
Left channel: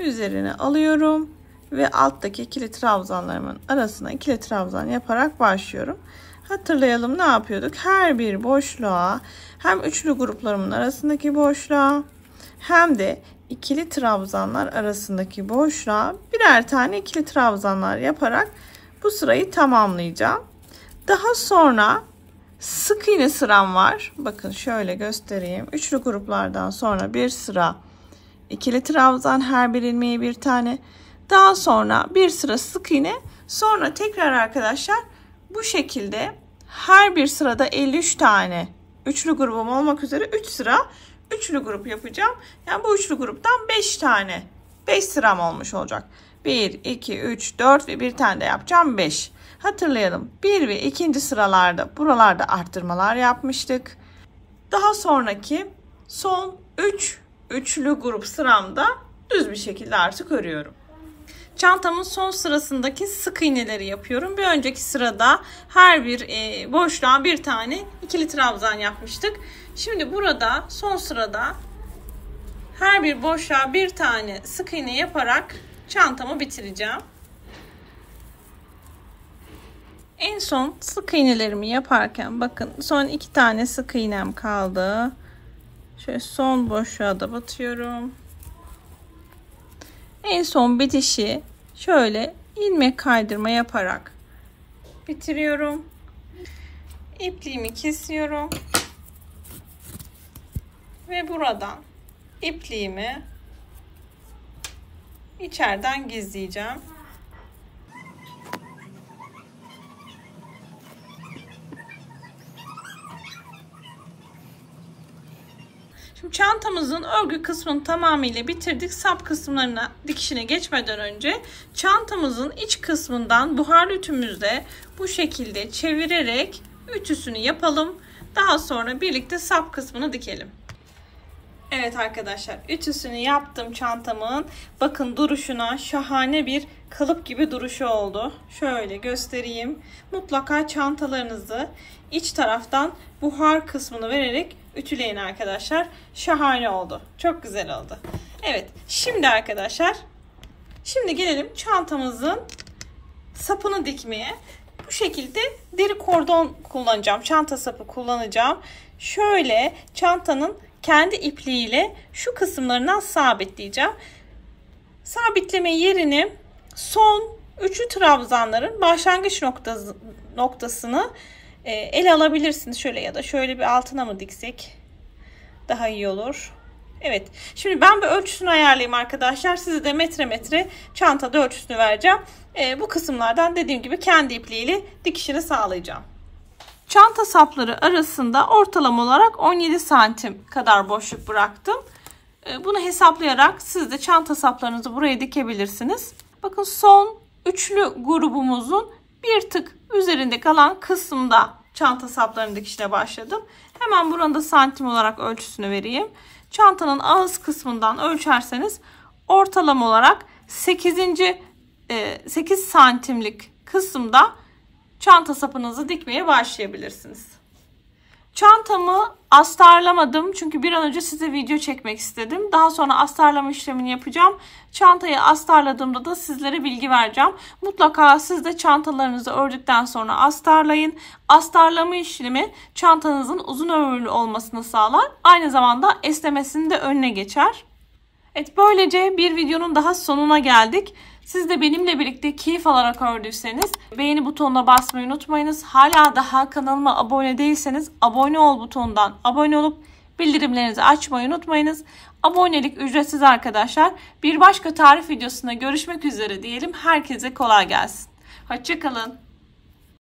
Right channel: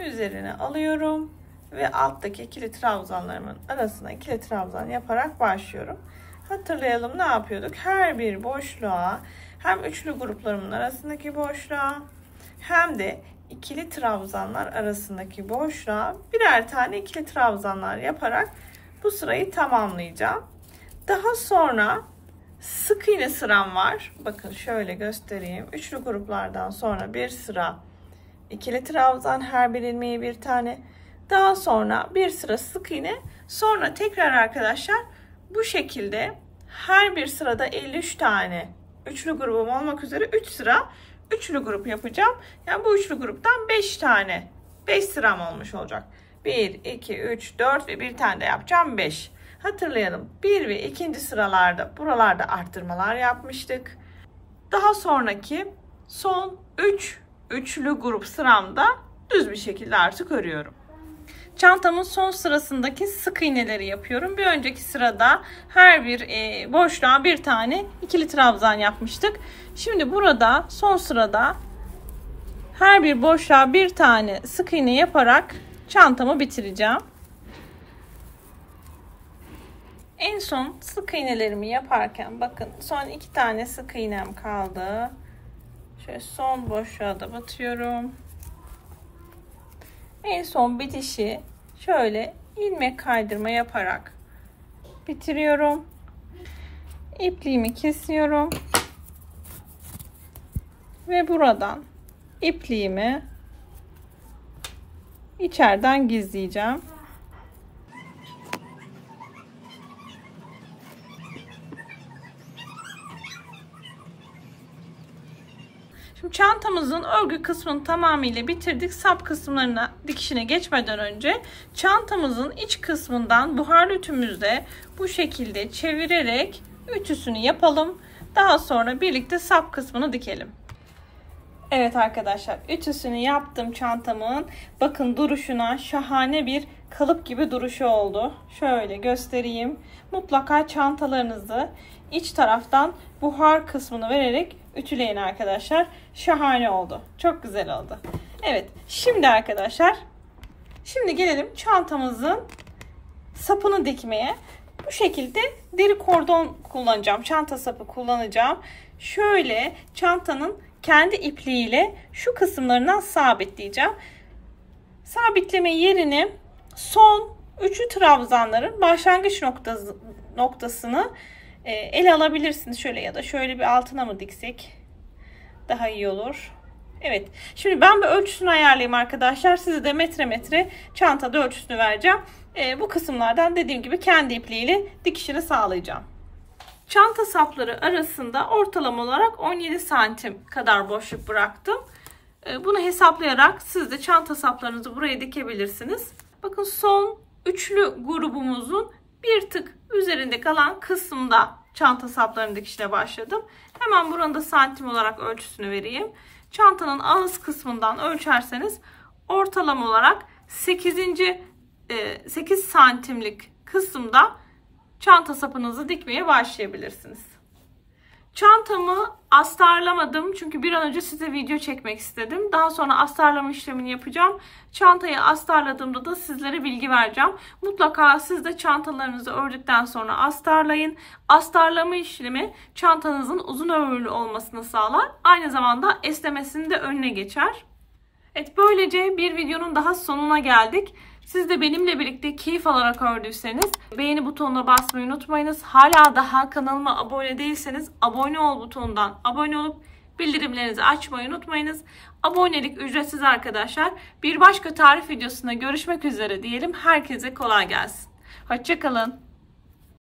Üzerine alıyorum ve alttaki ikili trabzanlarımın arasına ikili trabzan yaparak başlıyorum. Hatırlayalım, ne yapıyorduk? Her bir boşluğa, hem üçlü gruplarımın arasındaki boşluğa hem de ikili trabzanlar arasındaki boşluğa birer tane ikili trabzanlar yaparak bu sırayı tamamlayacağım. Daha sonra sık iğne sıram var. Bakın şöyle göstereyim. Üçlü gruplardan sonra bir sıra ikili trabzan, her bir ilmeğe bir tane. Daha sonra bir sıra sık iğne. Sonra tekrar arkadaşlar bu şekilde her bir sırada 53 tane üçlü grubum olmak üzere 3 sıra üçlü grup yapacağım. Yani bu üçlü gruptan 5 tane, 5 sıram olmuş olacak. 1, 2, 3, 4 ve bir tane de yapacağım 5. Hatırlayalım, 1 ve 2. sıralarda buralarda arttırmalar yapmıştık. Daha sonraki son 3 üçlü grup sıramda düz bir şekilde artık örüyorum. Çantamın son sırasındaki sık iğneleri yapıyorum. Bir önceki sırada her bir boşluğa bir tane ikili trabzan yapmıştık. Şimdi burada son sırada her bir boşluğa bir tane sık iğne yaparak çantamı bitireceğim. En son sık iğnelerimi yaparken bakın son 2 tane sık iğnem kaldı. Şöyle son boşluğa da batıyorum. En son bitişi şöyle ilmek kaydırma yaparak bitiriyorum. İpliğimi kesiyorum. Ve buradan ipliğimi içeriden gizleyeceğim. Şimdi çantamızın örgü kısmını tamamıyla bitirdik. Sap kısımlarına dikişine geçmeden önce çantamızın iç kısmından buharlı ütümüzle bu şekilde çevirerek ütüsünü yapalım. Daha sonra birlikte sap kısmını dikelim. Evet arkadaşlar, ütüsünü yaptım çantamın. Bakın duruşuna, şahane bir kalıp gibi duruşu oldu. Şöyle göstereyim. Mutlaka çantalarınızı iç taraftan buhar kısmını vererek ütüleyin arkadaşlar. Şahane oldu. Çok güzel oldu. Evet, şimdi arkadaşlar, şimdi gelelim çantamızın sapını dikmeye. Bu şekilde deri kordon kullanacağım. Çanta sapı kullanacağım. Şöyle çantanın kendi ipliğiyle şu kısımlarından sabitleyeceğim. Sabitleme yerini son üçlü trabzanların başlangıç noktasını ele alabilirsiniz. Şöyle ya da şöyle bir altına mı diksek daha iyi olur. Evet. Şimdi ben bir ölçüsünü ayarlayayım arkadaşlar. Size de metre metre çantada ölçüsünü vereceğim. Bu kısımlardan dediğim gibi kendi ipliğiyle dikişini sağlayacağım. Çanta sapları arasında ortalama olarak 17 santim kadar boşluk bıraktım. Bunu hesaplayarak siz de çanta saplarınızı buraya dikebilirsiniz. Bakın son üçlü grubumuzun bir tık üzerinde kalan kısımda çanta saplarının dikişine başladım. Hemen buranın da santim olarak ölçüsünü vereyim. Çantanın ağız kısmından ölçerseniz ortalama olarak 8 santimlik kısımda çanta sapınızı dikmeye başlayabilirsiniz. Çantamı astarlamadım çünkü bir an önce size video çekmek istedim. Daha sonra astarlama işlemini yapacağım. Çantayı astarladığımda da sizlere bilgi vereceğim. Mutlaka siz de çantalarınızı ördükten sonra astarlayın. Astarlama işlemi çantanızın uzun ömürlü olmasını sağlar. Aynı zamanda esnemesinin de önüne geçer. Evet, böylece bir videonun daha sonuna geldik. Siz de benimle birlikte keyif alarak ördüyseniz beğeni butonuna basmayı unutmayınız. Hala daha kanalıma abone değilseniz abone ol butonundan abone olup bildirimlerinizi açmayı unutmayınız. Abonelik ücretsiz arkadaşlar. Bir başka tarif videosunda görüşmek üzere diyelim. Herkese kolay gelsin. Hoşça kalın.